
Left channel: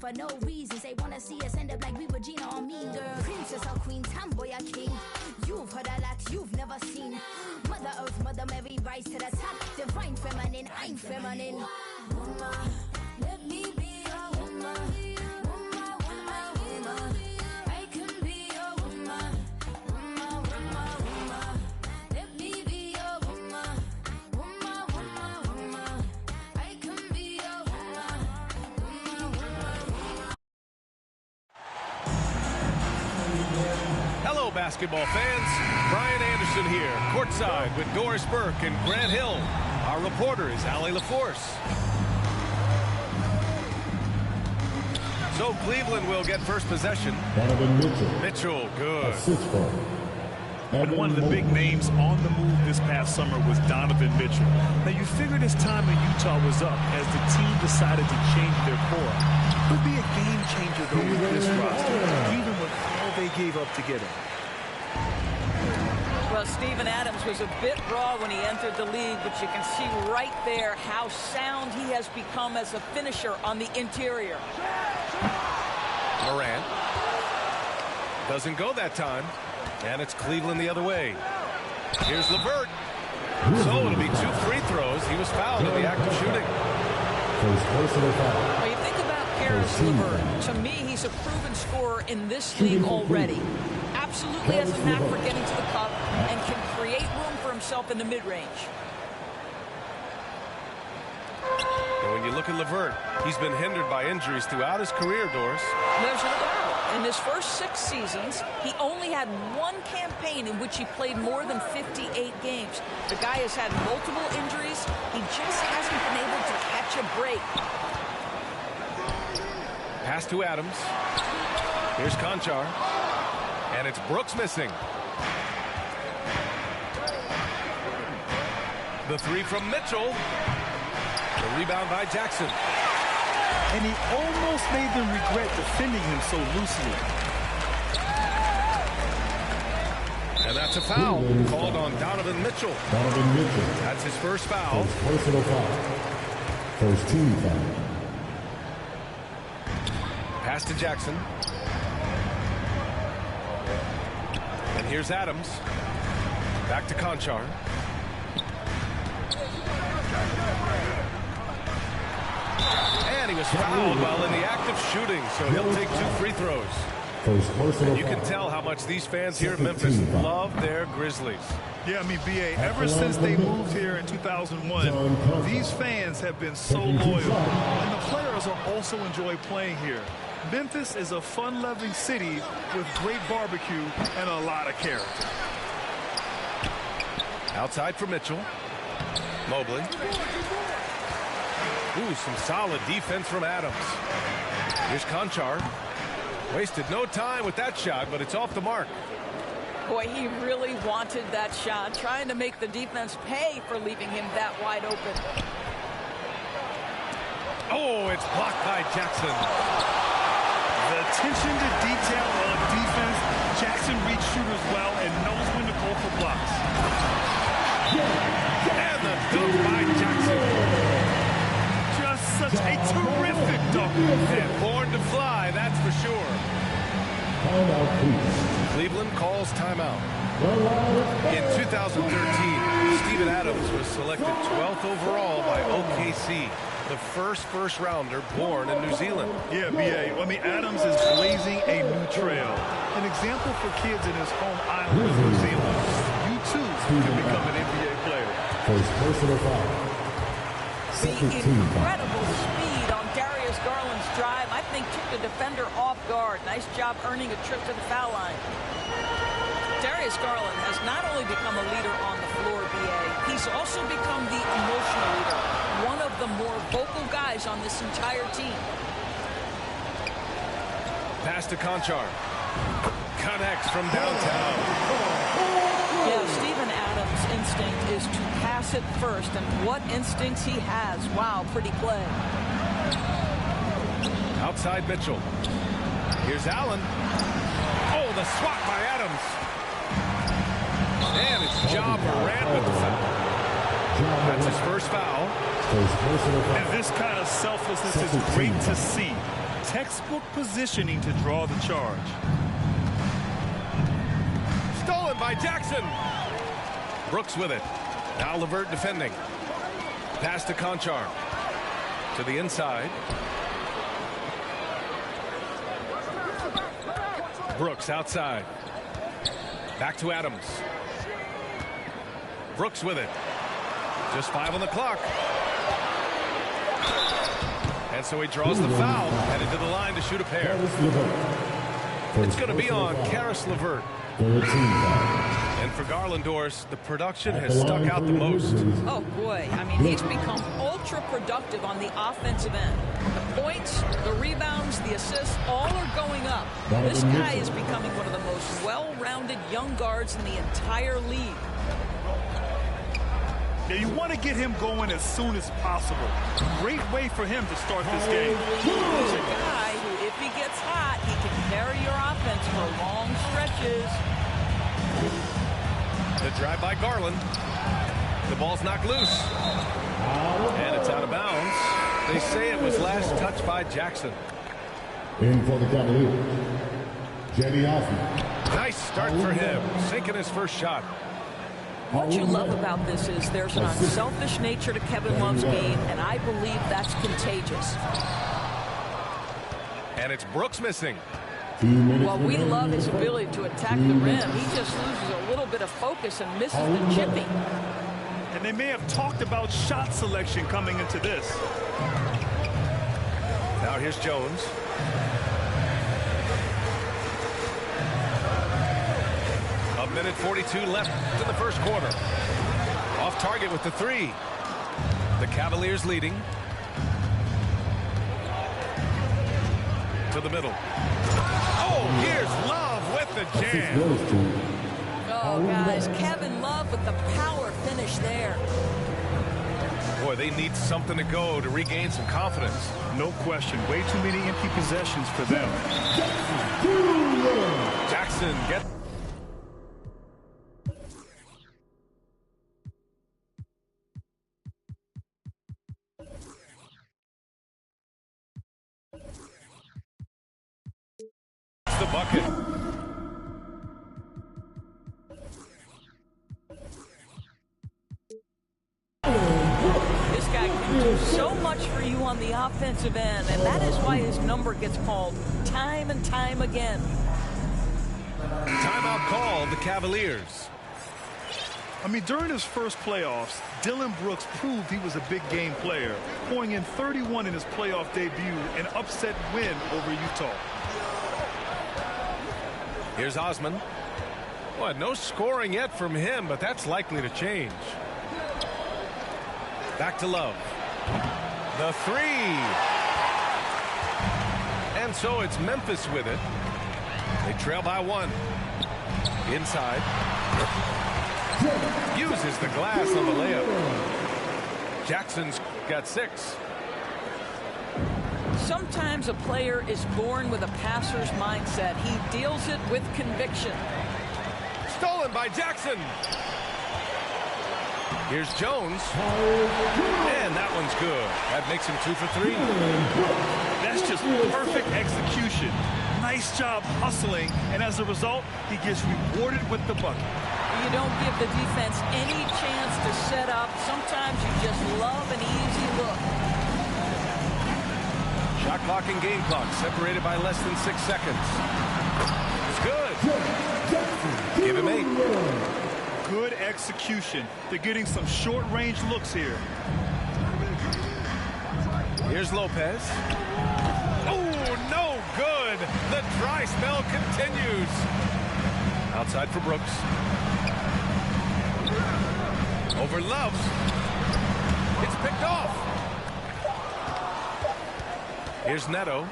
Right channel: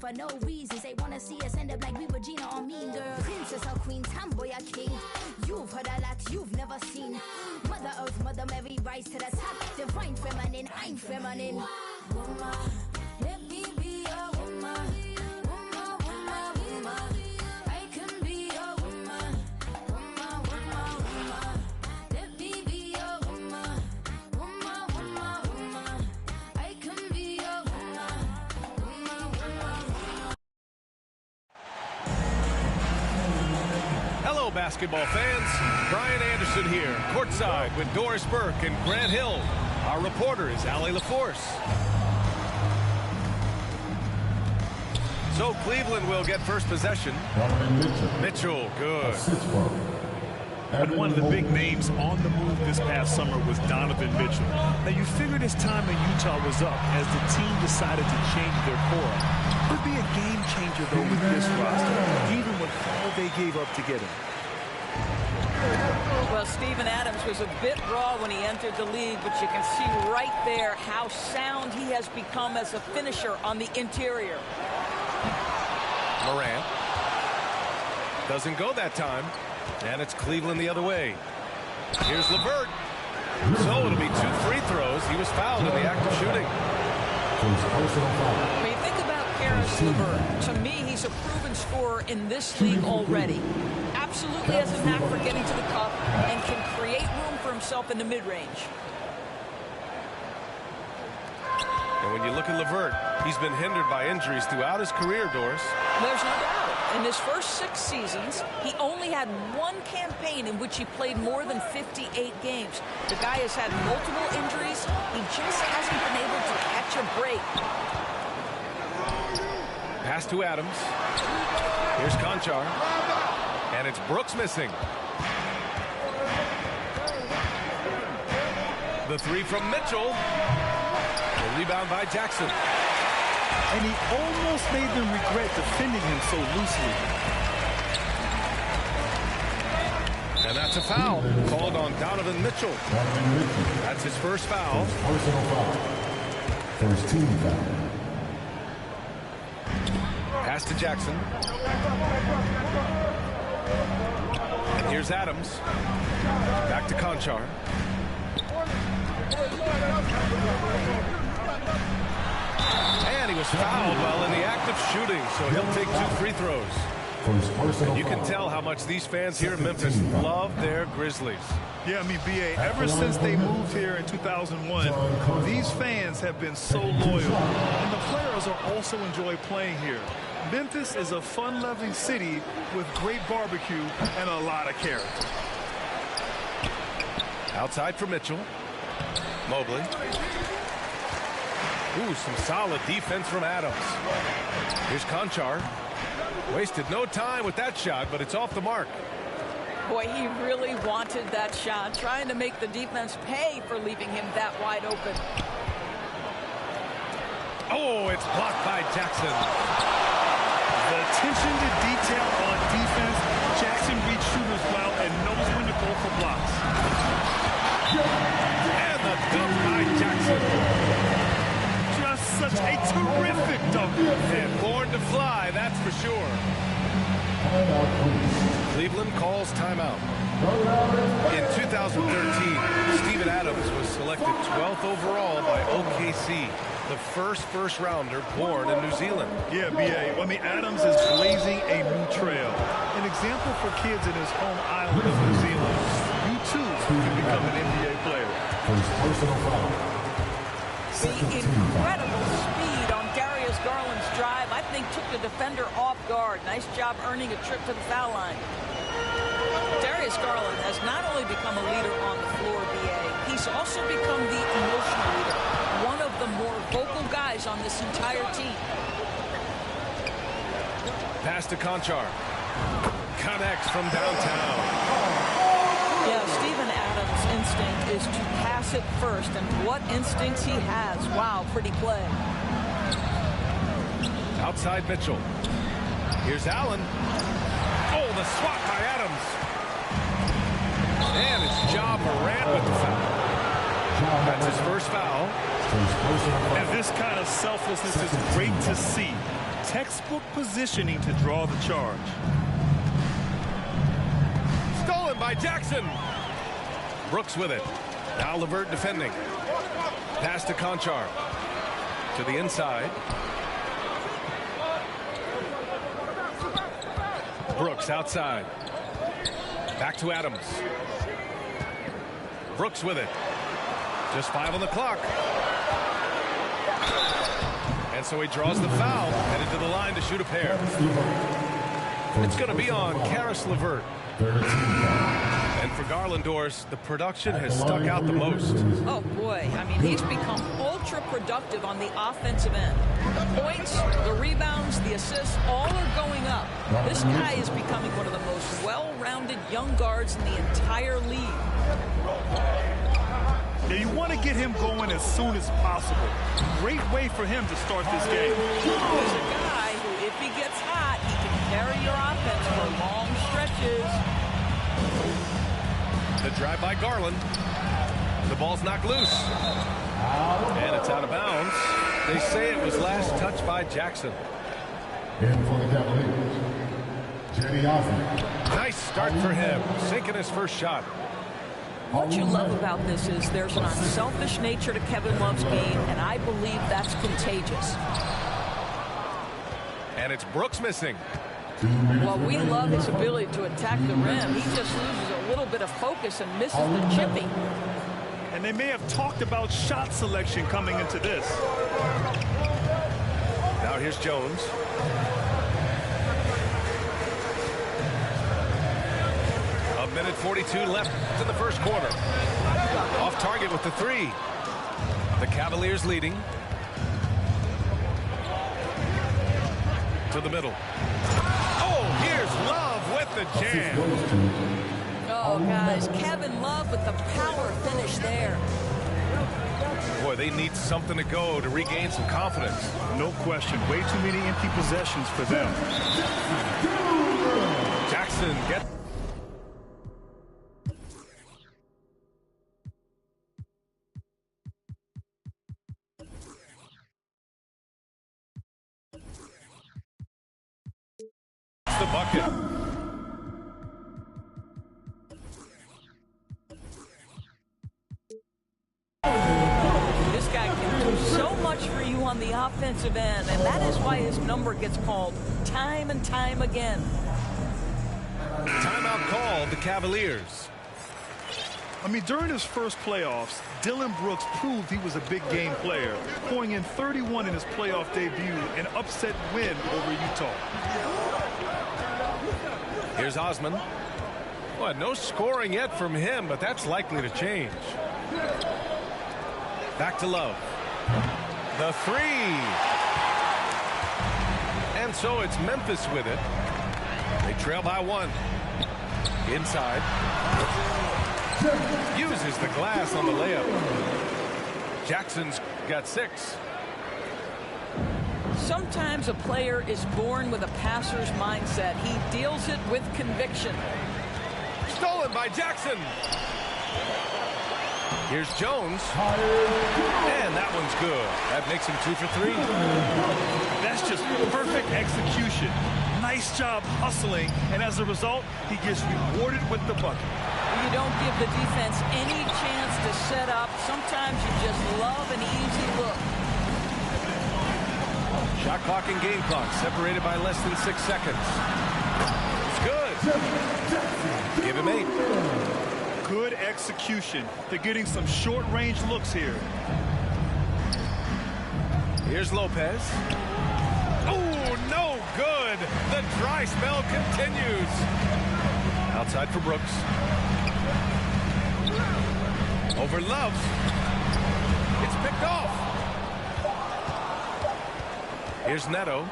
For no reasons, they wanna see us end up like we Regina or Mean Girl. Princess or queen, tomboy or king. You've heard a lot you've never seen. Mother Earth, Mother Mary, rise to the top. Divine feminine, I'm feminine. Woman, let me be a woman. Woman, woman, woman. I can be a woman. Woman, woman, woman. Let me be a woman. Woman, woman, woman. I can be a woman. Hello, basketball fans. Brian Anderson here, courtside with Doris Burke and Grant Hill. Our reporter is Allie LaForce. So Cleveland will get first possession. Donovan Mitchell. Mitchell, good. And one of the big names on the move this past summer was Donovan Mitchell. Now, you figured his time in Utah was up as the team decided to change their core up. Could be a game changer, though, with this roster, even with all they gave up to get him. Well, Steven Adams was a bit raw when he entered the league, but you can see right there how sound he has become as a finisher on the interior. Morant. Doesn't go that time. And it's Cleveland the other way. Here's LeVert. So it'll be 2 free throws. He was fouled in the act of shooting. When you think about Caris LeVert, to me, he's a proven scorer in this league already. Absolutely has a knack for getting to the cup and can create room for himself in the mid-range. And when you look at LeVert, he's been hindered by injuries throughout his career, Doris. There's no doubt. In his first 6 seasons, he only had one campaign in which he played more than 58 games. The guy has had multiple injuries. He just hasn't been able to catch a break. Pass to Adams. Here's Conchar. And it's Brooks missing. The three from Mitchell. The rebound by Jackson. And he almost made them regret defending him so loosely. And that's a foul called on Donovan Mitchell. Donovan Mitchell. That's his first foul. First personal foul. First team foul. Pass to Jackson. And here's Adams. Back to Conchar. And he was fouled while in the act of shooting, so he'll take 2 free throws. First personal And you can foul. tell how much these fans here in Memphis love their Grizzlies. Yeah, I mean, B.A., ever since they moved here in 2001, these fans have been so loyal. And the players are also enjoy playing here. Memphis is a fun-loving city with great barbecue and a lot of character. Outside for Mitchell. Mobley. Ooh, some solid defense from Adams. Here's Conchar. Wasted no time with that shot, but it's off the mark. Boy, he really wanted that shot, trying to make the defense pay for leaving him that wide open. Oh, it's blocked by Jackson. The attention to detail on defense. Jackson reads shooters well and knows when to go for blocks. And the dunk by Jackson. Just such a terrific dunk. And born to fly, that's for sure. Timeout, please. Cleveland calls timeout. In 2013, Steven Adams was selected 12th overall by OKC, the first rounder born in New Zealand. Yeah, B.A. I mean, Adams is blazing a new trail. An example for kids in his home island of New Zealand. You, too, can become an NBA player. First personal foul. The incredible speed on Darius Garland's drive, I think, took the defender off guard. Nice job earning a trip to the foul line. Darius Garland has not only become a leader on the floor, B.A., he's also become the emotional leader, one of the more vocal guys on this entire team. Pass to Conchar. Connects from downtown. Yeah, Steven Adams' instinct is to pass it first, and what instincts he has. Wow, pretty play. Outside Mitchell. Here's Allen. Oh, the swat by Adams. And it's Ja Morant with the foul. That's his first foul. And this kind of selflessness is great to see. Textbook positioning to draw the charge. Stolen by Jackson. Brooks with it. Now LeVert defending. Pass to Conchar. To the inside. Brooks outside. Back to Adams. Brooks with it. Just 5 on the clock. And so he draws the foul, headed to the line to shoot a pair. It's going to be on Caris LeVert. And for Garland, Doris, the production has stuck out the most. Oh, boy. I mean, he's become ultra productive on the offensive end. The points, the rebounds, the assists, all are going up. This guy is becoming one of the most well-rounded young guards in the entire league. Yeah, you want to get him going as soon as possible. Great way for him to start this game. He's a guy who, if he gets hot, he can carry your offense for long stretches. The drive by Garland. The ball's knocked loose. And it's out of bounds. They say it was last touched by Jackson. In for the Cavaliers, Cedi Osman. Nice start for him, sinking his first shot. What you love about this is there's an unselfish nature to Kevin Love's game, and I believe that's contagious. And it's Brooks missing. Well, we love his ability to attack the rim. He just loses a little bit of focus and misses the chipping. And they may have talked about shot selection coming into this. Now here's Jones. A minute 42 left in the first quarter. Off target with the three. The Cavaliers leading. To the middle. Oh, here's Love with the jam. Oh, guys, Kevin Love with the power finish there. Boy, they need something to go to regain some confidence. No question. Way too many empty possessions for them. Jackson gets... the bucket. This guy can do so much for you on the offensive end, and that is why his number gets called time and time again. Timeout called the Cavaliers. I mean, during his first playoffs, Dillon Brooks proved he was a big game player, pouring in 31 in his playoff debut, an upset win over Utah. Here's Osman. Well, no scoring yet from him, but that's likely to change. Back to Love. The three. And so it's Memphis with it. They trail by one. Inside. Uses the glass on the layup. Jackson's got 6. Sometimes a player is born with a passer's mindset. He deals it with conviction. Stolen by Jackson. Here's Jones. And that one's good. That makes him 2 for 3. That's just perfect execution. Nice job hustling, and as a result, he gets rewarded with the bucket. You don't give the defense any chance to set up. Sometimes you just love an easy look. Shot clock and game clock separated by less than 6 seconds. It's good. Give him 8. Good execution. They're getting some short-range looks here. Here's Lopez. Oh, no good. The dry spell continues. Outside for Brooks. Over Love. It's picked off. Here's Neto.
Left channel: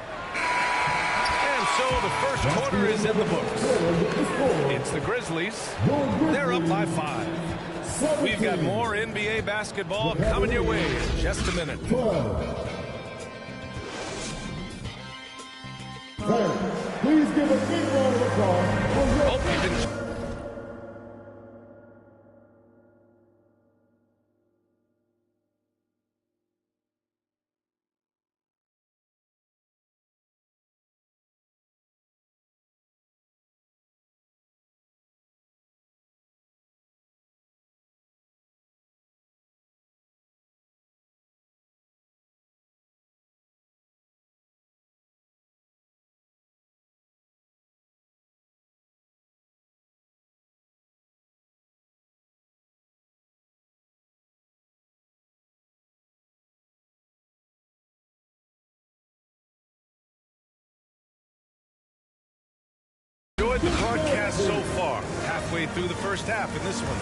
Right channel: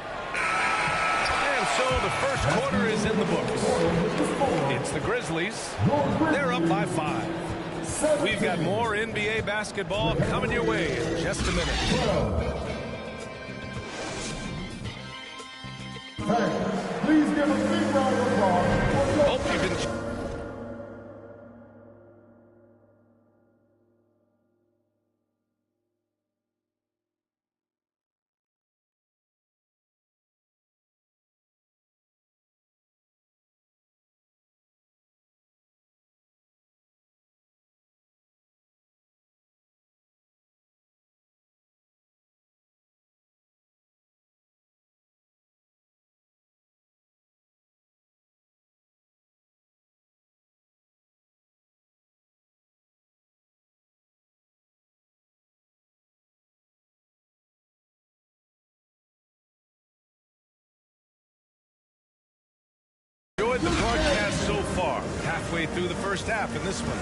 And so the first quarter is in the books. It's the Grizzlies. They're up by 5. We've got more NBA basketball coming your way in just a minute. Please give a big round of applause. Hope you've been... Enjoyed the broadcast so far. Halfway through the first half in this one.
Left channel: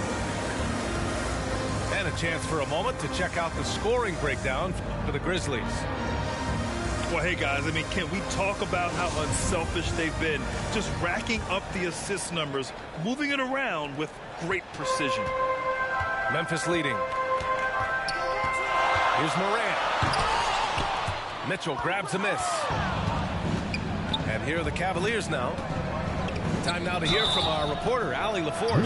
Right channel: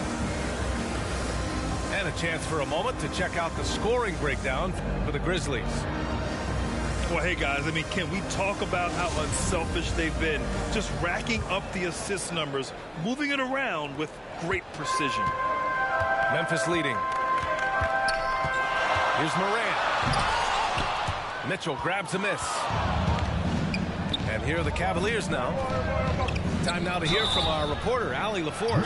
And a chance for a moment to check out the scoring breakdown for the Grizzlies. Well, hey, guys, I mean, can we talk about how unselfish they've been? Just racking up the assist numbers, moving it around with great precision. Memphis leading. Here's Morant. Mitchell grabs a miss. And here are the Cavaliers now. Time now to hear from our reporter, Allie LaForce.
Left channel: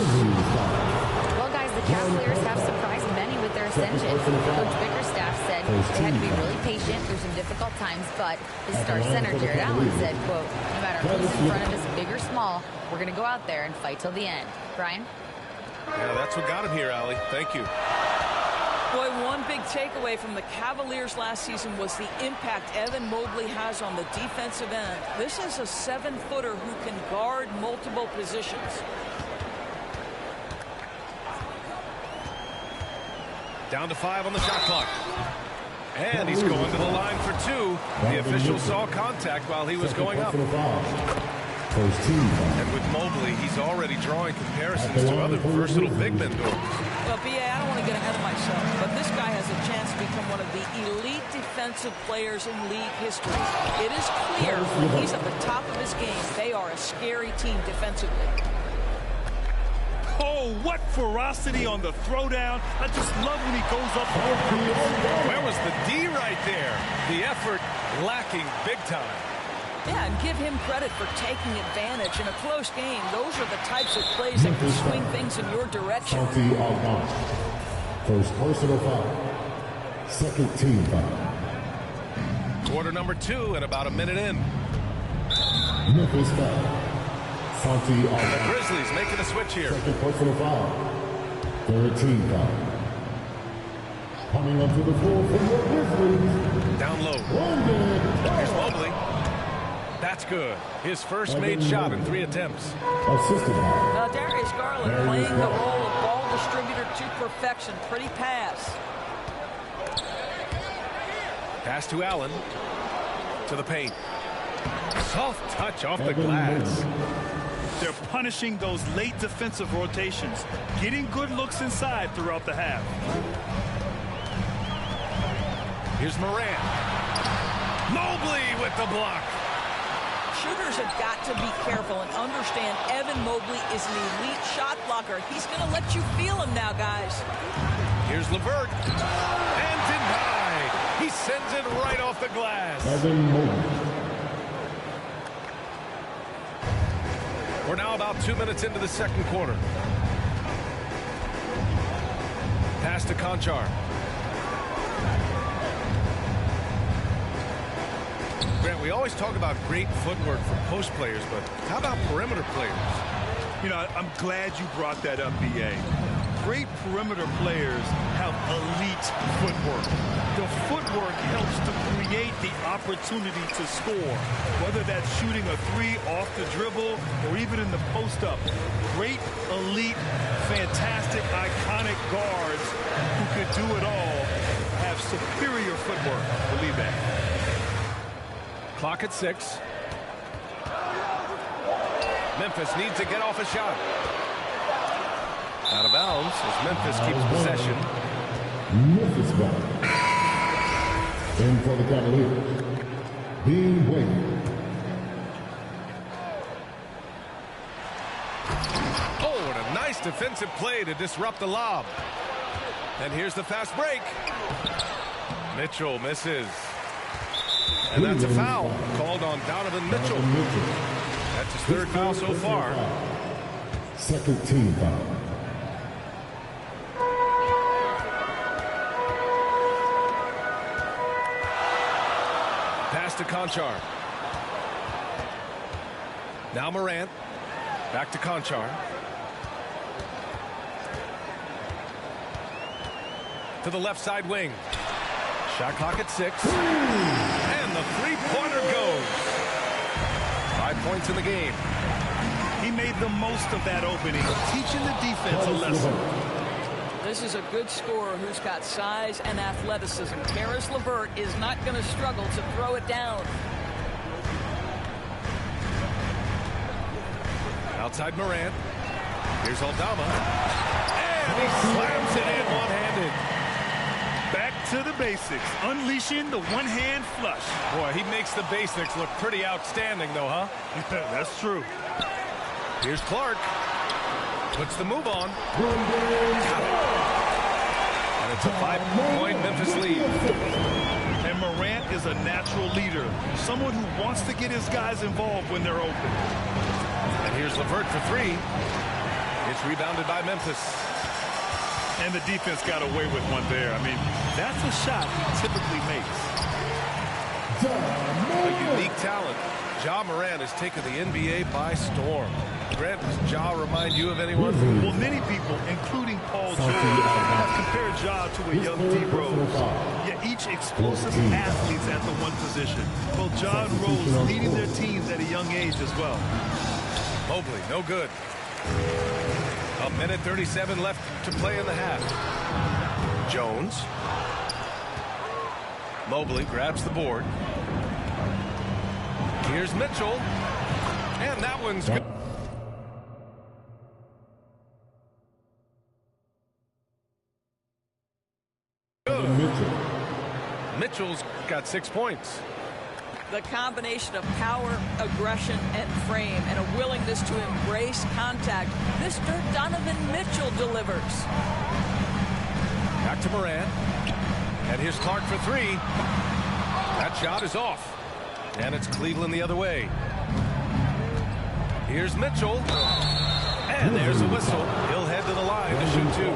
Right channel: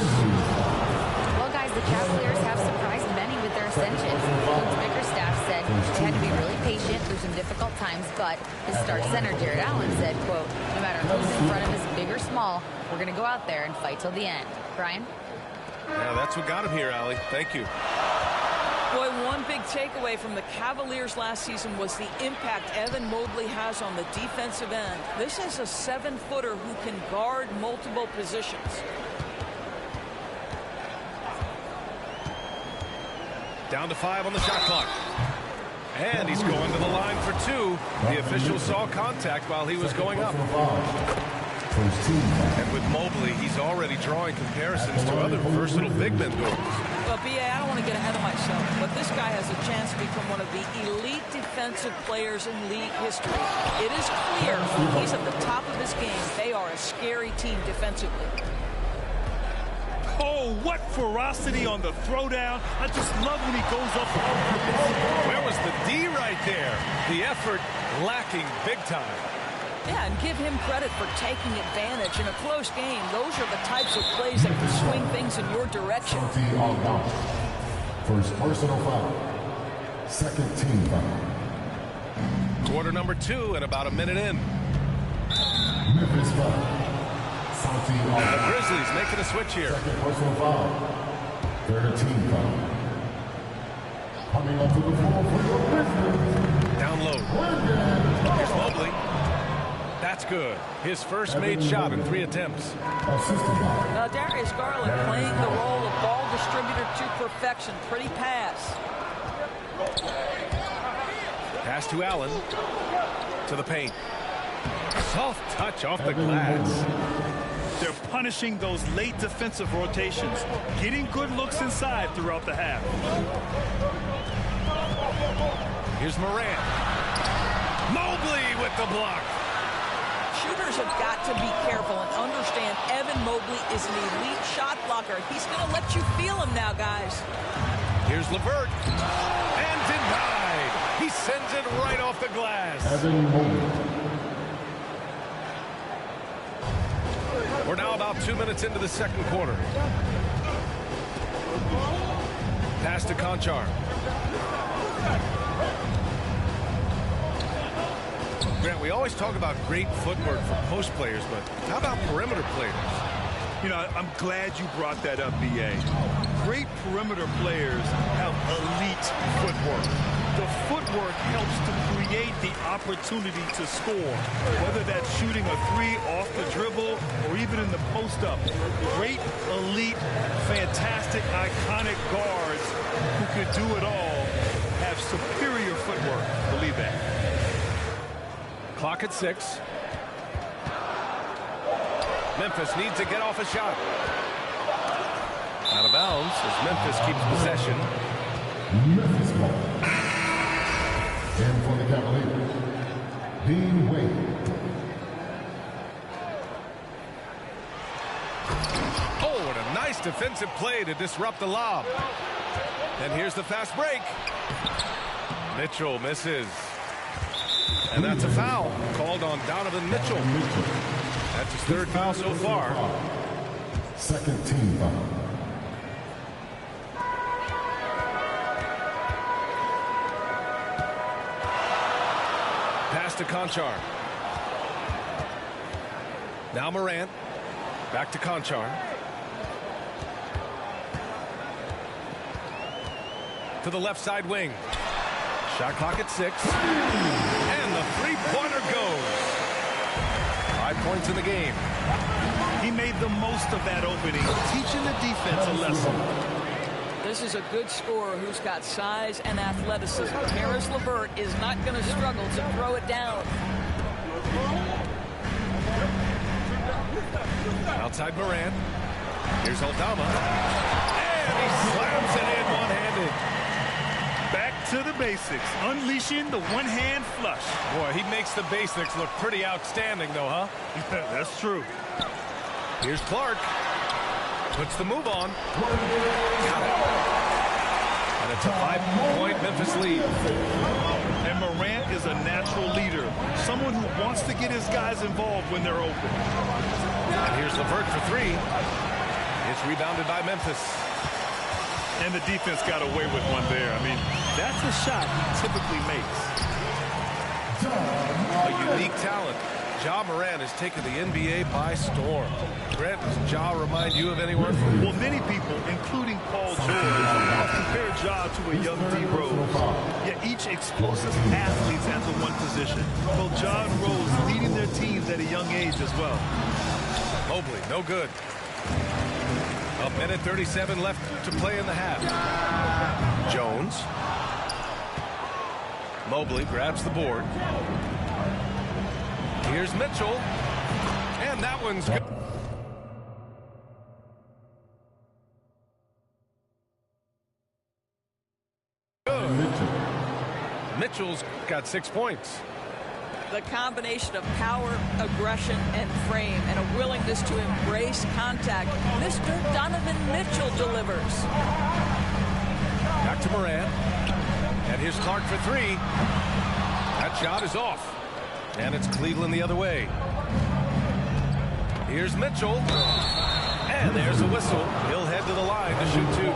Well, guys, the Cavaliers have surprised many with their ascension. Coach Bickerstaff said they had to be really patient through some difficult times, but his star center, Jared Allen, said, quote, no matter who's in front of us, big or small, we're going to go out there and fight till the end. Brian? Yeah, that's what got him here, Allie. Thank you. Boy, one big takeaway from the Cavaliers last season was the impact Evan Mobley has on the defensive end. This is a 7-footer who can guard multiple positions. Down to 5 on the shot clock. And he's going to the line for 2. The official saw contact while he was going up. First team foul. And with Mobley, he's already drawing comparisons to other versatile big men doors. Well, B.A., I don't want to get ahead of myself, but this guy has a chance to become one of the elite defensive players in league history. It is clear when he's at the top of his game, they are a scary team defensively. Oh, what ferocity on the throwdown. I just love when he goes up on purpose. Where was the D right there? The effort lacking big time. Yeah, and give him credit for taking advantage in a close game. Those are the types of plays that can swing things in your direction. Santi Aldama. First personal foul. Second team foul. Quarter number 2 and about a minute in. Memphis foul. Santi Aldama. The Grizzlies making a switch here. Second personal foul. Third team foul. Coming onto the floor for the Grizzlies. Down low. Here's Mobley. That's good. His first made shot in 3 attempts. Assisted by Darius Garland playing the role of ball distributor to perfection. Pretty pass. Pass to Allen. To the paint. Soft touch off the glass. They're punishing those late defensive rotations, getting good looks inside throughout the half. Here's Morant. Mobley with the block. Shooters have got to be careful and understand Evan Mobley is an elite shot blocker. He's going to let you feel him now, guys. Here's LeVert. And denied. He sends it right off the glass. Evan Mobley. We're now about 2 minutes into the second quarter. Pass to Conchar. Grant, we always talk about great footwork for post players, but how about perimeter players? You know, I'm glad you brought that up, B.A. Great perimeter players have elite footwork. The footwork helps to create the opportunity to score, whether that's shooting a 3 off the dribble or even in the post-up. Great, elite, fantastic, iconic guards who could do it all have superior footwork. Believe that. Clock at 6. Memphis needs to get off a shot. Out of bounds as Memphis keeps possession. Memphis ball. In for the Cavaliers. Dean Wade. Oh, what a nice defensive play to disrupt the lob. And here's the fast break. Mitchell misses. And that's a foul called on Donovan Mitchell. That's his 3rd foul so far. Second team foul. Pass to Conchar. Now Morant. Back to Conchar. To the left side wing. Shot clock at 6. And the 3-pointer goes. 5 points in the game. He made the most of that opening, teaching the defense a lesson. This is a good scorer who's got size and athleticism. Karis LeVert is not going to struggle to throw it down. Outside Morant. Here's Aldama. And he slams it in one-handed. Back to the basics, unleashing the one-hand flush. Boy, he makes the basics look pretty outstanding, though, huh? Yeah, that's true. Here's Clark. Puts the move on. Got it. And it's a 5-point Memphis lead. And Morant is a natural leader, someone who wants to get his guys involved when they're open. And here's LeVert for 3. It's rebounded by Memphis. And the defense got away with one there. I mean, that's a shot he typically makes. A unique talent. Ja Morant has taken the NBA by storm. Grant, does Ja remind you of anyone? Well, many people, including Paul George, have compared Ja to a young D. Rose. Yet each explosive athletes at the one position. Both Ja and Rose leading their teams at a young age as well. Mobley, no good. 1:37 left to play in the half. Jones. Mobley grabs the board. Here's Mitchell. And that one's good. Mitchell's got 6 points. The combination of power, aggression, and frame, and a willingness to embrace contact. Mr. Donovan Mitchell delivers. Back to Morant. And here's Clark for three. That shot is off. And it's Cleveland the other way. Here's Mitchell. And there's a whistle. He'll head to the line to shoot two.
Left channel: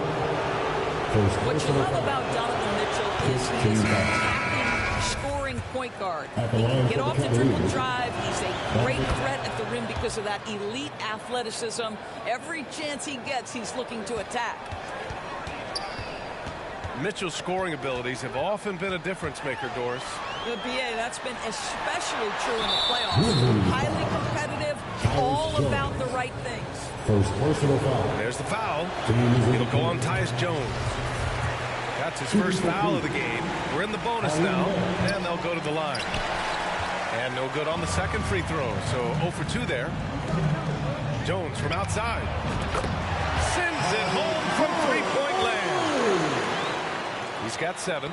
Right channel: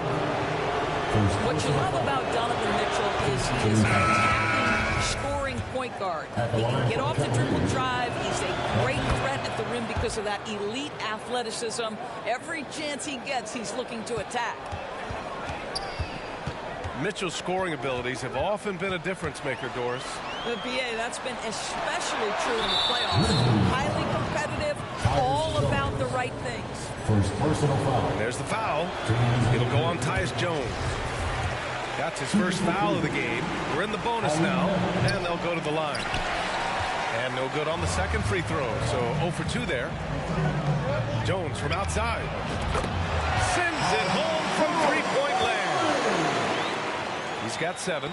What you love about Donovan Mitchell is he is an attacking, scoring point guard. He can get off the dribble drive. He's a great threat at the rim because of that elite athleticism. Every chance he gets, he's looking to attack. Mitchell's scoring abilities have often been a difference maker, Doris. The BA, that's been especially true in the playoffs. Highly competitive, all about the right things. First personal foul. There's the foul. It'll go on Tyus Jones. That's his first foul of the game. We're in the bonus now, and they'll go to the line. And no good on the second free throw, so 0 for 2 there. Jones from outside. Sends it home from three-point land. He's got 7.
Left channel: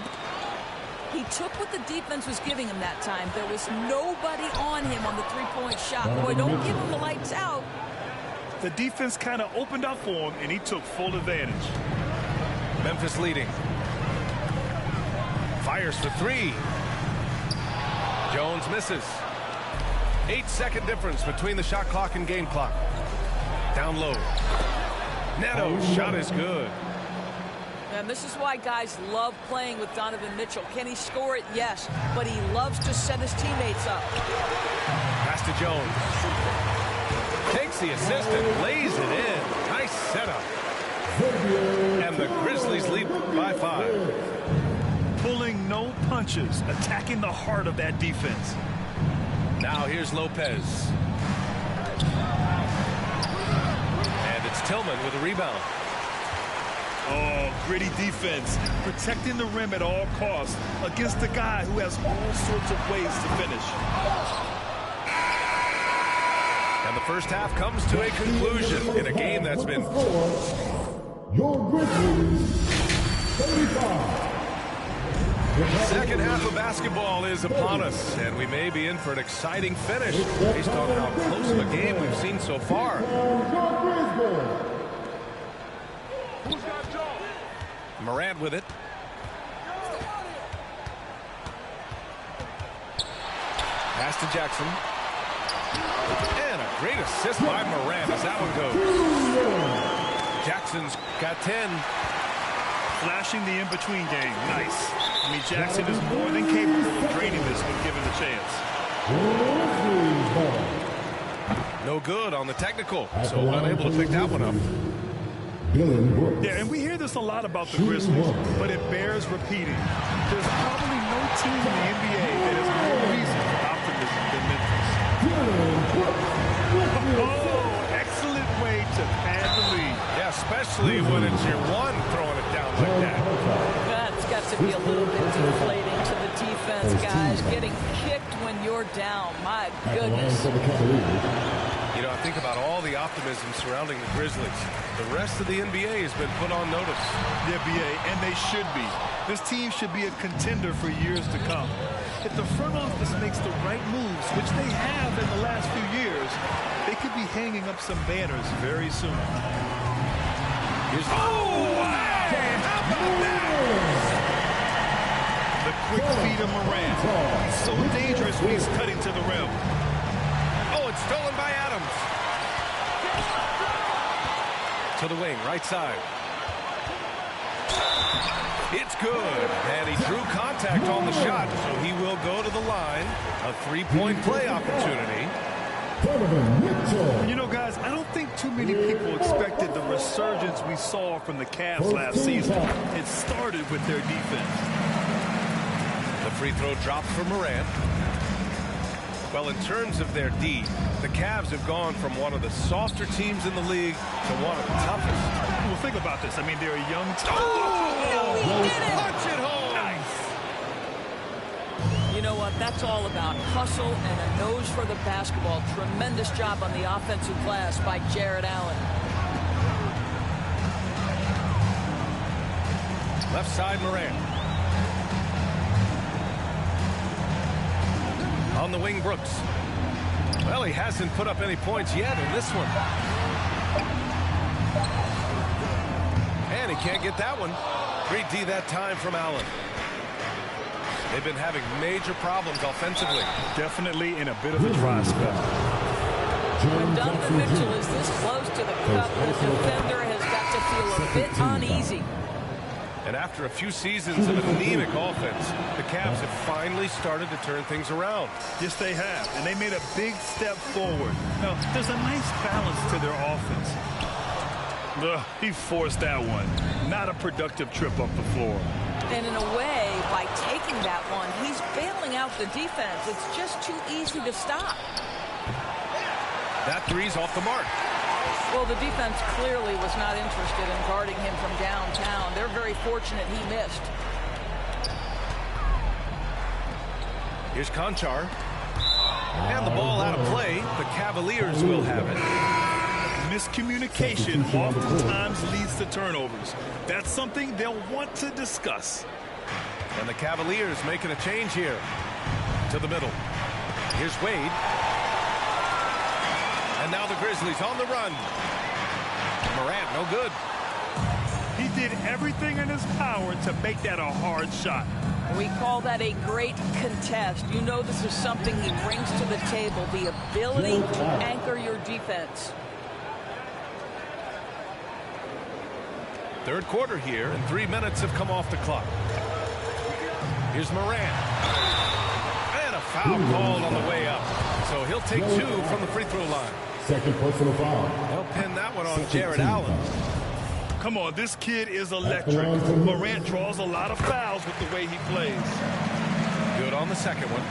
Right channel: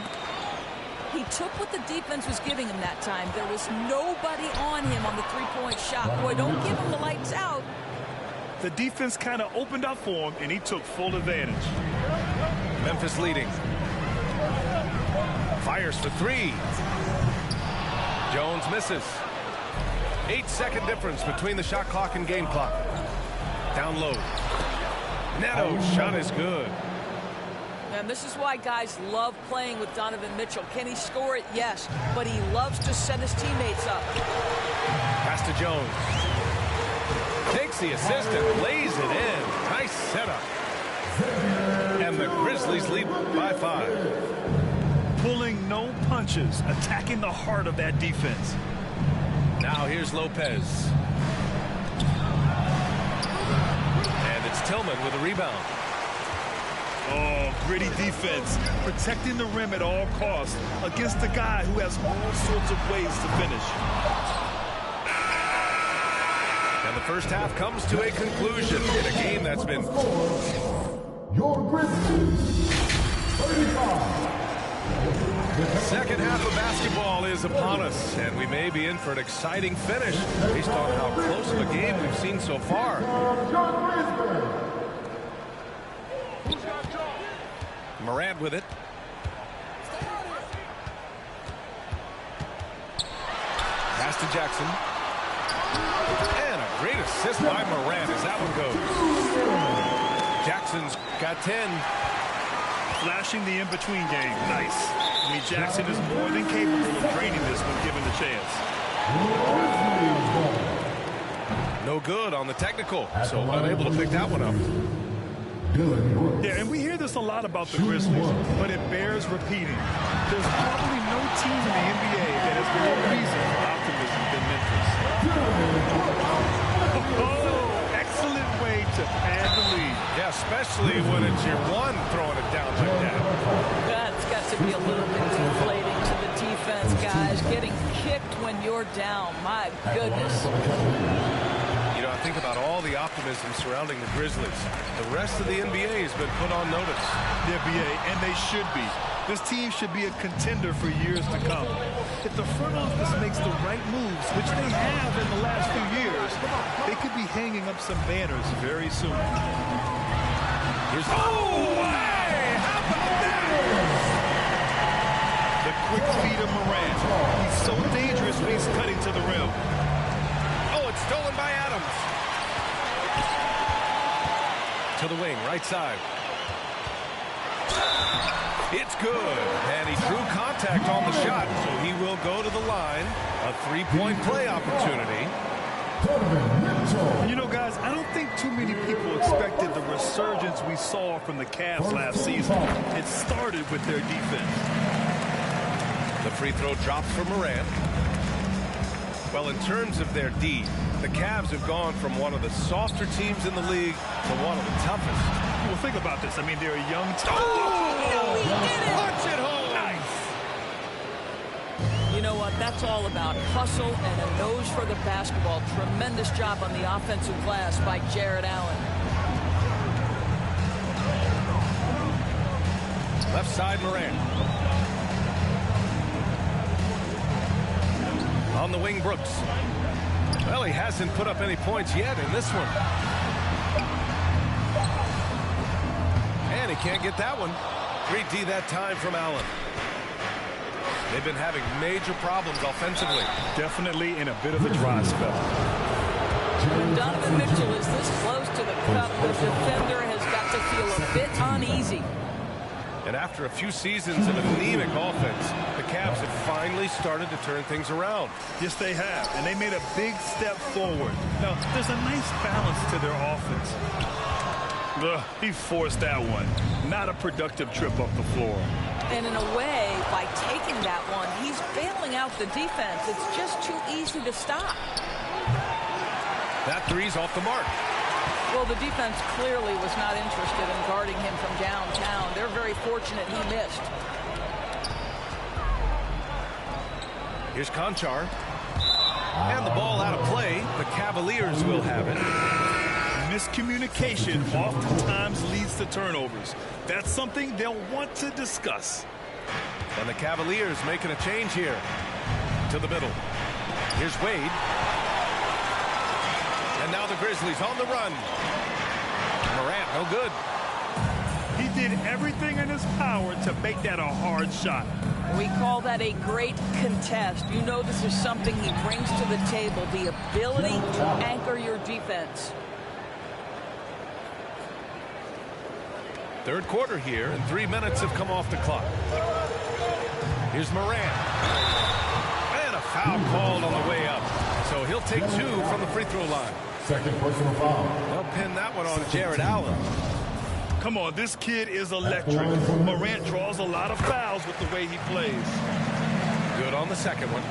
He took what the defense was giving him that time. There was nobody on him on the three-point shot. Boy, don't give him the lights out. The defense kind of opened up for him, and he took full advantage. Memphis leading. Fires for 3. Jones misses. 8-second difference between the shot clock and game clock. Down low. Neto's shot is good. And this is why guys love playing with Donovan Mitchell. Can he score it? Yes. But he loves to set his teammates up. Pass to Jones. Takes the assist and lays it in. Nice setup. And the Grizzlies lead by 5. Pulling no punches, attacking the heart of that defense. Now here's Lopez. And it's Tillman with a rebound. Oh, gritty defense, protecting the rim at all costs against a guy who has all sorts of ways to finish. And the first half comes to a conclusion in a game that's been... Your Grizzlies, 35. Second half of basketball is upon us, and we may be in for an exciting finish based on how close of a game we've seen so far. Morant with it. Pass to Jackson. And a great assist by Morant as that one goes. Jackson's got 10. Flashing the in-between game. Nice. I mean, Jackson is more than capable of draining this when given the chance. No good on the technical, so unable to pick that one up. Yeah, and we hear this a lot about the Grizzlies, but it bears repeating. There's probably no team in the NBA that has more reason for optimism than Memphis. Oh, excellent way to pad the lead. Yeah, especially when it's your one throwing it down like that. That's got to be a little bit deflating to the defense, guys. Getting kicked when you're down. My goodness. You know, I think about all the optimism surrounding the Grizzlies. The rest of the NBA has been put on notice. The NBA, and they should be. This team should be a contender for years to come. If the front office makes the right moves, which they have in the last few years, they could be hanging up some banners very soon. Here's hey, how about that? The quick feed of Morant. He's so dangerous when he's cutting to the rim. Oh, it's stolen by Adams. To the wing, right side. It's good. And he drew contact on the shot, so he will go to the line. A three-point play opportunity. You know, guys, I don't think too many people expected the resurgence we saw from the Cavs last season. It started with their defense. The free throw drops for Morant. Well, in terms of their D, The Cavs have gone from one of the softer teams in the league to one of the toughest. Well, think about this. I mean, they're a young team. No, he did it! Punch it home! Nice! You know what? That's all about hustle and a nose for the basketball. Tremendous job on the offensive glass by Jarrett Allen. Left side, Morant. On the wing, Brooks. Well, he hasn't put up any points yet in this one. And he can't get that one. 3D that time from Allen. They've been having major problems offensively. Definitely in a bit of a dry spell. When Donovan Mitchell is this close to the cup, the defender has got to feel a bit uneasy. And after a few seasons of anemic offense, the Cavs have finally started to turn things around. Yes, they have. And they made a big step forward. Now, there's a nice balance to their offense. Ugh, he forced that one. Not a productive trip up the floor. And in a way, by taking that one, he's bailing out the defense. It's just too easy to stop. That three's off the mark. Well, the defense clearly was not interested in guarding him from downtown. They're very fortunate he missed. Here's Conchar. And the ball out of play. The Cavaliers will have it. Miscommunication oftentimes leads to turnovers. That's something they'll want to discuss. And the Cavaliers making a change here. To the middle. Here's Wade. And now the Grizzlies on the run. Morant, no good. He did everything in his power to make that a hard shot. We call that a great contest. You know this is something he brings to the table, the ability to anchor your defense. Third quarter here, and 3 minutes have come off the clock. Here's Morant. And a foul called on the way up. So he'll take 2 from the free throw line. Second personal foul. They'll pin that one on Jarrett Allen. Come on, this kid is electric. Morant draws a lot of fouls with the way he plays. Good on the second one.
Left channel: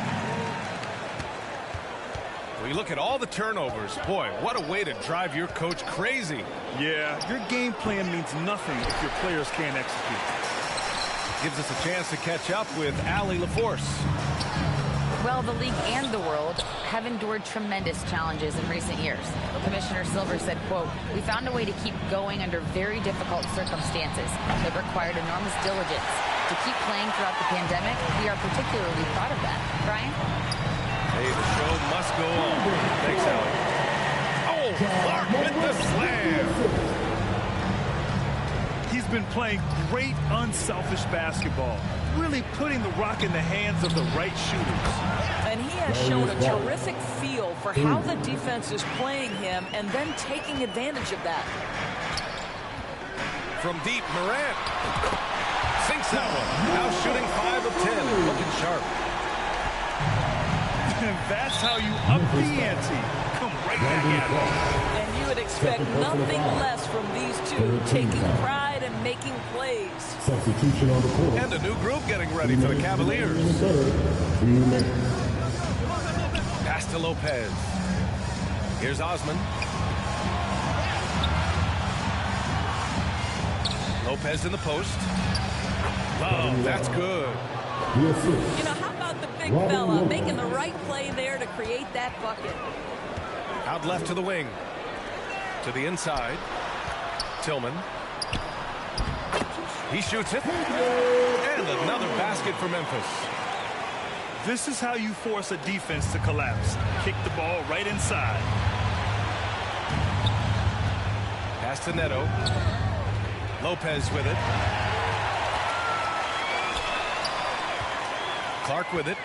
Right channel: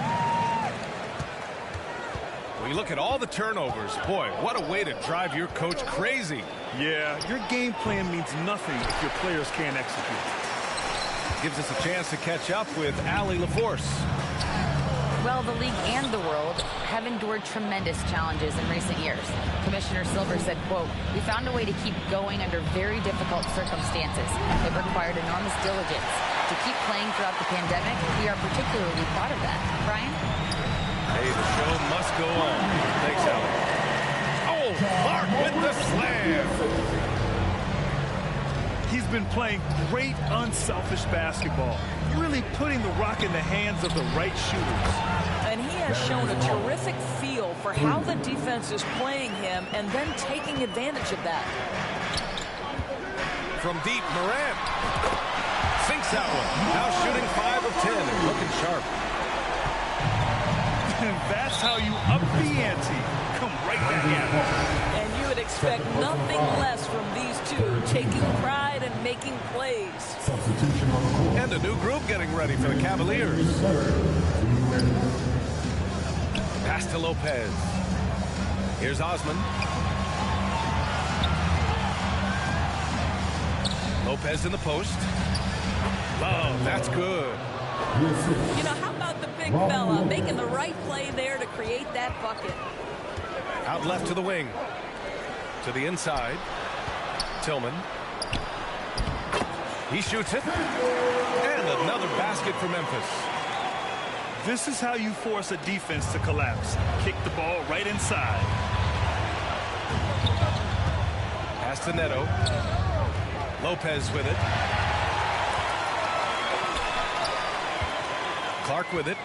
When you look at all the turnovers, boy, what a way to drive your coach crazy. Yeah, your game plan means nothing if your players can't execute. Gives us a chance to catch up with Allie LaForce. Well, the league and the world have endured tremendous challenges in recent years. Commissioner Silver said, quote, "We found a way to keep going under very difficult circumstances. It required enormous diligence. To keep playing throughout the pandemic, we are particularly proud of that." Brian? Hey, the show must go on. Thanks, Allie. Oh, Clark with the slam. He's been playing great, unselfish basketball. Really putting the rock in the hands of the right shooters. And he has shown a terrific feel for how the defense is playing him and then taking advantage of that. From deep, Morant sinks that one. Now shooting 5 of 10 and looking sharp. And that's how you up the ante. Come right back at him. And you would expect nothing less from these two, taking pride and making plays. Substitution on the court. And a new group getting ready for the Cavaliers. Pass to Lopez. Here's Osman. Lopez in the post. Love, that's good. You know, how about the big fella making the right play there to create that bucket? Out left to the wing. To the inside. Tillman. He shoots it. And another basket for Memphis. This is how you force a defense to collapse. Kick the ball right inside. Pass to Neto. Lopez with it. Clark with it.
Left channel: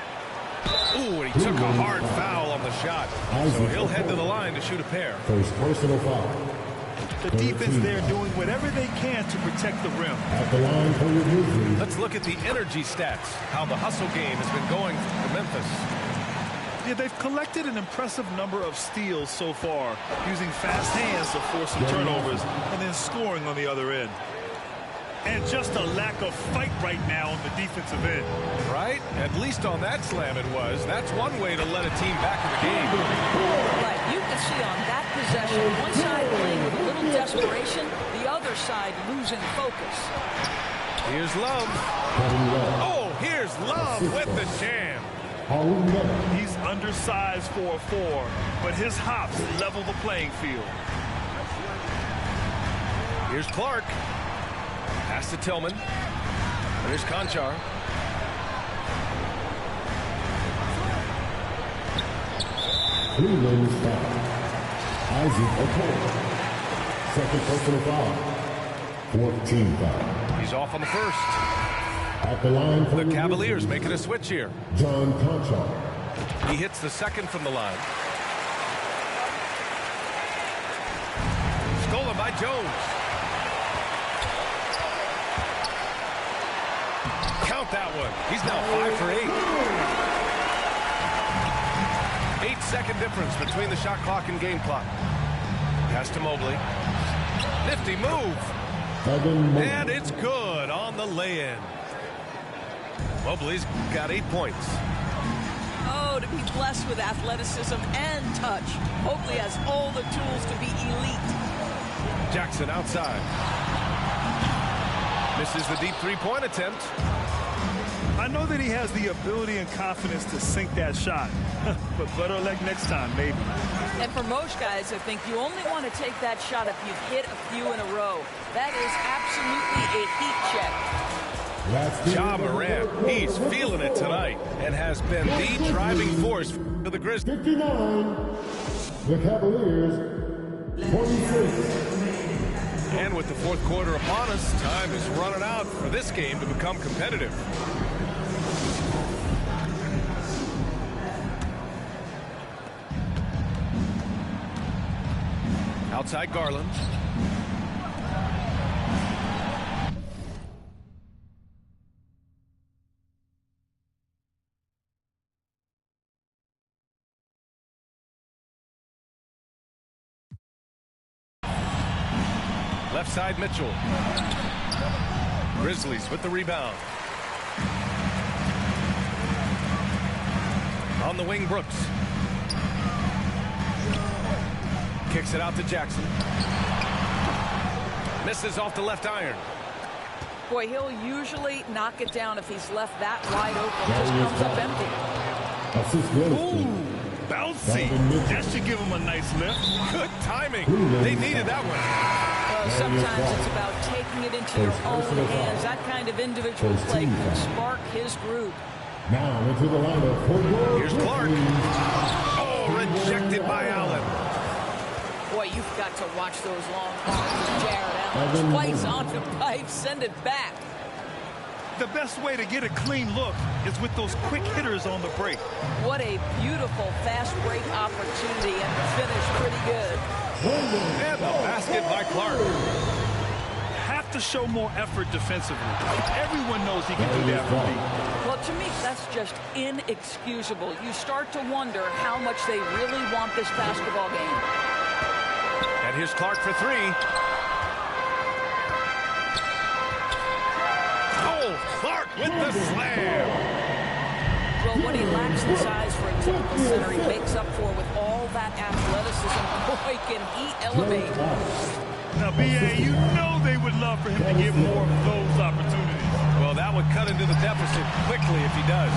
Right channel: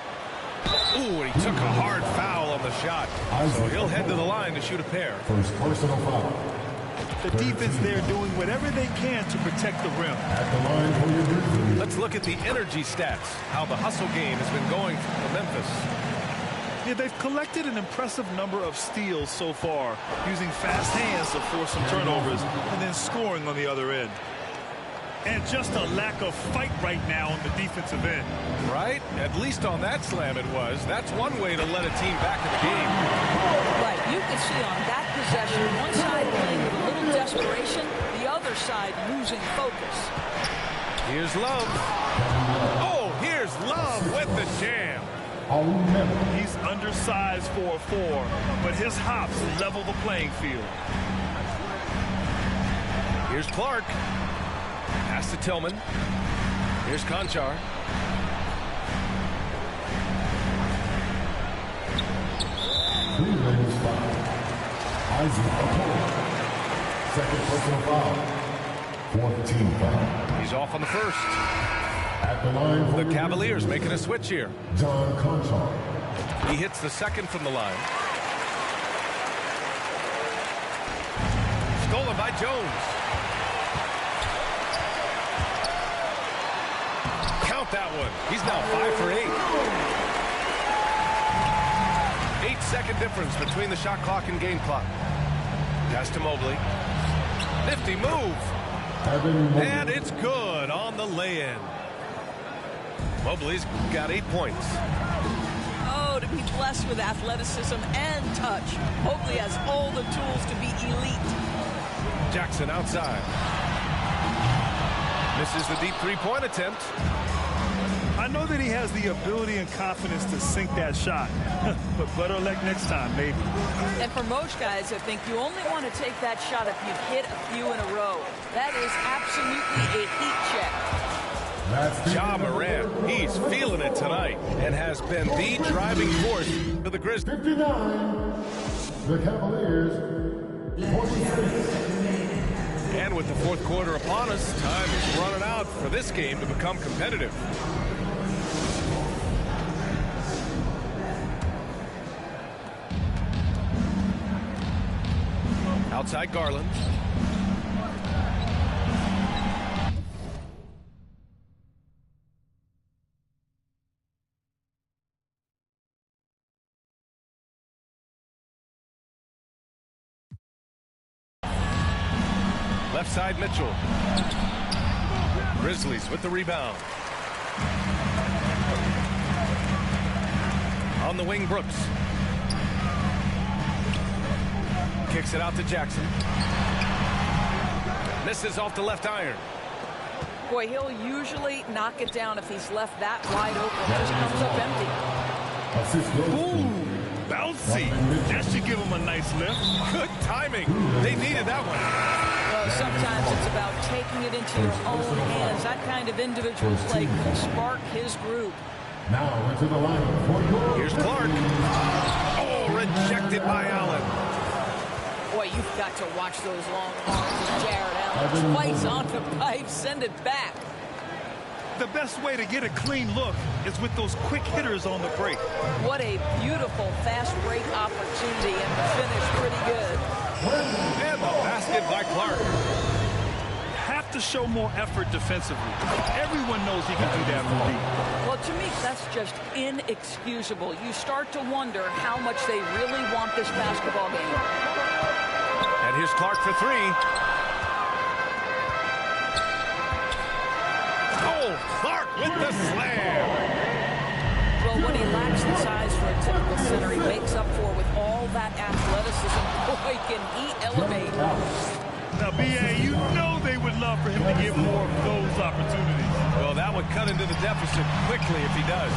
Ooh, and he took a hard foul on the shot. So he'll head to the line to shoot a pair. First personal foul. The defense there doing whatever they can to protect the rim. At the line for your Grizzlies. Let's look at the energy stats. How the hustle game has been going for Memphis. Yeah, they've collected an impressive number of steals so far, using fast hands to force some turnovers and then scoring on the other end. And just a lack of fight right now on the defensive end. Right? At least on that slam it was. That's one way to let a team back in the game. Right. You can see on that possession, one side playing with a little desperation, the other side losing focus. Here's Love. Oh, here's Love with the jam. He's undersized for a 4, but his hops level the playing field. Here's Clark. Pass to Tillman. Here's Conchar. Three lanes foul. Isaac Okoro. Second personal foul. 4th team foul. He's off on the first. At the line for the Cavaliers making a switch here. John Conchar. He hits the second from the line. Stolen by Jones. Count that one. He's now 5 for 8. 8-second difference between the shot clock and game clock. Pass to Mobley. Nifty move. And it's good on the lay-in. Mobley's got 8 points. Oh, to be blessed with athleticism and touch. Mobley has all the tools to be elite. Jackson outside. Misses the deep three-point attempt. I know that he has the ability and confidence to sink that shot, but better luck next time, maybe. And for most guys, I think you only want to take that shot if you've hit a few in a row. That is absolutely a heat check. Ja Morant, he's feeling it tonight and has been the driving force for the Grizzlies. 59, the Cavaliers, 26. And with the fourth quarter upon us, time is running out for this game to become competitive. Outside Garland. Left side Mitchell. Grizzlies with the rebound. On the wing, Brooks. Kicks it out to Jackson. Misses off the left iron. Boy, he'll usually knock it down if he's left that wide open. Just comes up empty. Ooh, bouncy. That should give him a nice lift. Good timing. They needed that one. Well, sometimes it's about taking it into your own hands. That kind of individual play can spark his group. Now into the lineup for here's Clark. Oh, rejected by Allen. Boy, you've got to watch those long arms of Jared Allen. Twice on the pipe, send it back. The best way to get a clean look is with those quick hitters on the break. What a beautiful fast break opportunity, and the finish pretty good. And the basket by Clark. Have to show more effort defensively. Everyone knows he can do that from deep. Well, to me, that's just inexcusable. You start to wonder how much they really want this basketball game. And here's Clark for 3. Oh, Clark with the slam. Well, what he lacks in size for a typical center, he makes up for with all that athleticism. Boy, can he elevate. Now, B.A., you know they would love for him to get more of those opportunities. Well, that would cut into the deficit quickly if he does.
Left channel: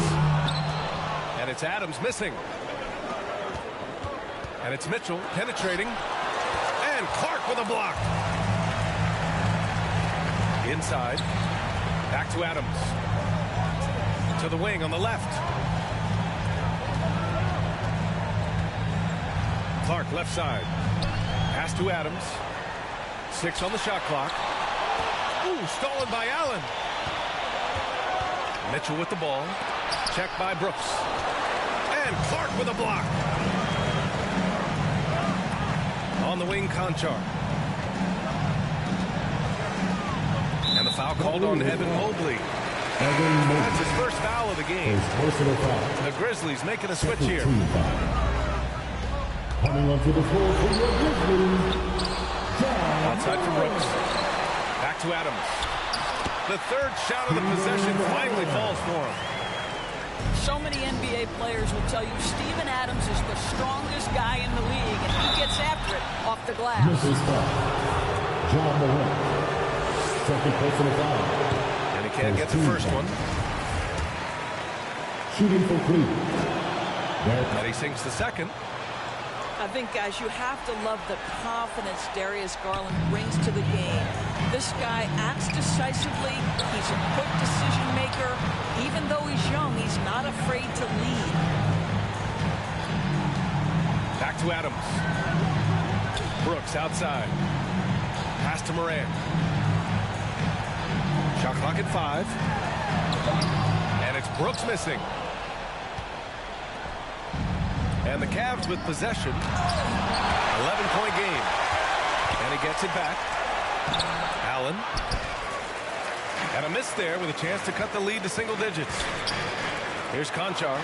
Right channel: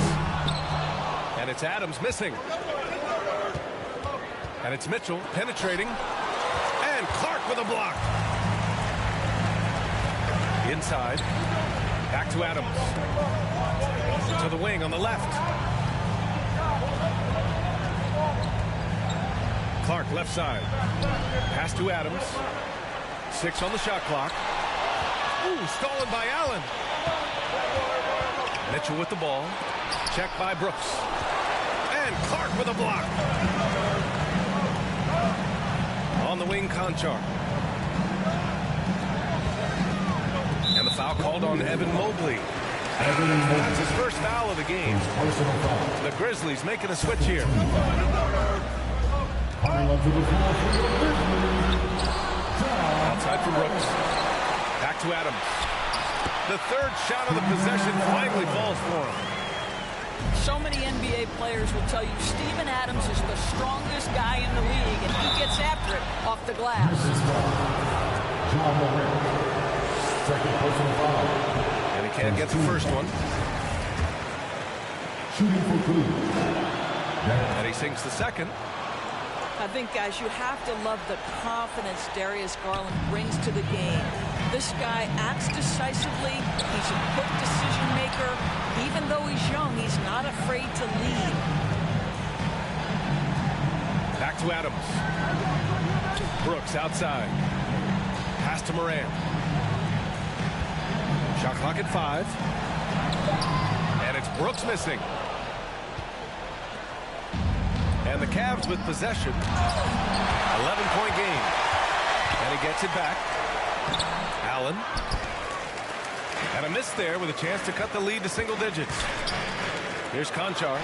And it's Adams missing. And it's Mitchell penetrating. And Clark with a block. Inside. Back to Adams. To the wing on the left. Clark left side. Pass to Adams. 6 on the shot clock. Ooh, stolen by Allen. Mitchell with the ball. Checked by Brooks. And Clark with a block. On the wing, Conchar. And the foul called on Evan Mobley. That's his first foul of the game. The Grizzlies making a switch here. Coming onto the floor for the Grizzlies. Outside from Brooks. Back to Adams. The third shot of the possession finally falls for him. So many NBA players will tell you Steven Adams is the strongest guy in the league, and he gets after it off the glass. John Morant, second personal foul. And he can't get the first one. Shooting for Cleveland. And he sinks the second. I think, guys, you have to love the confidence Darius Garland brings to the game. This guy acts decisively. He's a quick decision maker. Even though he's young, he's not afraid to lead. Back to Adams. Brooks outside. Pass to Morant. Shot clock at 5. And it's Brooks missing. And the Cavs with possession. 11-point game. And he gets it back. Allen. And a miss there with a chance to cut the lead to single digits. Here's Conchar.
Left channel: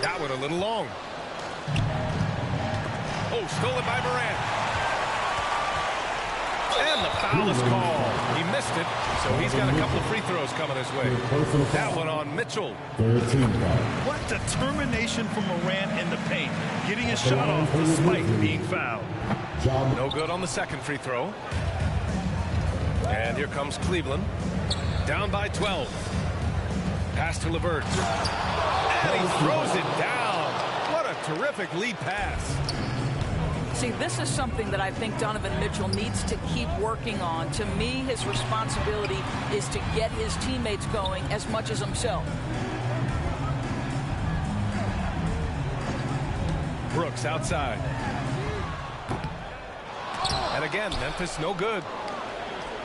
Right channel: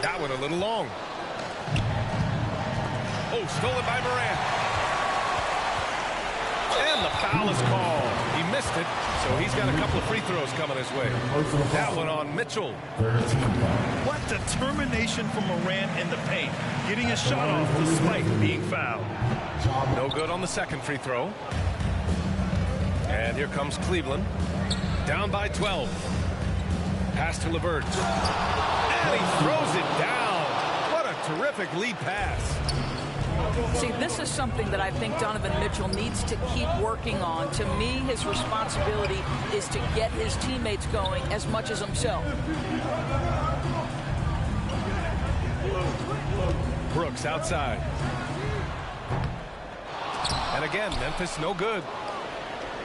That one a little long. Oh, stolen by Morant. And the foul is called. He missed it, so he's got a couple of free throws coming his way. That one on Mitchell. 13 foul. What determination from Morant in the paint. Getting his shot off despite being fouled. No good on the second free throw. And here comes Cleveland. Down by 12. Pass to LeVert. And he throws it down. What a terrific lead pass. See, this is something that I think Donovan Mitchell needs to keep working on. To me, his responsibility is to get his teammates going as much as himself. Brooks outside. And again, Memphis no good.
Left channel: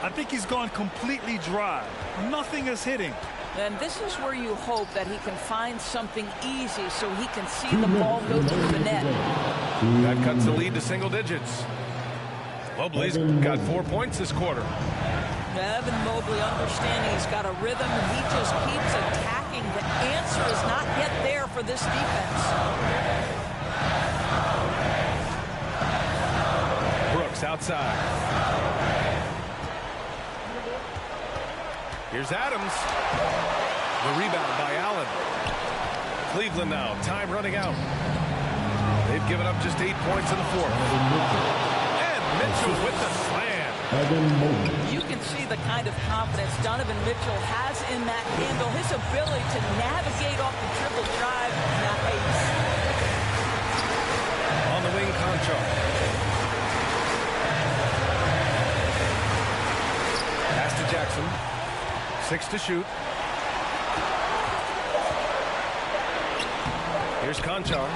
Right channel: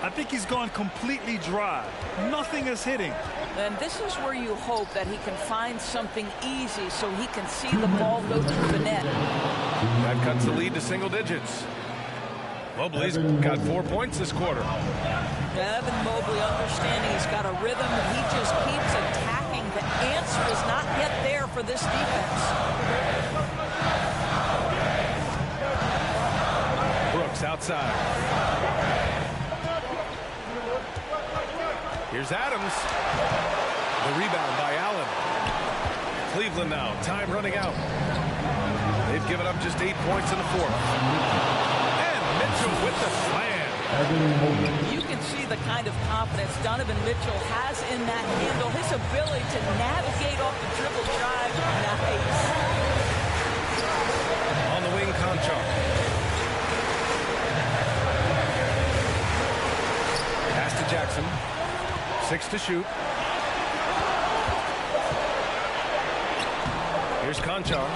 I think he's gone completely dry. Nothing is hitting. And this is where you hope that he can find something easy so he can see the ball go through the net. That cuts the lead to single digits. Mobley's got 4 points this quarter. Evan Mobley understanding he's got a rhythm, and he just keeps attacking. The answer is not yet there for this defense. Brooks outside. Here's Adams. The rebound by Allen. Cleveland now. Time running out. They've given up just 8 points in the fourth. And Mitchell with the slam. You can see the kind of confidence Donovan Mitchell has in that handle. His ability to navigate off the dribble drive. Nice. On the wing, Conchar. Pass to Jackson. 6 to shoot. Here's Conchar.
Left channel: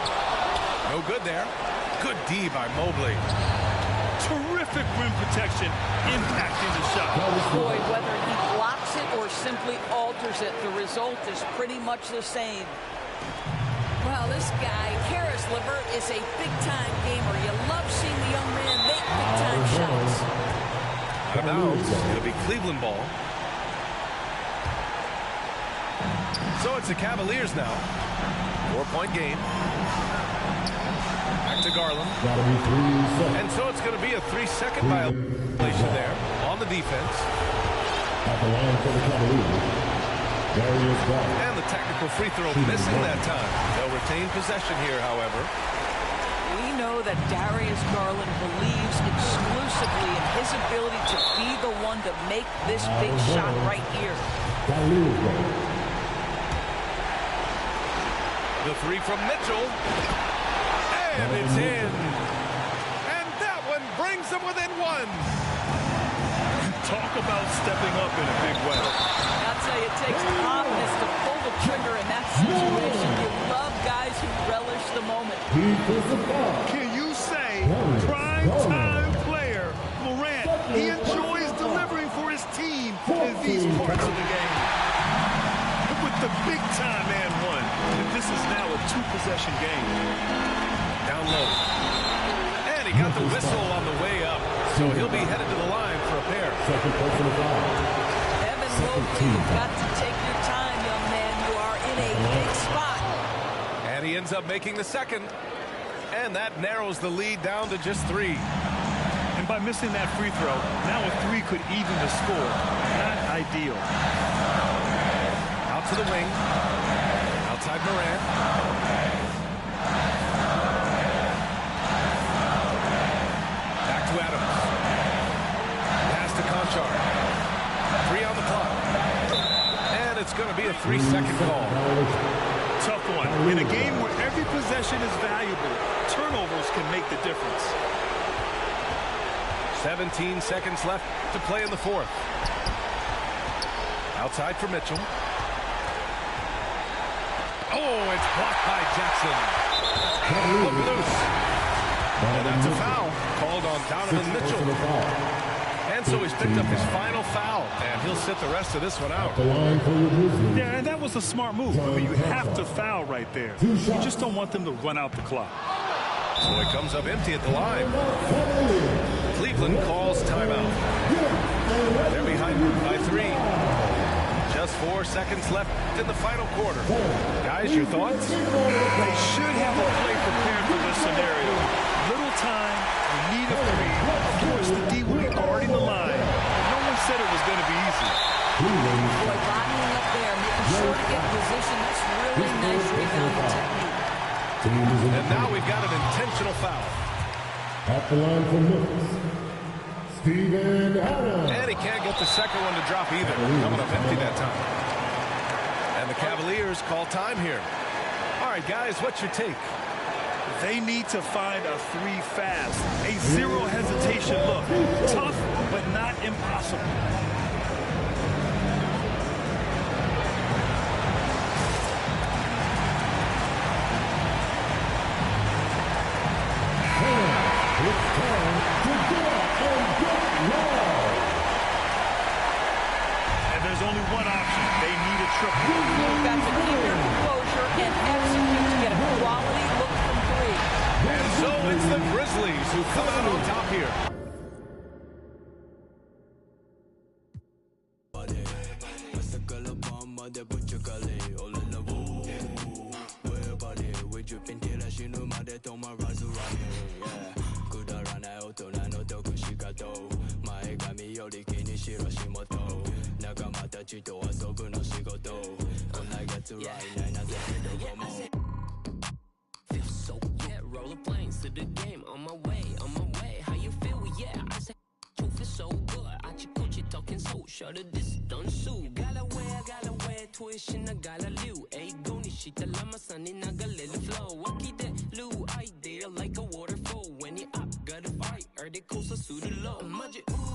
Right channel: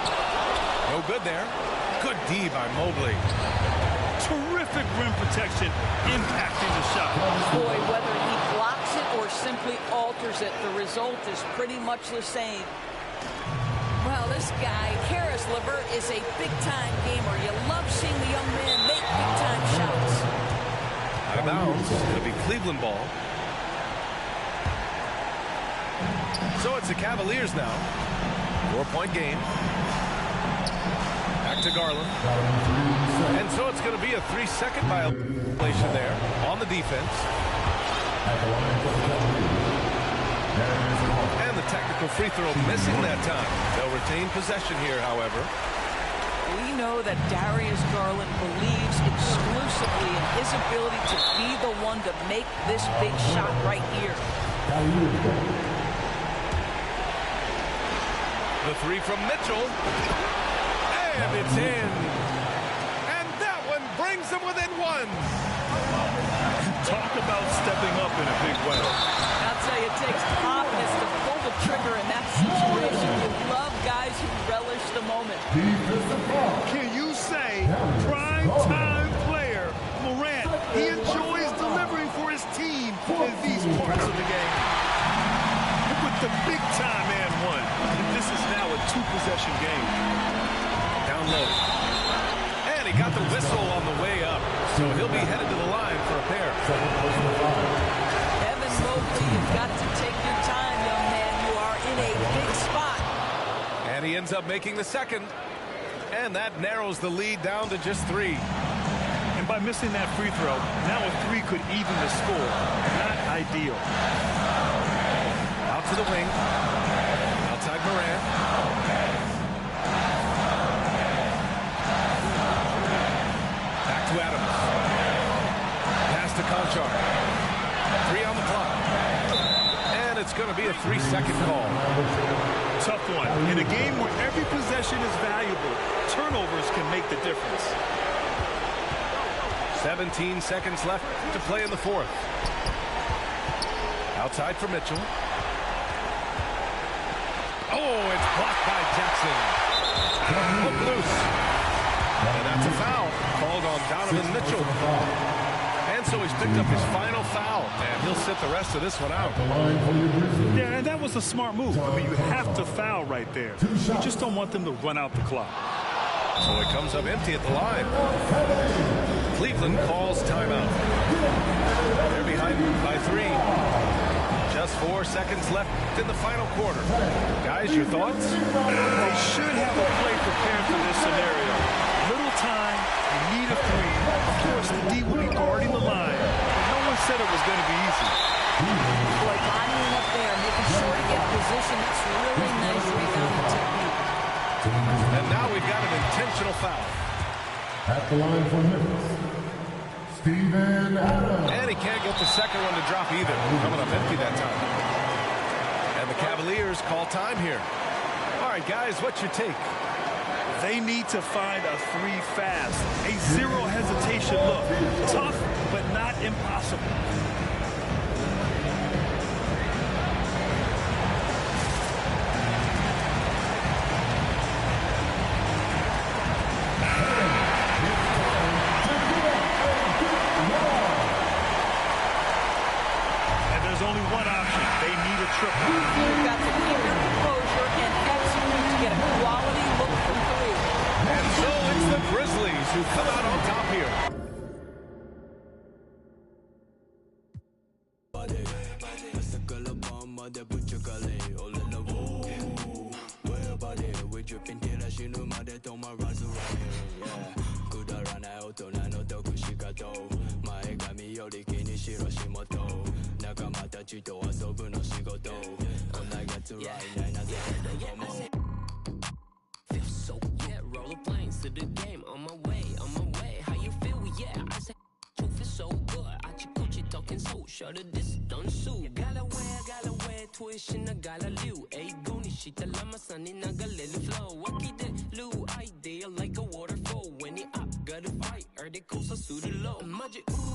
No good there. Good D by Mobley. Terrific rim protection, impacting the shot. Boy, whether he blocks it or simply alters it, the result is pretty much the same. Well, this guy, Karis LeVert, is a big-time gamer. You love seeing the young man make big-time shots. Out of bounds. It'll be Cleveland ball. So it's the Cavaliers now. 4-point game. Back to Garland. And so it's going to be a 3-second violation there on the defense. At the line for the Cavaliers, Darius Garland. And the technical free throw missing that time. They'll retain possession here, however. We know that Darius Garland believes exclusively in his ability to be the one to make this big shot right here. The three from Mitchell. And it's in. And that one brings them within one. Talk about stepping up in a big way. I'll tell you, it takes confidence to pull the trigger in that situation. You love guys who relish the moment. Can you say prime-time player Morant, he enjoys delivering for his team in these parts of the game? With the big-time and one. And this is now a 2-possession game. Down low. And he got the whistle on the way up. So he'll be headed to the line for a pair. Second personal foul. Evan Mobley, you've got to take your time, young man. You are in a big spot. And he ends up making the second. And that narrows the lead down to just 3. And by missing that free throw, now a three could even the score. Not ideal. Out to the wing. Outside Morant. Back to Adams. Pass to Conchar. 3 on the clock. And it's going to be a 3-second call. Tough one. In a game where every possession is valuable, turnovers can make the difference. 17 seconds left to play in the fourth. Outside for Mitchell. Oh, it's blocked by Jackson. Hook loose. And that's a foul called on Donovan Mitchell. And so he's picked up his final foul, and he'll sit the rest of this one out. Yeah, and that was a smart move. I mean, you have to foul right there. You just don't want them to run out the clock. So it comes up empty at the line. Cleveland calls timeout. They're behind by 3. Just 4 seconds left in the final quarter. Guys, your thoughts? They should have a play prepared for this scenario. Little time, you need a 3. Of course, the D will be guarding the line, but no one said it was going to be easy. Boy, bodying up there, making sure to get position. That's really nice rebounding technique. And now we've got an intentional foul. At the line for Memphis, Steven Adams. And he can't get the second one to drop either. Coming up empty that time. And the Cavaliers call time here. All right, guys, what's your take? They need to find a 3 fast. A zero hesitation look. Tough, but not impossible. And there's only one option. They need a triple. You've got to keep your composure and execute to get a quality look from 3. And so it's the Grizzlies who come out on top here. Feel so good, roller planes to the game. On my way, how you feel? Yeah, I said, you feel so good. I chick talking so short of this done so. Gotta wear, tuition, I gotta live. Ay, goni shita lama sunny, naga let it flow. Waki de lu idea like a waterfall. When you up, gotta fight, or they coast a suit low. Magic, ooh.